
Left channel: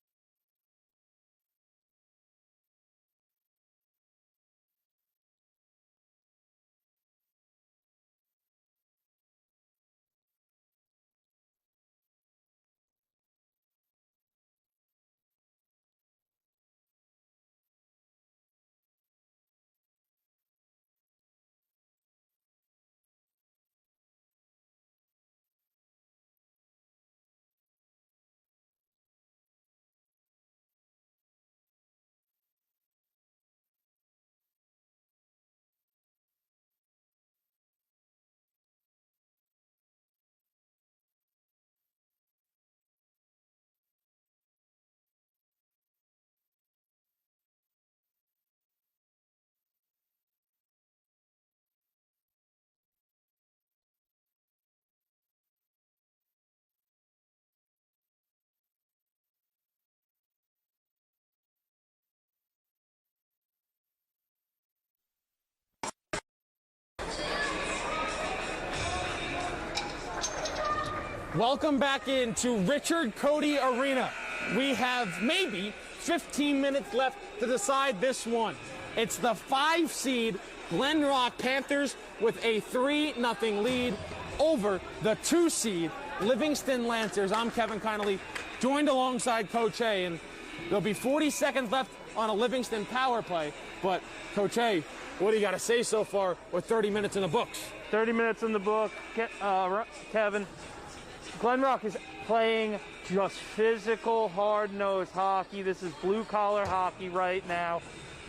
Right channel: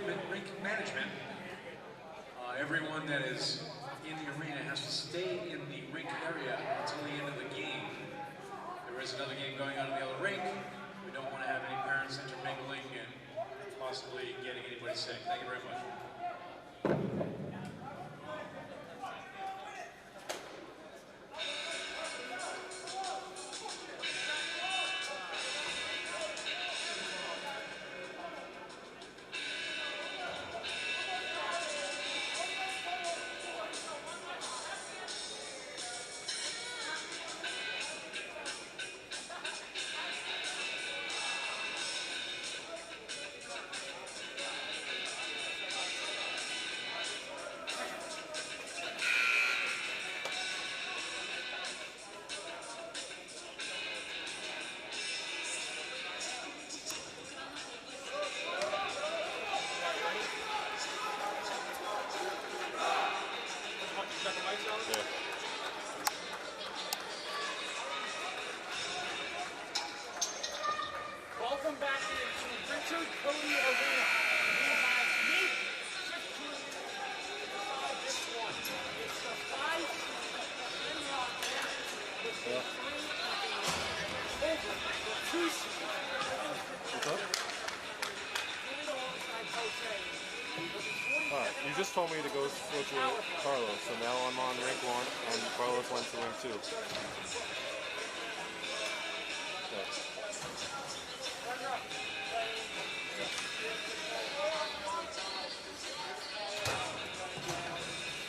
management. Everyone that is in the arena has to stay in the rink area until the end of the game. There is another game going on in the other rink. We don't want to have any parents intermingling and possibly getting anybody sick. Thank you very much. Welcome back into Richard Cody Arena. We have maybe 15 minutes left to decide this one. It's the 5 seed Glen Rock Panthers with a 3-0 lead over the 2 seed Livingston Lancers. I'm Kevin Connolly, joined alongside Coach A, and there'll be 40 seconds left on a Livingston power play. But Coach A, what do you got to say so far with 30 minutes in the books? 30 minutes in the book, Kevin. Glen Rock is playing just physical, hard-nosed hockey. This is blue-collar hockey right now.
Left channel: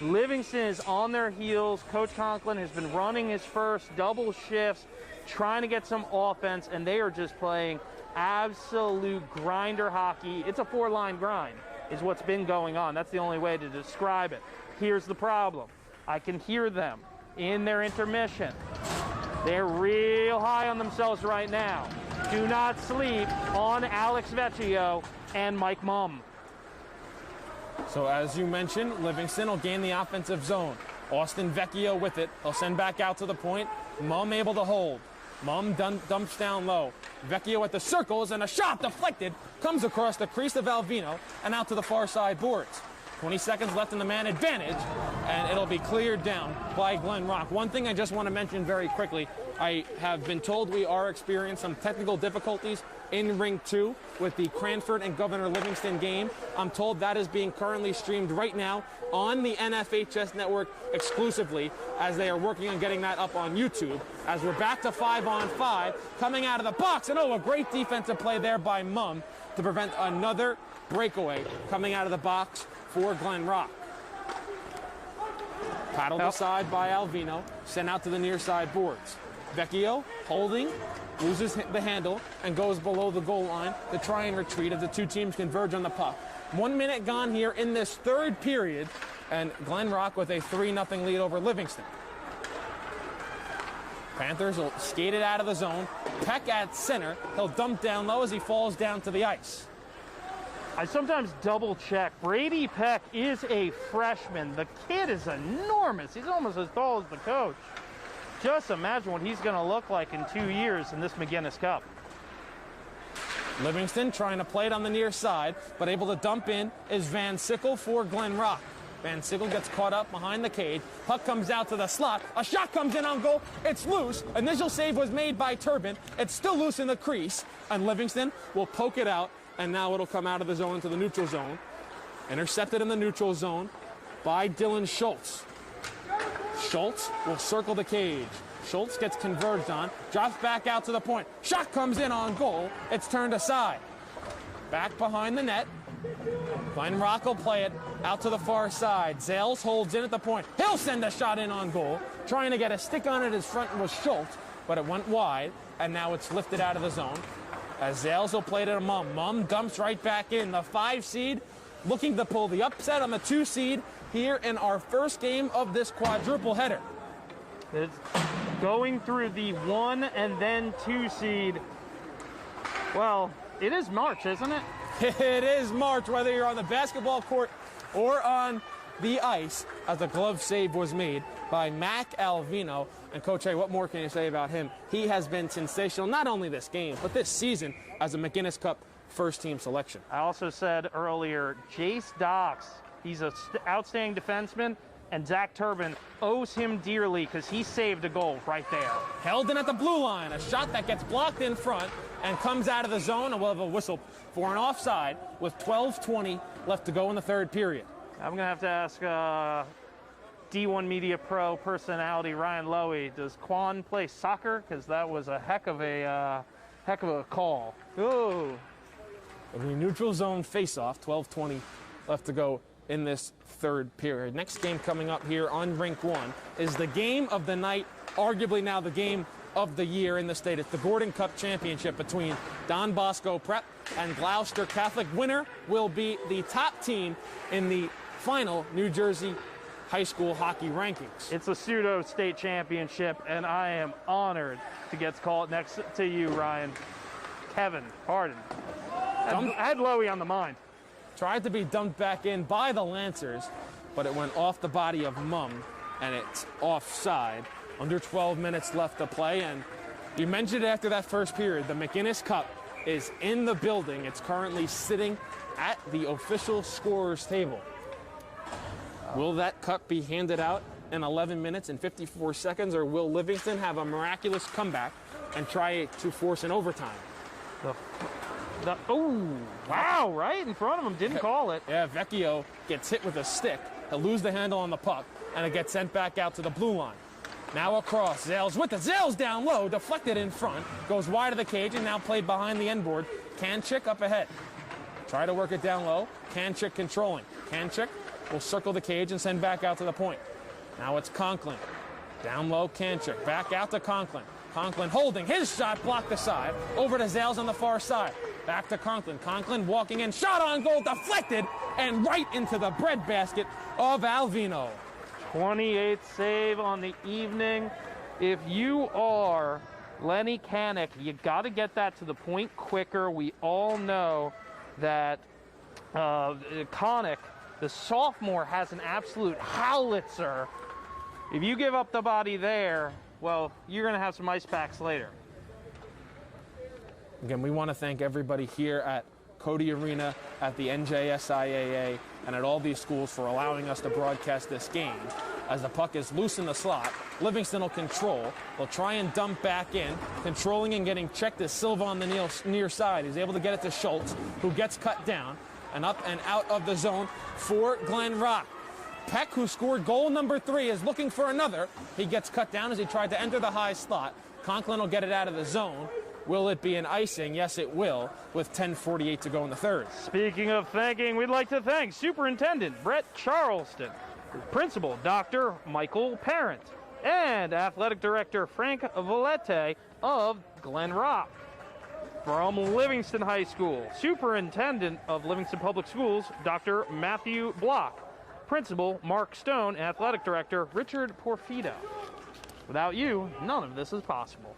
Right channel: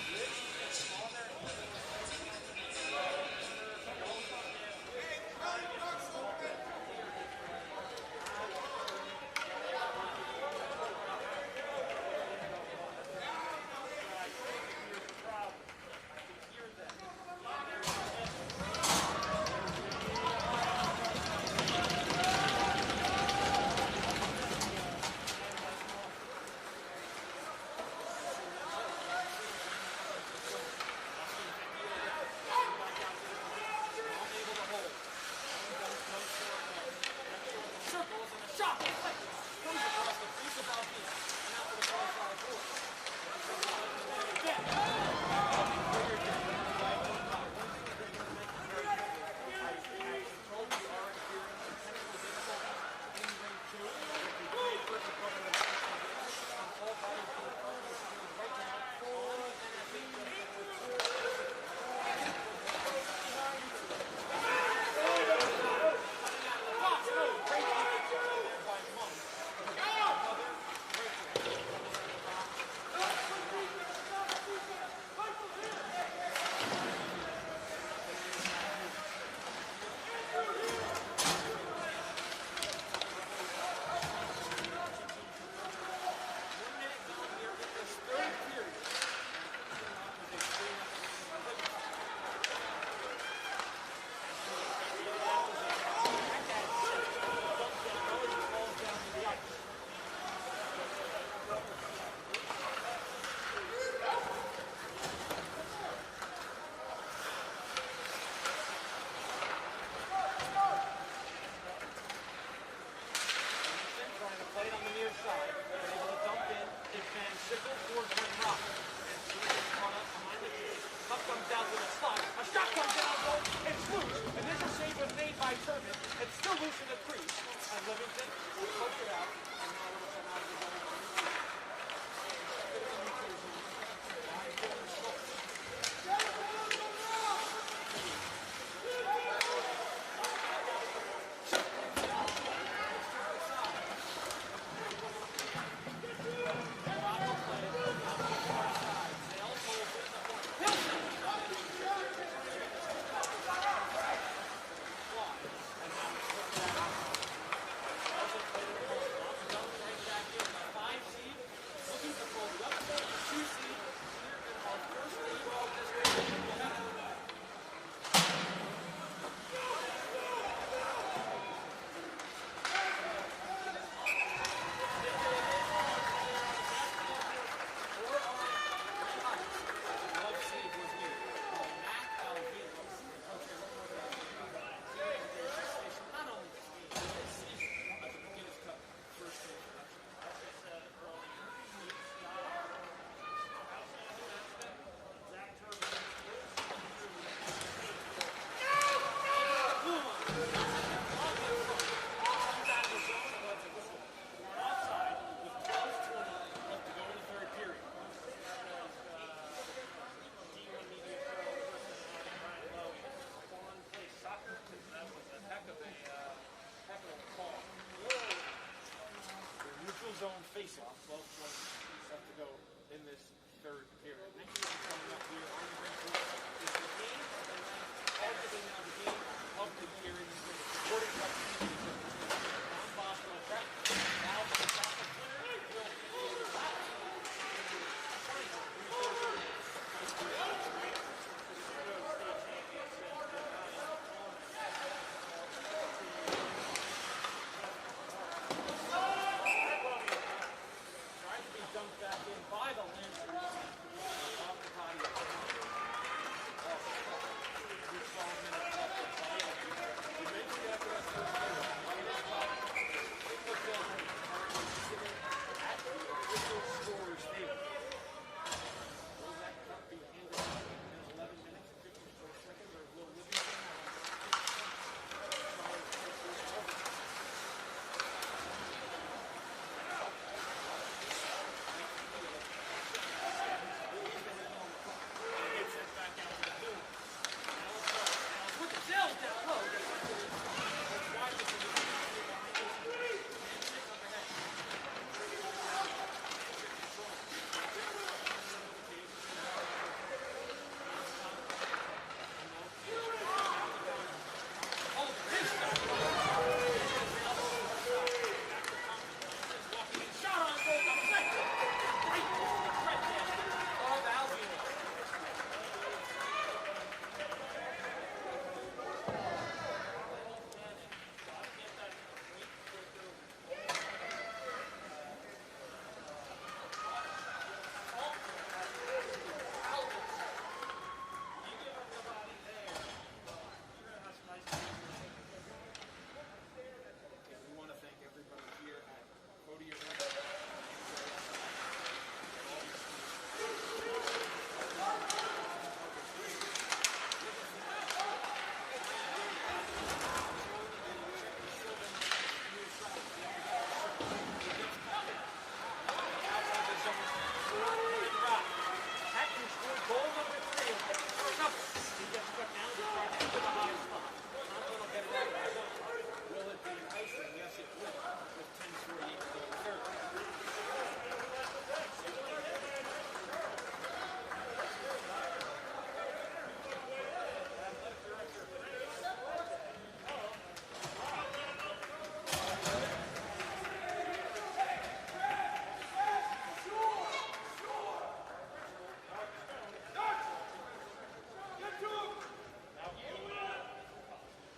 Livingston is on their heels. Coach Conklin has been running his first double shift, trying to get some offense, and they are just playing absolute grinder hockey. It's a 4-line grind is what's been going on. That's the only way to describe it. Here's the problem. I can hear them in their intermission. They're real high on themselves right now. Do not sleep on Alex Vecchio and Mike Mumm. So as you mentioned, Livingston will gain the offensive zone. Austin Vecchio with it. He'll send back out to the point. Mumm able to hold. Mumm dumps down low. Vecchio at the circles, and a shot deflected comes across the crease of Alvino and out to the far side boards. 20 seconds left in the man advantage, and it'll be cleared down by Glen Rock. One thing I just want to mention very quickly, I have been told we are experiencing some technical difficulties in Ring 2 with the Cranford and Governor Livingston game. I'm told that is being currently streamed right now on the NFHS network exclusively, as they are working on getting that up on YouTube. As we're back to 5-on-5, coming out of the box, and a great defensive play there by Mumm to prevent another breakaway coming out of the box for Glen Rock. Paddled aside by Alvino, sent out to the near side boards. Vecchio holding, loses the handle, and goes below the goal line to try and retreat as the two teams converge on the puck. 1 minute gone here in this third period, and Glen Rock with a 3-0 lead over Livingston. Panthers will skate it out of the zone. Peck at center. He'll dump down low as he falls down to the ice. I sometimes double check. Brady Peck is a freshman. The kid is enormous. He's almost as tall as the coach. Just imagine what he's going to look like in 2 years in this McInnis Cup. Livingston trying to play it on the near side, but able to dump in is Van Sickle for Glen Rock. Van Sickle gets caught up behind the cage. Puck comes out to the slot. A shot comes in on goal. It's loose. Initial save was made by Turbin. It's still loose in the crease, and Livingston will poke it out, and now it'll come out of the zone into the neutral zone. Intercepted in the neutral zone by Dylan Schultz. Schultz will circle the cage. Schultz gets converged on, drops back out to the point. Shot comes in on goal. It's turned aside. Back behind the net. Glen Rock will play it out to the far side. Zales holds in at the point. He'll send a shot in on goal. Trying to get a stick on it, his front was Schultz, but it went wide, and now it's lifted out of the zone. As Zales will play it to Mum. Mum dumps right back in. The 5 seed looking to pull the upset on the 2 seed here in our first game of this quadruple header. It's going through the 1 and then 2 seed. Well, it is March, isn't it? It is March, whether you're on the basketball court or on the ice, as a glove save was made by Mac Alvino. And Coach A, what more can you say about him? He has been sensational, not only this game, but this season as a McInnis Cup first-team selection. I also said earlier, Jace Docks, he's an outstanding defenseman, and Zach Turbin owes him dearly because he saved the goal right there. Held in at the blue line, a shot that gets blocked in front and comes out of the zone, and we'll have a whistle for an offside with 12:20 left to go in the third period. I'm going to have to ask D1 Media Pro personality Ryan Lowy, does Quan play soccer? Because that was a heck of a call. Ooh. The neutral zone face-off, 12:20 left to go in this third period. Next game coming up here on Rink 1 is the game of the night, arguably now the game of the year in the state. It's the Gordon Cup Championship between Don Bosco Prep and Gloucester Catholic. Winner will be the top team in the final New Jersey high school hockey rankings. It's a pseudo state championship, and I am honored to get called next to you, Ryan. Heaven, pardon. I had Lowy on the mind. Tried to be dumped back in by the Lancers, but it went off the body of Mum, and it's offside. Under 12 minutes left to play, and you mentioned it after that first period. The McInnis Cup is in the building. It's currently sitting at the official scorer's table. Will that cup be handed out in 11 minutes and 54 seconds, or will Livingston have a miraculous comeback and try to force an overtime? Oh, wow, right in front of him, didn't call it. Yeah, Vecchio gets hit with a stick. He'll lose the handle on the puck, and it gets sent back out to the blue line. Now across, Zales with it. Zales down low, deflected in front, goes wide of the cage, and now played behind the end board. Kanchik up ahead. Try to work it down low. Kanchik controlling. Kanchik will circle the cage and send back out to the point. Now it's Conklin. Down low, Kanchik. Back out to Conklin. Conklin holding his shot, blocked aside. Over to Zales on the far side. Back to Conklin. Conklin walking in. Shot on goal, deflected, and right into the breadbasket of Alvino. 28th save on the evening. If you are Lenny Kanek, you got to get that to the point quicker. We all know that Kanek, the sophomore, has an absolute howitzer. If you give up the body there, well, you're going to have some ice packs later. Again, we want to thank everybody here at Cody Arena, at the NJSIAA, and at all these schools for allowing us to broadcast this game. As the puck is loose in the slot, Livingston will control. They'll try and dump back in. Controlling and getting checked is Silva on the near side. He's able to get it to Schultz, who gets cut down and up and out of the zone for Glen Rock. Peck, who scored goal number 3, is looking for another. He gets cut down as he tried to enter the high slot. Conklin will get it out of the zone. Will it be an icing? Yes, it will, with 10:48 to go in the third. Speaking of thanking, we'd like to thank Superintendent Brett Charleston, Principal Dr. Michael Parent, and Athletic Director Frank Vallette of Glen Rock. From Livingston High School, Superintendent of Livingston Public Schools, Dr. Matthew Block. Principal, Mark Stone, and Athletic Director, Richard Porfida. Without you, none of this is possible.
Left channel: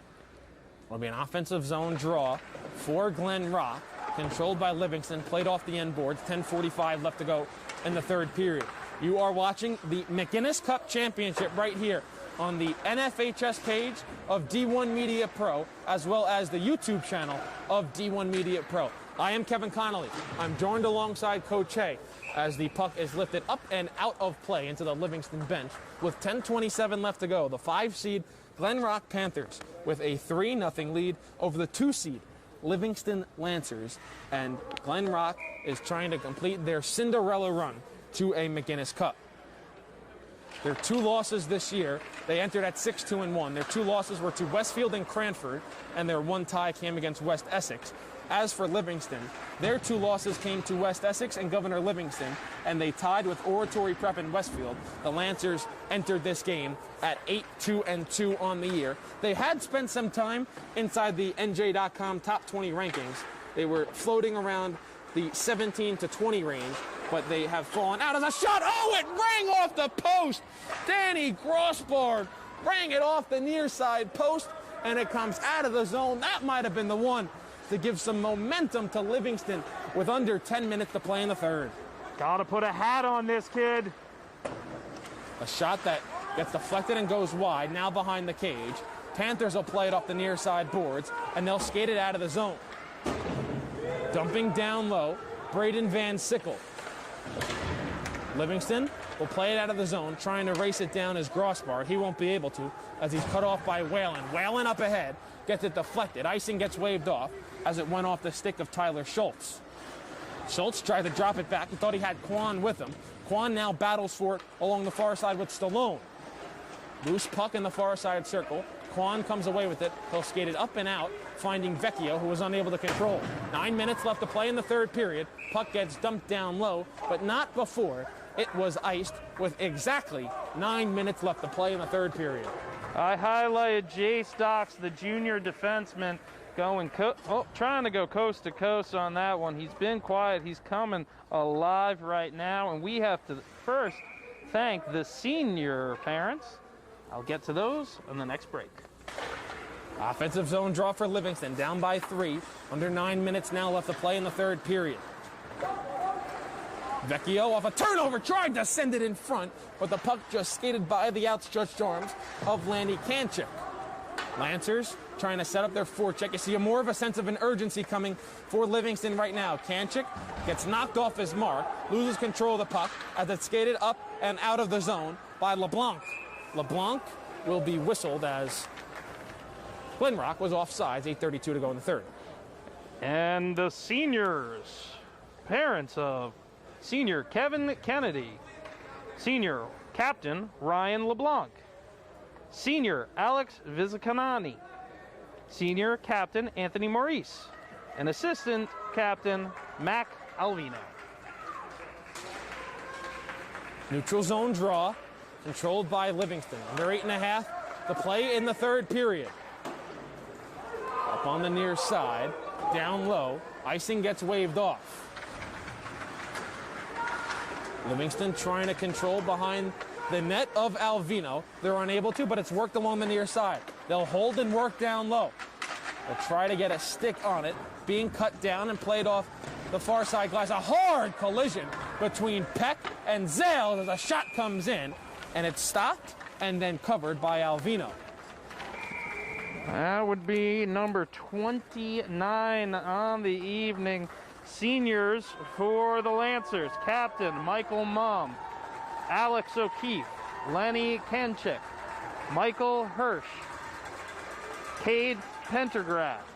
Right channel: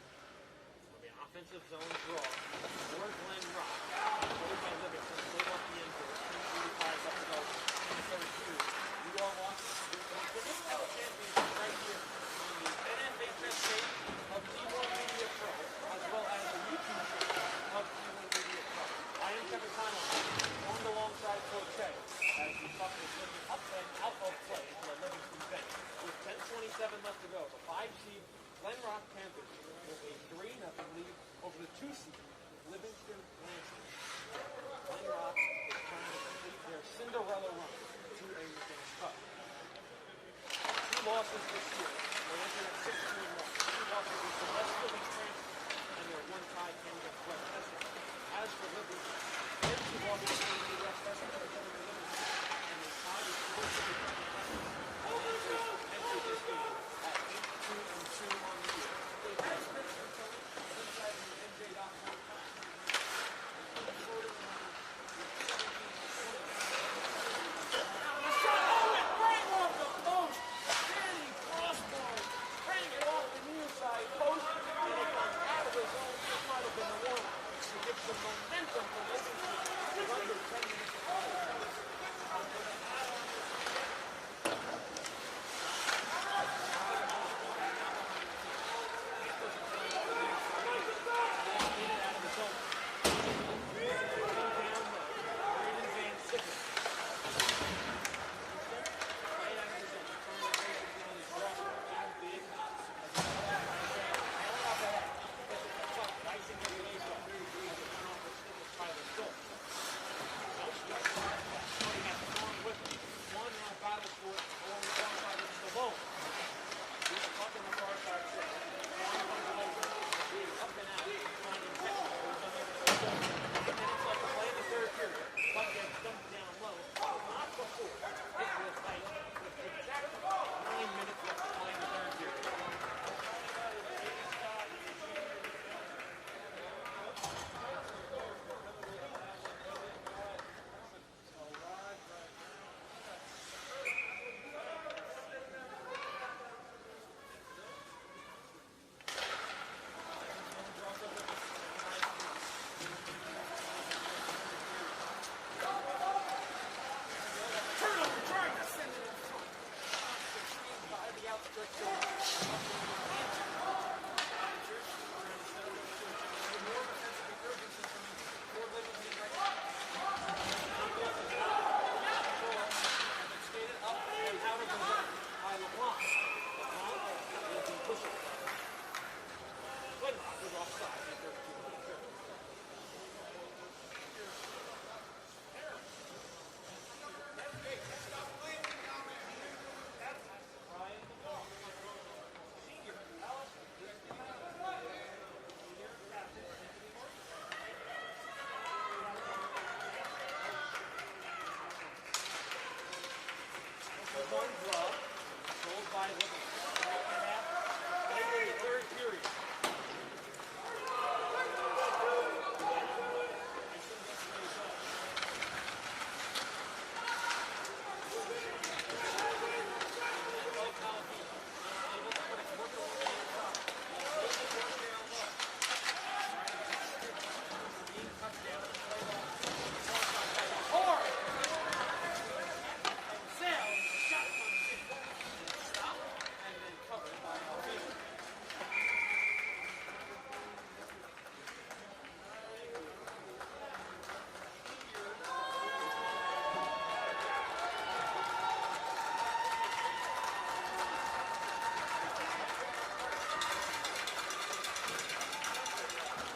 Will be an offensive zone draw for Glen Rock, controlled by Livingston, played off the end boards, 10:45 left to go in the third period. You are watching the McInnis Cup Championship right here on the NFHS page of D1 Media Pro, as well as the YouTube channel of D1 Media Pro. I am Kevin Connolly. I'm joined alongside Coach Hay as the puck is lifted up and out of play into the Livingston bench with 10:27 left to go. The 5-seed Glen Rock Panthers with a 3-0 lead over the 2-seed Livingston Lancers, and Glen Rock is trying to complete their Cinderella run to a McInnis Cup. Their 2 losses this year, they entered at 6-2-1. Their 2 losses were to Westfield and Cranford, and their 1 tie came against West Essex. As for Livingston, their 2 losses came to West Essex and Governor Livingston, and they tied with Oratory Prep in Westfield. The Lancers entered this game at 8-2-2 on the year. They had spent some time inside the NJ.com top 20 rankings. They were floating around the 17 to 20 range, but they have fallen out of the shot. Oh, it rang off the post. Danny Grossbard rang it off the near side post, and it comes out of the zone. That might have been the one to give some momentum to Livingston with under 10 minutes to play in the third. Gotta put a hat on this kid. A shot that gets deflected and goes wide, now behind the cage. Panthers will play it off the near side boards, and they'll skate it out of the zone. Dumping down low, Braden Van Sickle. Livingston will play it out of the zone, trying to race it down as Grossbard. He won't be able to, as he's cut off by Whalen. Whalen up ahead, gets it deflected. Icing gets waved off as it went off the stick of Tyler Schultz. Schultz tried to drop it back. He thought he had Quan with him. Quan now battles for it along the far side with Stallone. Loose puck in the far side circle. Quan comes away with it. He'll skate it up and out, finding Vecchio, who was unable to control it. 9 minutes left to play in the third period. Puck gets dumped down low, but not before it was iced with exactly 9 minutes left to play in the third period. I highlighted Jay Stocks, the junior defenseman, trying to go coast to coast on that one. He's been quiet. He's coming alive right now, and we have to first thank the senior parents. I'll get to those on the next break. Offensive zone draw for Livingston, down by 3. Under 9 minutes now left to play in the third period. Vecchio off a turnover, tried to send it in front, but the puck just skated by the outstretched arms of Landy Kanchik. Lancers trying to set up their forecheck. You see more of a sense of an urgency coming for Livingston right now. Kanchik gets knocked off his mark, loses control of the puck as it's skated up and out of the zone by LeBlanc. LeBlanc will be whistled as Glen Rock was offsides, 8:32 to go in the third. And the seniors, parents of senior Kevin Kennedy, senior captain Ryan LeBlanc, senior Alex Vizcanani, senior captain Anthony Maurice, and assistant captain Mac Alvino. Neutral zone draw, controlled by Livingston. Under 8.5 to play in the third period. Up on the near side, down low, icing gets waved off. Livingston trying to control behind the net of Alvino. They're unable to, but it's worked along the near side. They'll hold and work down low. They'll try to get a stick on it, being cut down and played off the far side glass. A hard collision between Peck and Zale as a shot comes in, and it's stopped and then covered by Alvino. That would be number 29 on the evening. Seniors for the Lancers, Captain Michael Mum, Alex O'Keefe, Lenny Kenchik, Michael Hirsch, Cade Pentergraph.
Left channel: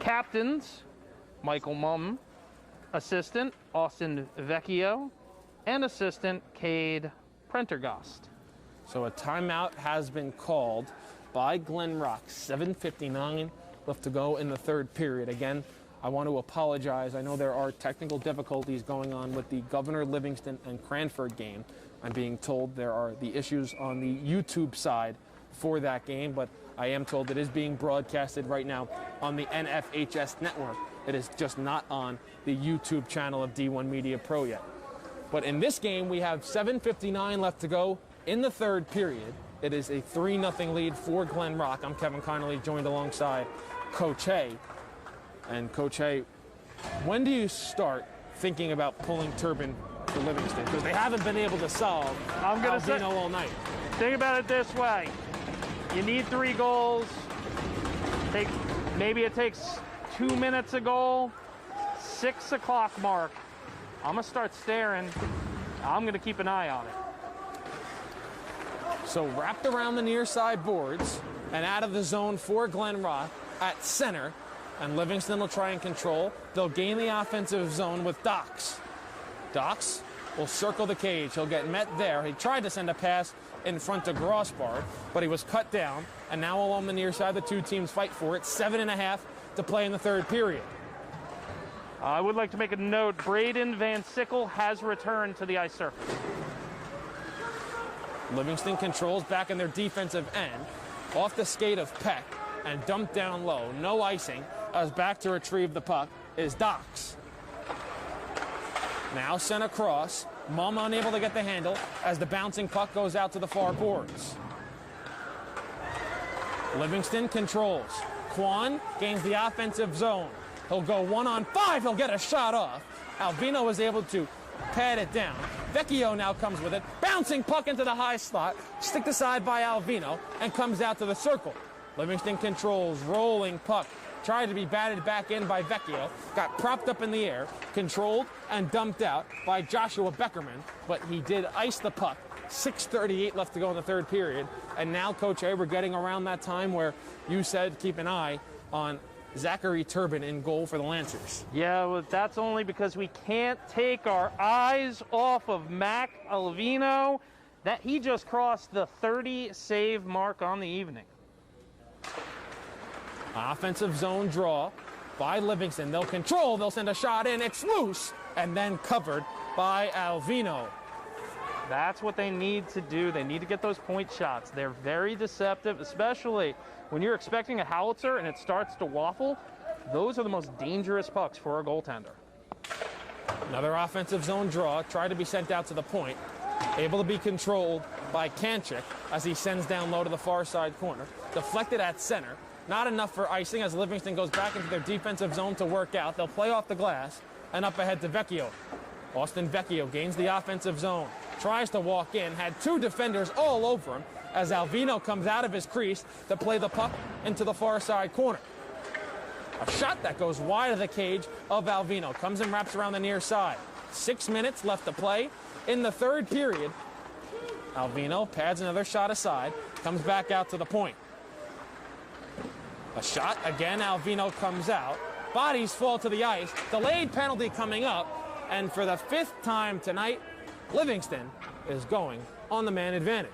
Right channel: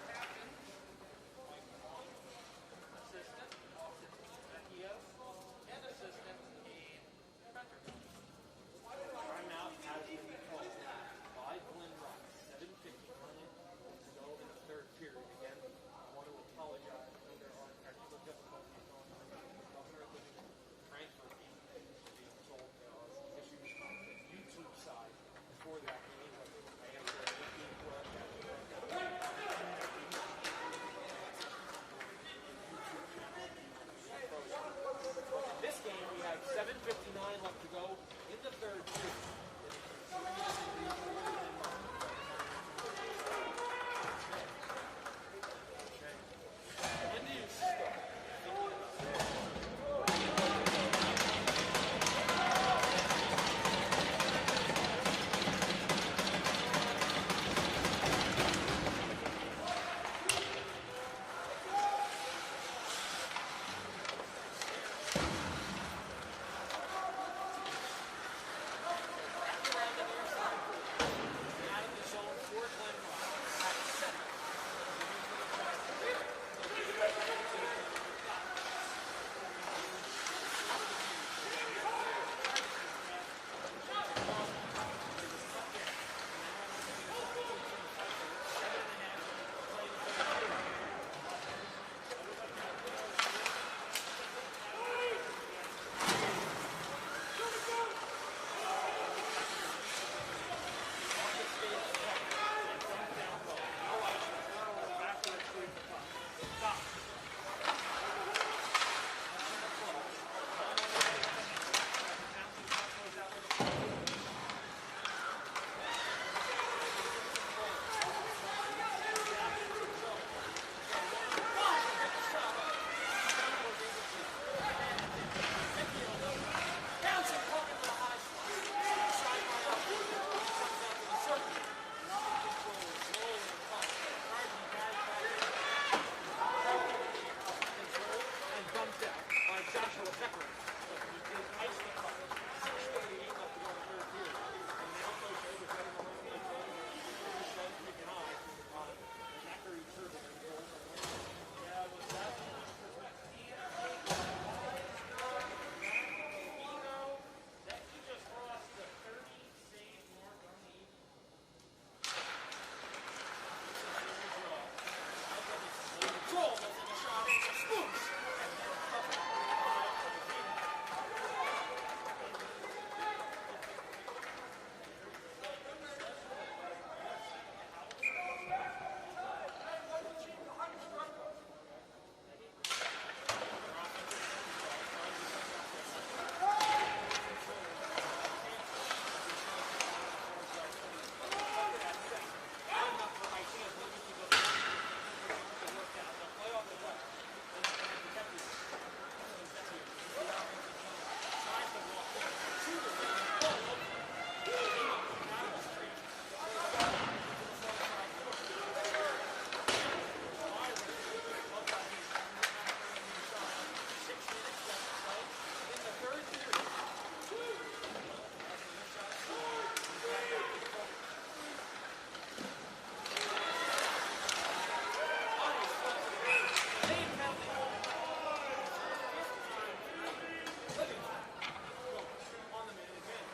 Captains, Michael Mum, assistant Austin Vecchio, and assistant Cade Prendergast. So a timeout has been called by Glen Rock. 7:59 left to go in the third period. Again, I want to apologize. I know there are technical difficulties going on with the Governor Livingston and Cranford game. I'm being told there are the issues on the YouTube side for that game, but I am told it is being broadcasted right now on the NFHS network. It is just not on the YouTube channel of D1 Media Pro yet. But in this game, we have 7:59 left to go in the third period. It is a 3-0 lead for Glen Rock. I'm Kevin Connolly, joined alongside Coach Hay. And Coach Hay, when do you start thinking about pulling Turbin to Livingston? Because they haven't been able to solve Alvino all night. Think about it this way. You need 3 goals. Maybe it takes 2 minutes a goal. 6 o'clock mark. I'm going to start staring. I'm going to keep an eye on it. So wrapped around the near side boards and out of the zone for Glen Rock at center. And Livingston will try and control. They'll gain the offensive zone with Dox. Dox will circle the cage. He'll get met there. He tried to send a pass in front to Grossbar, but he was cut down. And now along the near side, the two teams fight for it. 7.5 to play in the third period. I would like to make a note. Braden Van Sickle has returned to the ice surface. Livingston controls back in their defensive end. Off the skate of Peck and dumped down low. No icing. As back to retrieve the puck is Dox. Now sent across. Mumm unable to get the handle as the bouncing puck goes out to the far boards. Livingston controls. Quan gains the offensive zone. He'll go 1-on-5. He'll get a shot off. Alvino is able to pad it down. Vecchio now comes with it. Bouncing puck into the high slot. Sticked aside by Alvino and comes out to the circle. Livingston controls. Rolling puck. Tried to be batted back in by Vecchio. Got propped up in the air. Controlled and dumped out by Joshua Beckerman. But he did ice the puck. 6:38 left to go in the third period. And now, Coach A, we're getting around that time where you said keep an eye on Zachary Turbin in goal for the Lancers. Yeah, well, that's only because we can't take our eyes off of Mac Alvino. That he just crossed the 30 save mark on the evening. Offensive zone draw by Livingston. They'll control. They'll send a shot in. It's loose and then covered by Alvino. That's what they need to do. They need to get those point shots. They're very deceptive, especially when you're expecting a howitzer and it starts to waffle. Those are the most dangerous pucks for a goaltender. Another offensive zone draw. Tried to be sent out to the point. Able to be controlled by Kanchik as he sends down low to the far side corner. Deflected at center. Not enough for icing as Livingston goes back into their defensive zone to work out. They'll play off the glass and up ahead to Vecchio. Austin Vecchio gains the offensive zone. Tries to walk in. Had 2 defenders all over him as Alvino comes out of his crease to play the puck into the far side corner. A shot that goes wide of the cage of Alvino. Comes and wraps around the near side. 6 minutes left to play in the third period. Alvino pads another shot aside. Comes back out to the point. A shot. Again, Alvino comes out. Bodies fall to the ice. Delayed penalty coming up. And for the 5th time tonight, Livingston is going on the man advantage.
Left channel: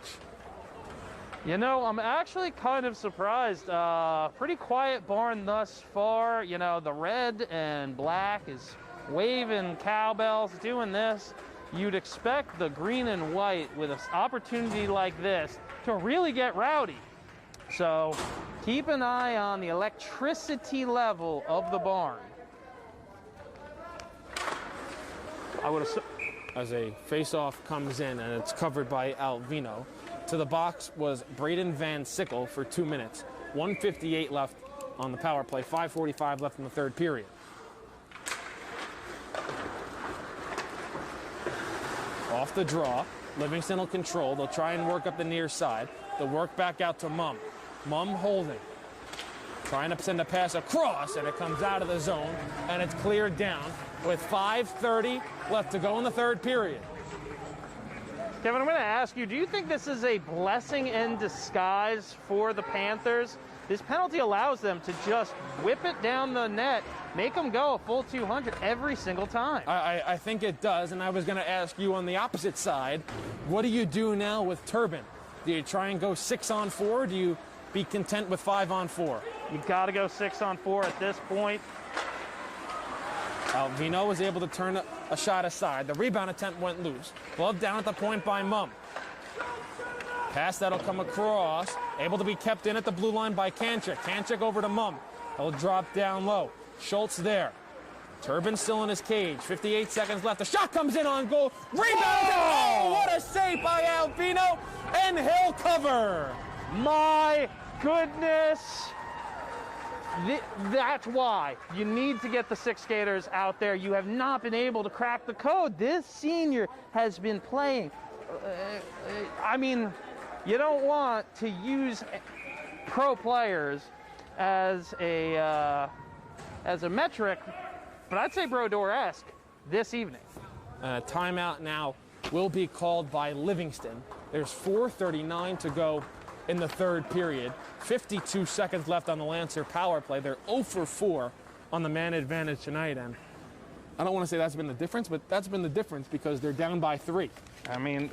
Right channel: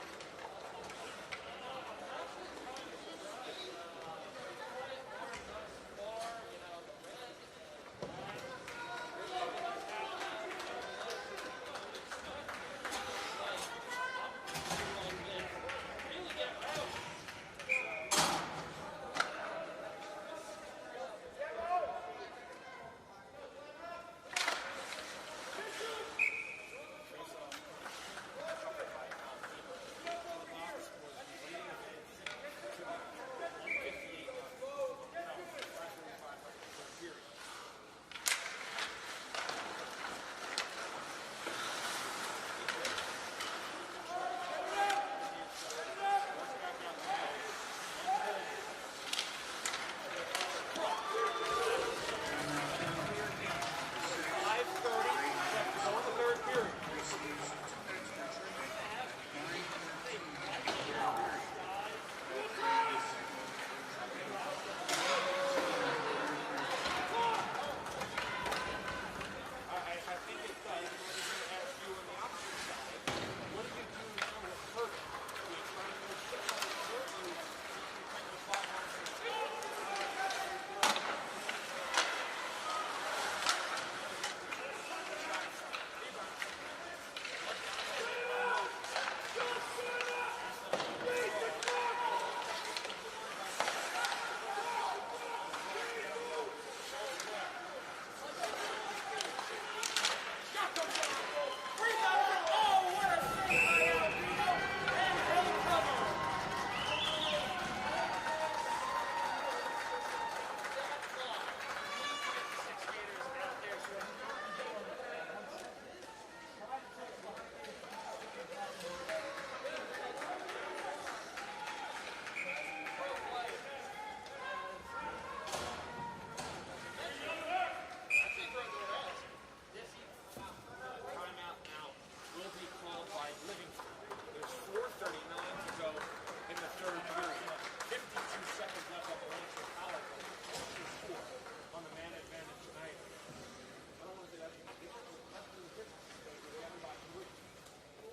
You know, I'm actually kind of surprised. Pretty quiet barn thus far. You know, the red and black is waving cowbells, doing this. You'd expect the green and white with an opportunity like this to really get rowdy. So keep an eye on the electricity level of the barn. As a face-off comes in and it's covered by Alvino. To the box was Braden Van Sickle for 2 minutes. 1:58 left on the power play. 5:45 left in the third period. Off the draw. Livingston will control. They'll try and work up the near side. They'll work back out to Mumm. Mumm holding. Trying to send a pass across, and it comes out of the zone, and it's cleared down with 5:30 left to go in the third period. Kevin, I'm going to ask you, do you think this is a blessing in disguise for the Panthers? This penalty allows them to just whip it down the net, make them go a full 200 every single time. I think it does, and I was going to ask you on the opposite side, what do you do now with Turbin? Do you try and go 6-on-4? Do you be content with 5-on-4? You've got to go 6-on-4 at this point. Alvino was able to turn a shot aside. The rebound attempt went loose. Glove down at the point by Mumm. Pass that'll come across Able to be kept in at the blue line by Kanchik. Kanchik over to Mum. He'll drop down low. Schultz there. Turbin still in his cage. 58 seconds left. The shot comes in on goal. Rebound. Oh, what a save by Alvino. And he'll cover. My goodness. That's why you need to get the six skaters out there. You have not been able to crack the code. This senior has been playing. I mean, you don't want to use pro players as a metric, but I'd say Brodeur-esque this evening. Timeout now will be called by Livingston. There's 4:39 to go in the third period. 52 seconds left on the Lancer power play. They're 0 for 4 on the man advantage tonight, and I don't want to say that's been the difference, but that's been the difference because they're down by 3. I mean,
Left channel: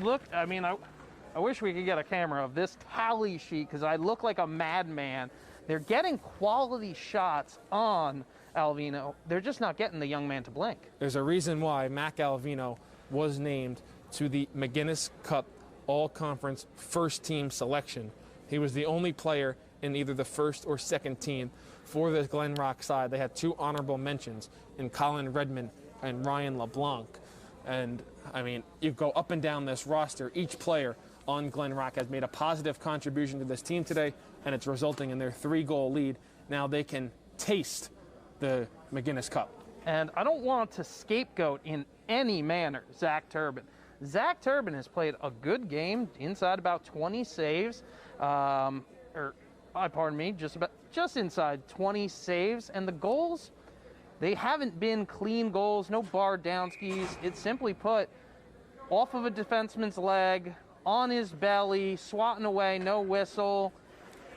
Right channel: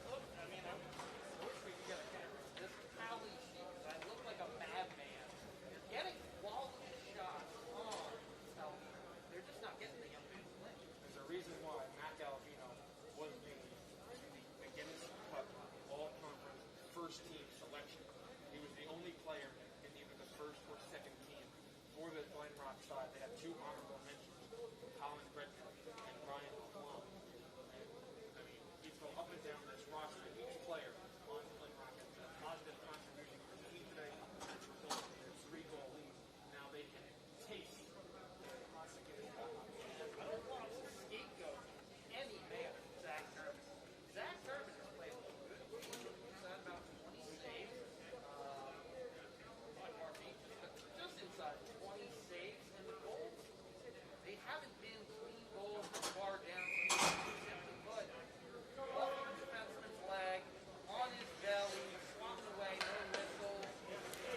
look, I mean, I wish we could get a camera of this tally sheet because I look like a madman. They're getting quality shots on Alvino. They're just not getting the young man to blink. There's a reason why Mac Alvino was named to the McInnis Cup all-conference first-team selection. He was the only player in either the first or second team for the Glen Rock side. They had 2 honorable mentions in Colin Redmond and Ryan LeBlanc. And, I mean, you go up and down this roster. Each player on Glen Rock has made a positive contribution to this team today, and it's resulting in their 3-goal lead. Now they can taste the McInnis Cup. And I don't want to scapegoat in any manner Zach Turbin. Zach Turbin has played a good game inside about 20 saves, pardon me, just inside 20 saves. And the goals, they haven't been clean goals, no bar down skis. It's simply put, off of a defenseman's leg, on his belly, swatting away, no whistle.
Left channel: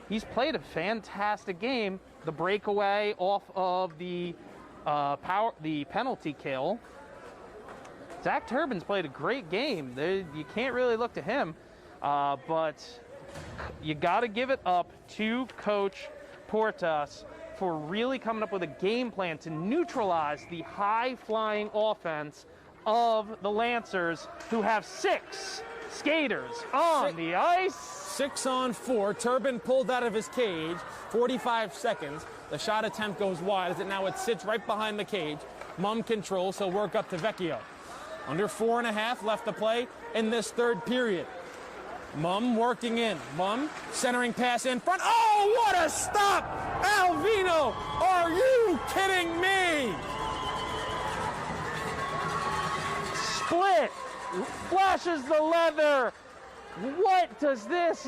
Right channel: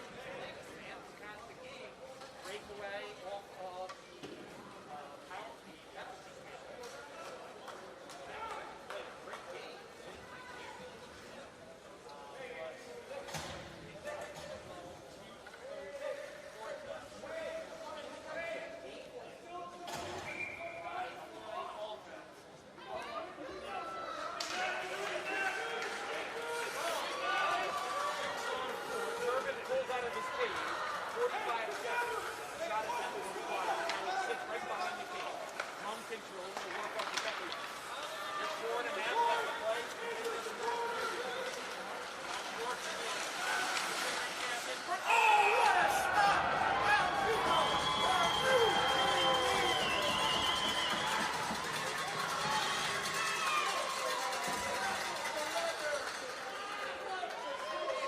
He's played a fantastic game. The breakaway off of the penalty kill. Zach Turbin's played a great game. You can't really look to him, but you got to give it up to Coach Portas for really coming up with a game plan to neutralize the high-flying offense of the Lancers, who have 6 skaters on the ice. 6 on 4. Turbin pulled out of his cage. 45 seconds. The shot attempt goes wide, but now it sits right behind the cage. Mum controls, he'll work up to Vecchio. Under 4.5 left to play in this third period. Mum working in. Mum centering pass in front. Oh, what a stop! Alvino, are you kidding me? Split, flashes the leather. What does this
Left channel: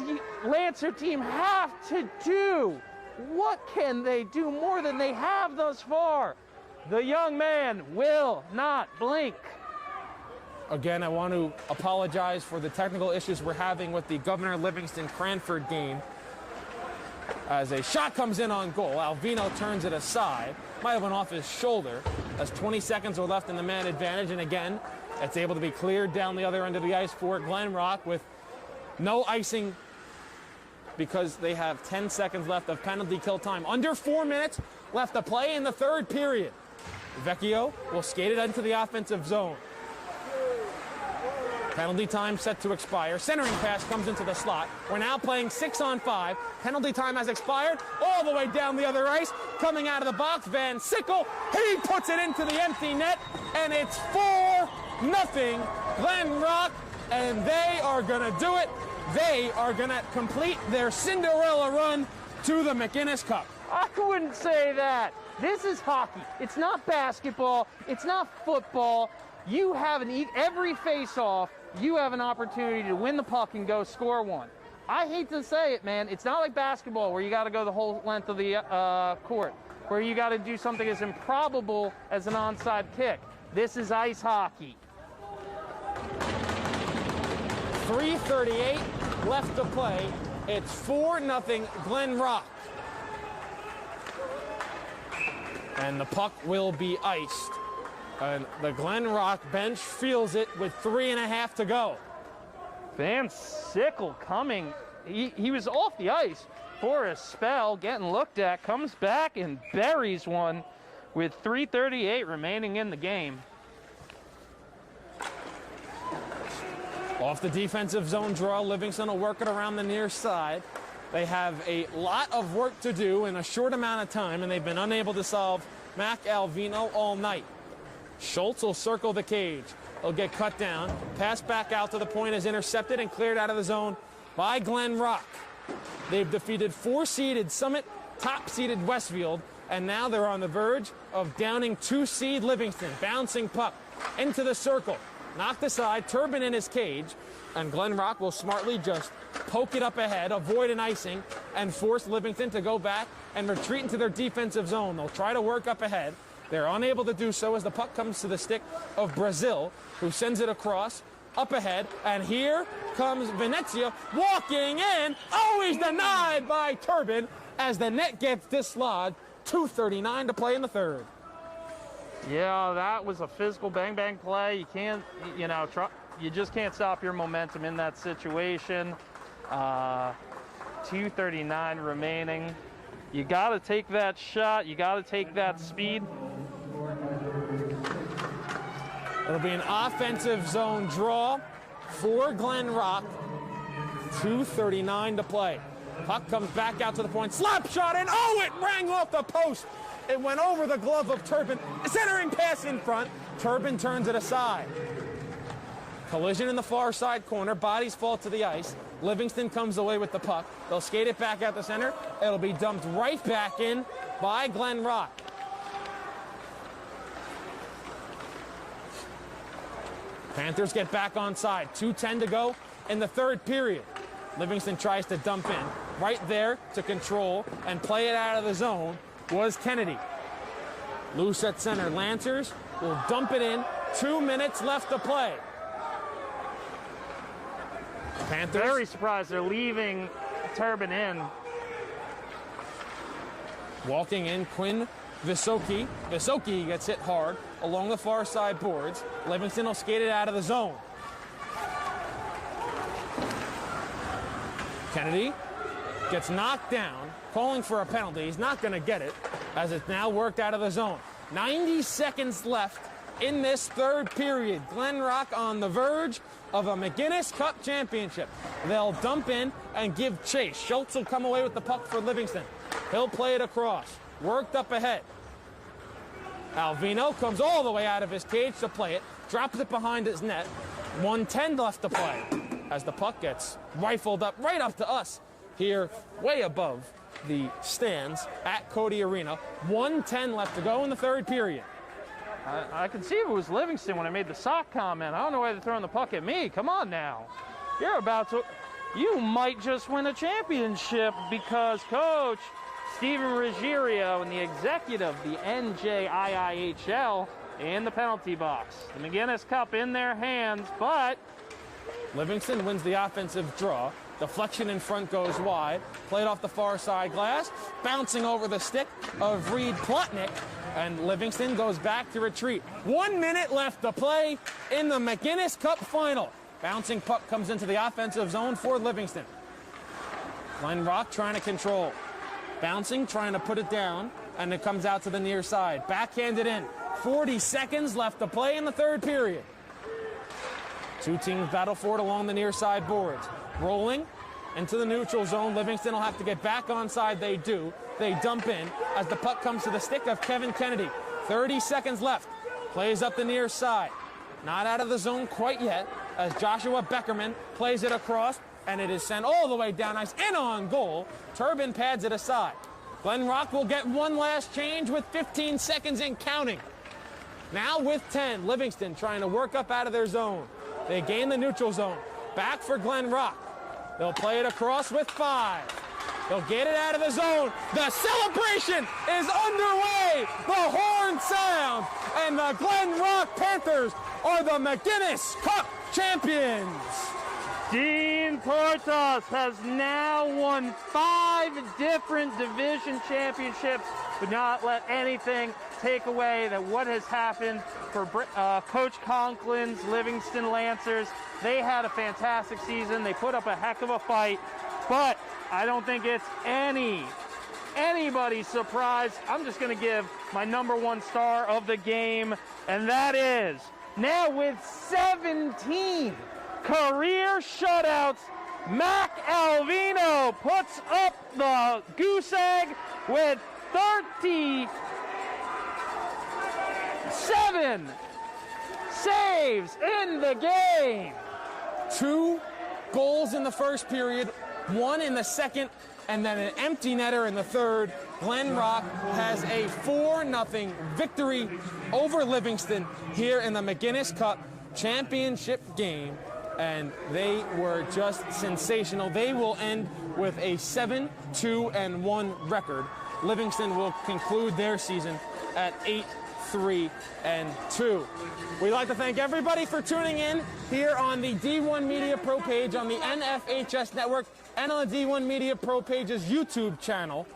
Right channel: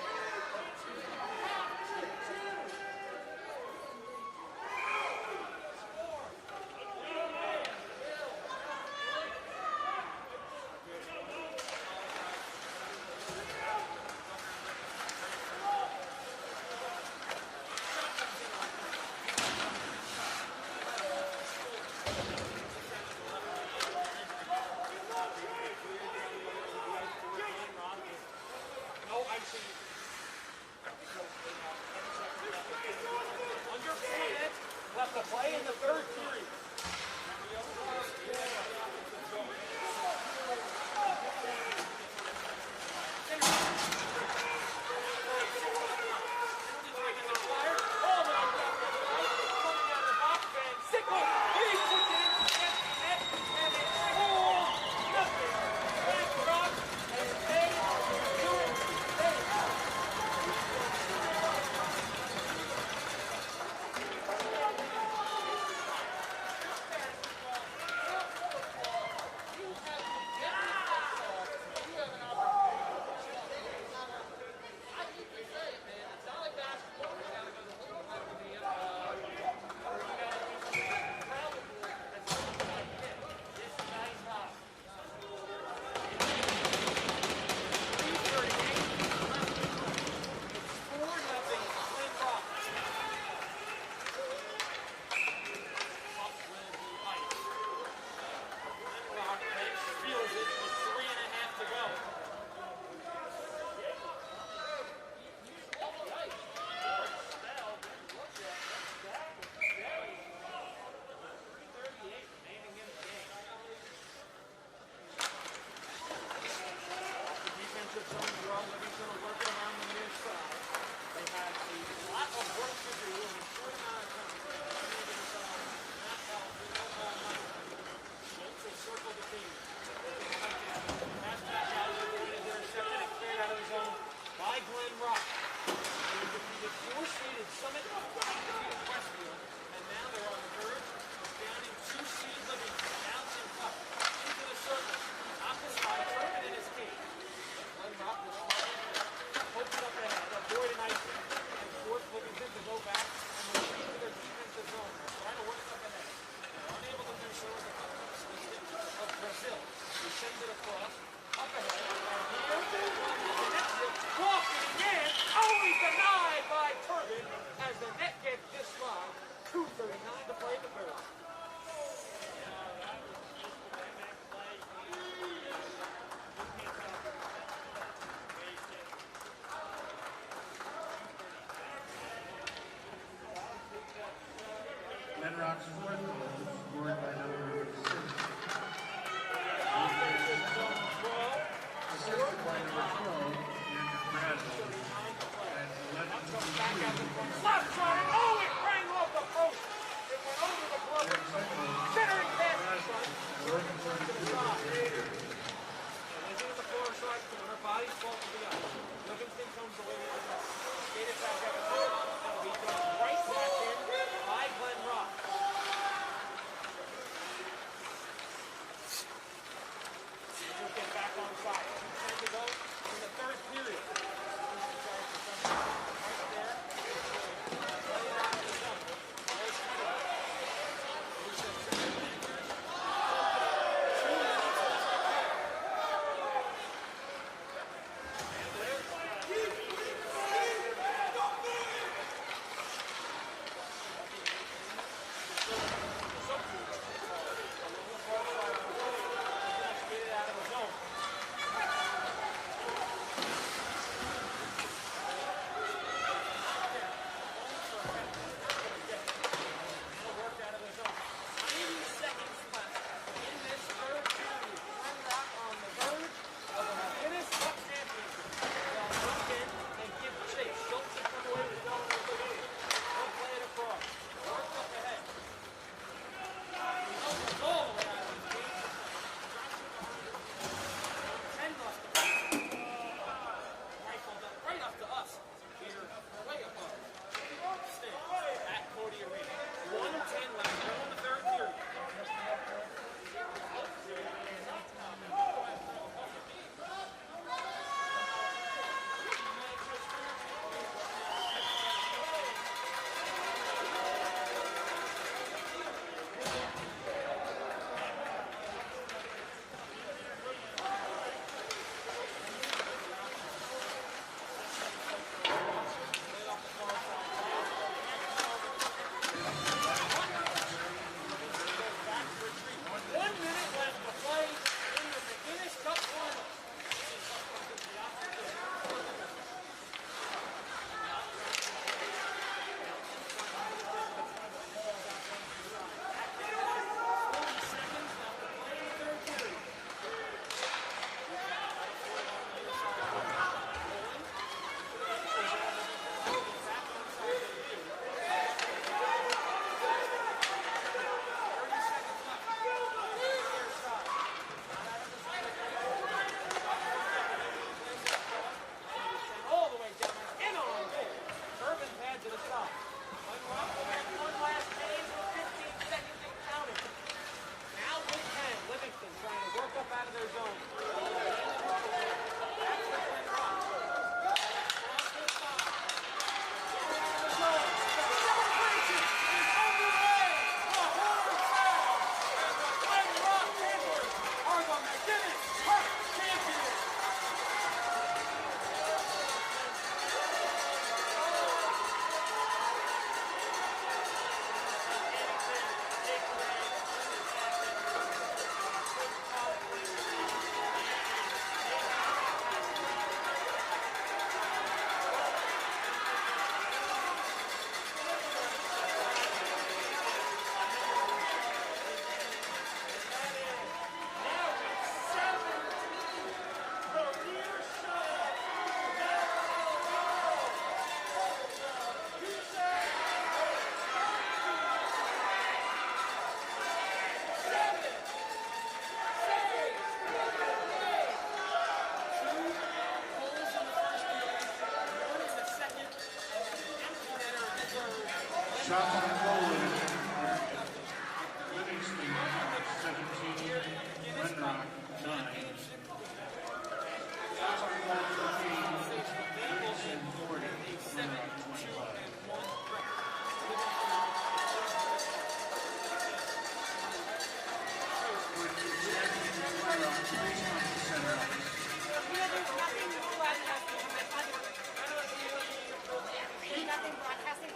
Lancer team have to do? What can they do more than they have thus far? The young man will not blink. Again, I want to apologize for the technical issues we're having with the Governor Livingston-Cranford game. As a shot comes in on goal, Alvino turns it aside. Might have went off his shoulder as 20 seconds are left in the man advantage. And again, it's able to be cleared down the other end of the ice for Glen Rock with no icing because they have 10 seconds left of penalty kill time. Under 4 minutes left to play in the third period. Vecchio will skate it into the offensive zone. Penalty time set to expire. Centering pass comes into the slot. We're now playing 6 on 5. Penalty time has expired. All the way down the other ice. Coming out of the box, Van Sickle. He puts it into the empty net. And it's 4-0 Glen Rock. And they are going to do it. They are going to complete their Cinderella run to the McInnis Cup. I wouldn't say that. This is hockey. It's not basketball. It's not football. You have every face-off, you have an opportunity to win the puck and go score one. I hate to say it, man. It's not like basketball where you got to go the whole length of the court, where you got to do something as improbable as an onside kick. This is ice hockey. 3:38 left to play. It's 4-0 Glen Rock. And the puck will be iced. And the Glen Rock bench feels it with 3.5 to go. Van Sickle coming. He was off the ice for a spell, getting looked at, comes back and buries one with 3:38 remaining in the game. Off the defensive zone draw, Livingston will work it around the near side. They have a lot of work to do in a short amount of time, and they've been unable to solve Mac Alvino all night. Schultz will circle the cage. He'll get cut down. Pass back out to the point is intercepted and cleared out of the zone by Glen Rock. They've defeated 4-seeded Summit, top-seeded Westfield, and now they're on the verge of downing 2-seed Livingston. Bouncing puck into the circle. Knocked aside, Turbin in his cage, and Glen Rock will smartly just poke it up ahead, avoid an icing, and force Livingston to go back and retreat into their defensive zone. They'll try to work up ahead. They're unable to do so as the puck comes to the stick of Brazil, who sends it across, up ahead, and here comes Venezia walking in. Oh, he's denied by Turbin as the net gets dislodged. 2:39 to play in the third. Yeah, that was a physical bang-bang play. You can't, you just can't stop your momentum in that situation. 2:39 remaining. You got to take that shot. You got to take that speed. It'll be an offensive zone draw for Glen Rock. 2:39 to play. Puck comes back out to the point. Slap shot, and oh, it rang off the post. It went over the glove of Turbin. Centering pass in front. Turbin turns it aside. Collision in the far side corner. Bodies fall to the ice. Livingston comes away with the puck. They'll skate it back out the center. It'll be dumped right back in by Glen Rock. Panthers get back on side. 2:10 to go in the third period. Livingston tries to dump in. Right there to control and play it out of the zone was Kennedy. Loose at center. Lancers will dump it in. 2 minutes left to play. Panthers. Very surprised they're leaving Turbin in. Walking in, Quinn Visoki. Visoki gets hit hard along the far side boards. Livingston will skate it out of the zone. Kennedy gets knocked down, calling for a penalty. He's not going to get it, as it's now worked out of the zone. 90 seconds left in this third period. Glen Rock on the verge of a McInnis Cup championship. They'll dump in and give chase. Schultz will come away with the puck for Livingston. He'll play it across. Worked up ahead. Alvino comes all the way out of his cage to play it. Drops it behind his net. 1:10 left to play as the puck gets rifled up right up to us here way above the stands at Cody Arena. 1:10 left to go in the third period. I can see it was Livingston when I made the sock comment. I don't know why they're throwing the puck at me. Come on now. You might just win a championship because Coach Steven Ruggiero and the executive, the NJIIHL, in the penalty box. The McInnis Cup in their hands, but Livingston wins the offensive draw. Deflection in front goes wide. Played off the far side glass. Bouncing over the stick of Reed Plotnick. And Livingston goes back to retreat. 1 minute left to play in the McInnis Cup final. Bouncing puck comes into the offensive zone for Livingston. Glen Rock trying to control. Bouncing, trying to put it down. And it comes out to the near side. Backhanded in. 40 seconds left to play in the third period. Two teams battle for it along the near side boards. Rolling into the neutral zone. Livingston will have to get back onside. They do. They dump in as the puck comes to the stick of Kevin Kennedy. 30 seconds left. Plays up the near side. Not out of the zone quite yet as Joshua Beckerman plays it across, and it is sent all the way down ice and on goal. Turbin pads it aside. Glen Rock will get one last change with 15 seconds and counting. Now with 10, Livingston trying to work up out of their zone. They gain the neutral zone. Back for Glen Rock. They'll play it across with 5. They'll get it out of the zone. The celebration is underway. The horn sound, and the Glen Rock Panthers are the McInnis Cup champions. Dean Protos has now won 5 different division championships. Would not let anything take away that what has happened for Coach Conklin's Livingston Lancers. They had a fantastic season. They put up a heck of a fight, but I don't think it's anybody's surprise. I'm just going to give my #1 star of the game, and that is, now with 17 career shutouts. Mac Alvino puts up the goose egg with 37 saves in the game. 2 goals in the first period, 1 in the second, and then an empty netter in the third. Glen Rock has a 4-0 victory over Livingston here in the McInnis Cup championship game, and they were just sensational. They will end with a 7-2-1 record. Livingston will conclude their season at 8-3-2. We'd like to thank everybody for tuning in here on the D1 Media Pro page, on the NFHS network, and on the D1 Media Pro page's YouTube channel.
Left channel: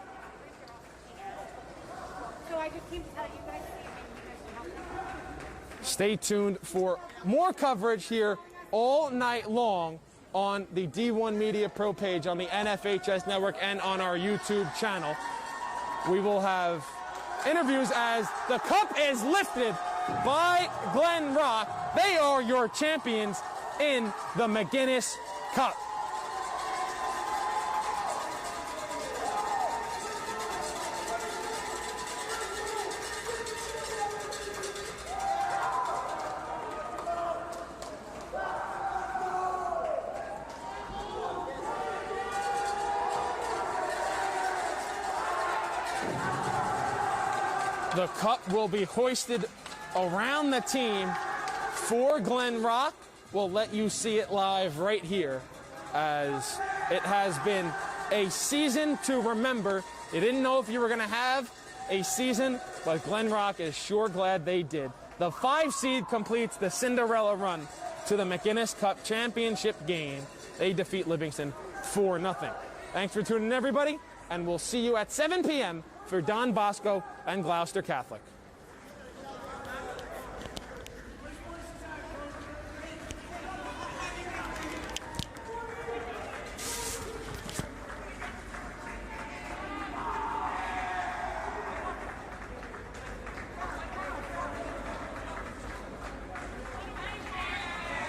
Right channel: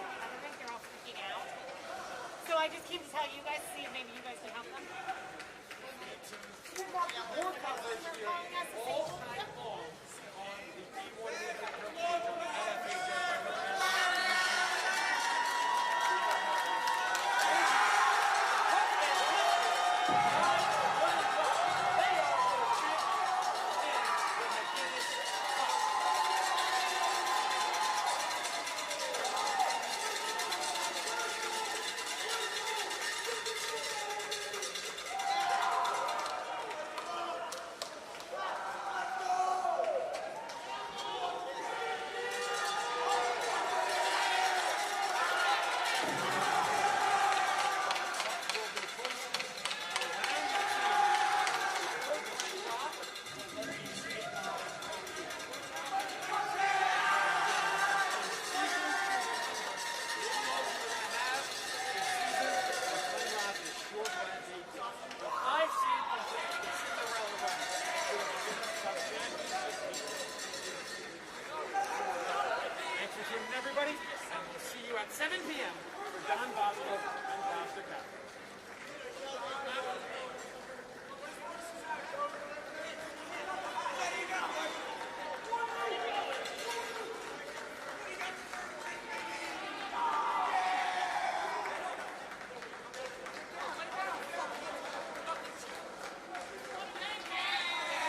So I just came to tell you guys, see if maybe you guys can help them. Stay tuned for more coverage here all night long on the D1 Media Pro page, on the NFHS network, and on our YouTube channel. We will have interviews as the cup is lifted by Glen Rock. They are your champions in the McInnis Cup. The cup will be hoisted around the team for Glen Rock. We'll let you see it live right here, as it has been a season to remember. You didn't know if you were going to have a season, but Glen Rock is sure glad they did. The 5 seed completes the Cinderella run to the McInnis Cup championship game. They defeat Livingston 4-0. Thanks for tuning in, everybody, and we'll see you at 7 p.m. for Don Bosco and Gloucester Catholic.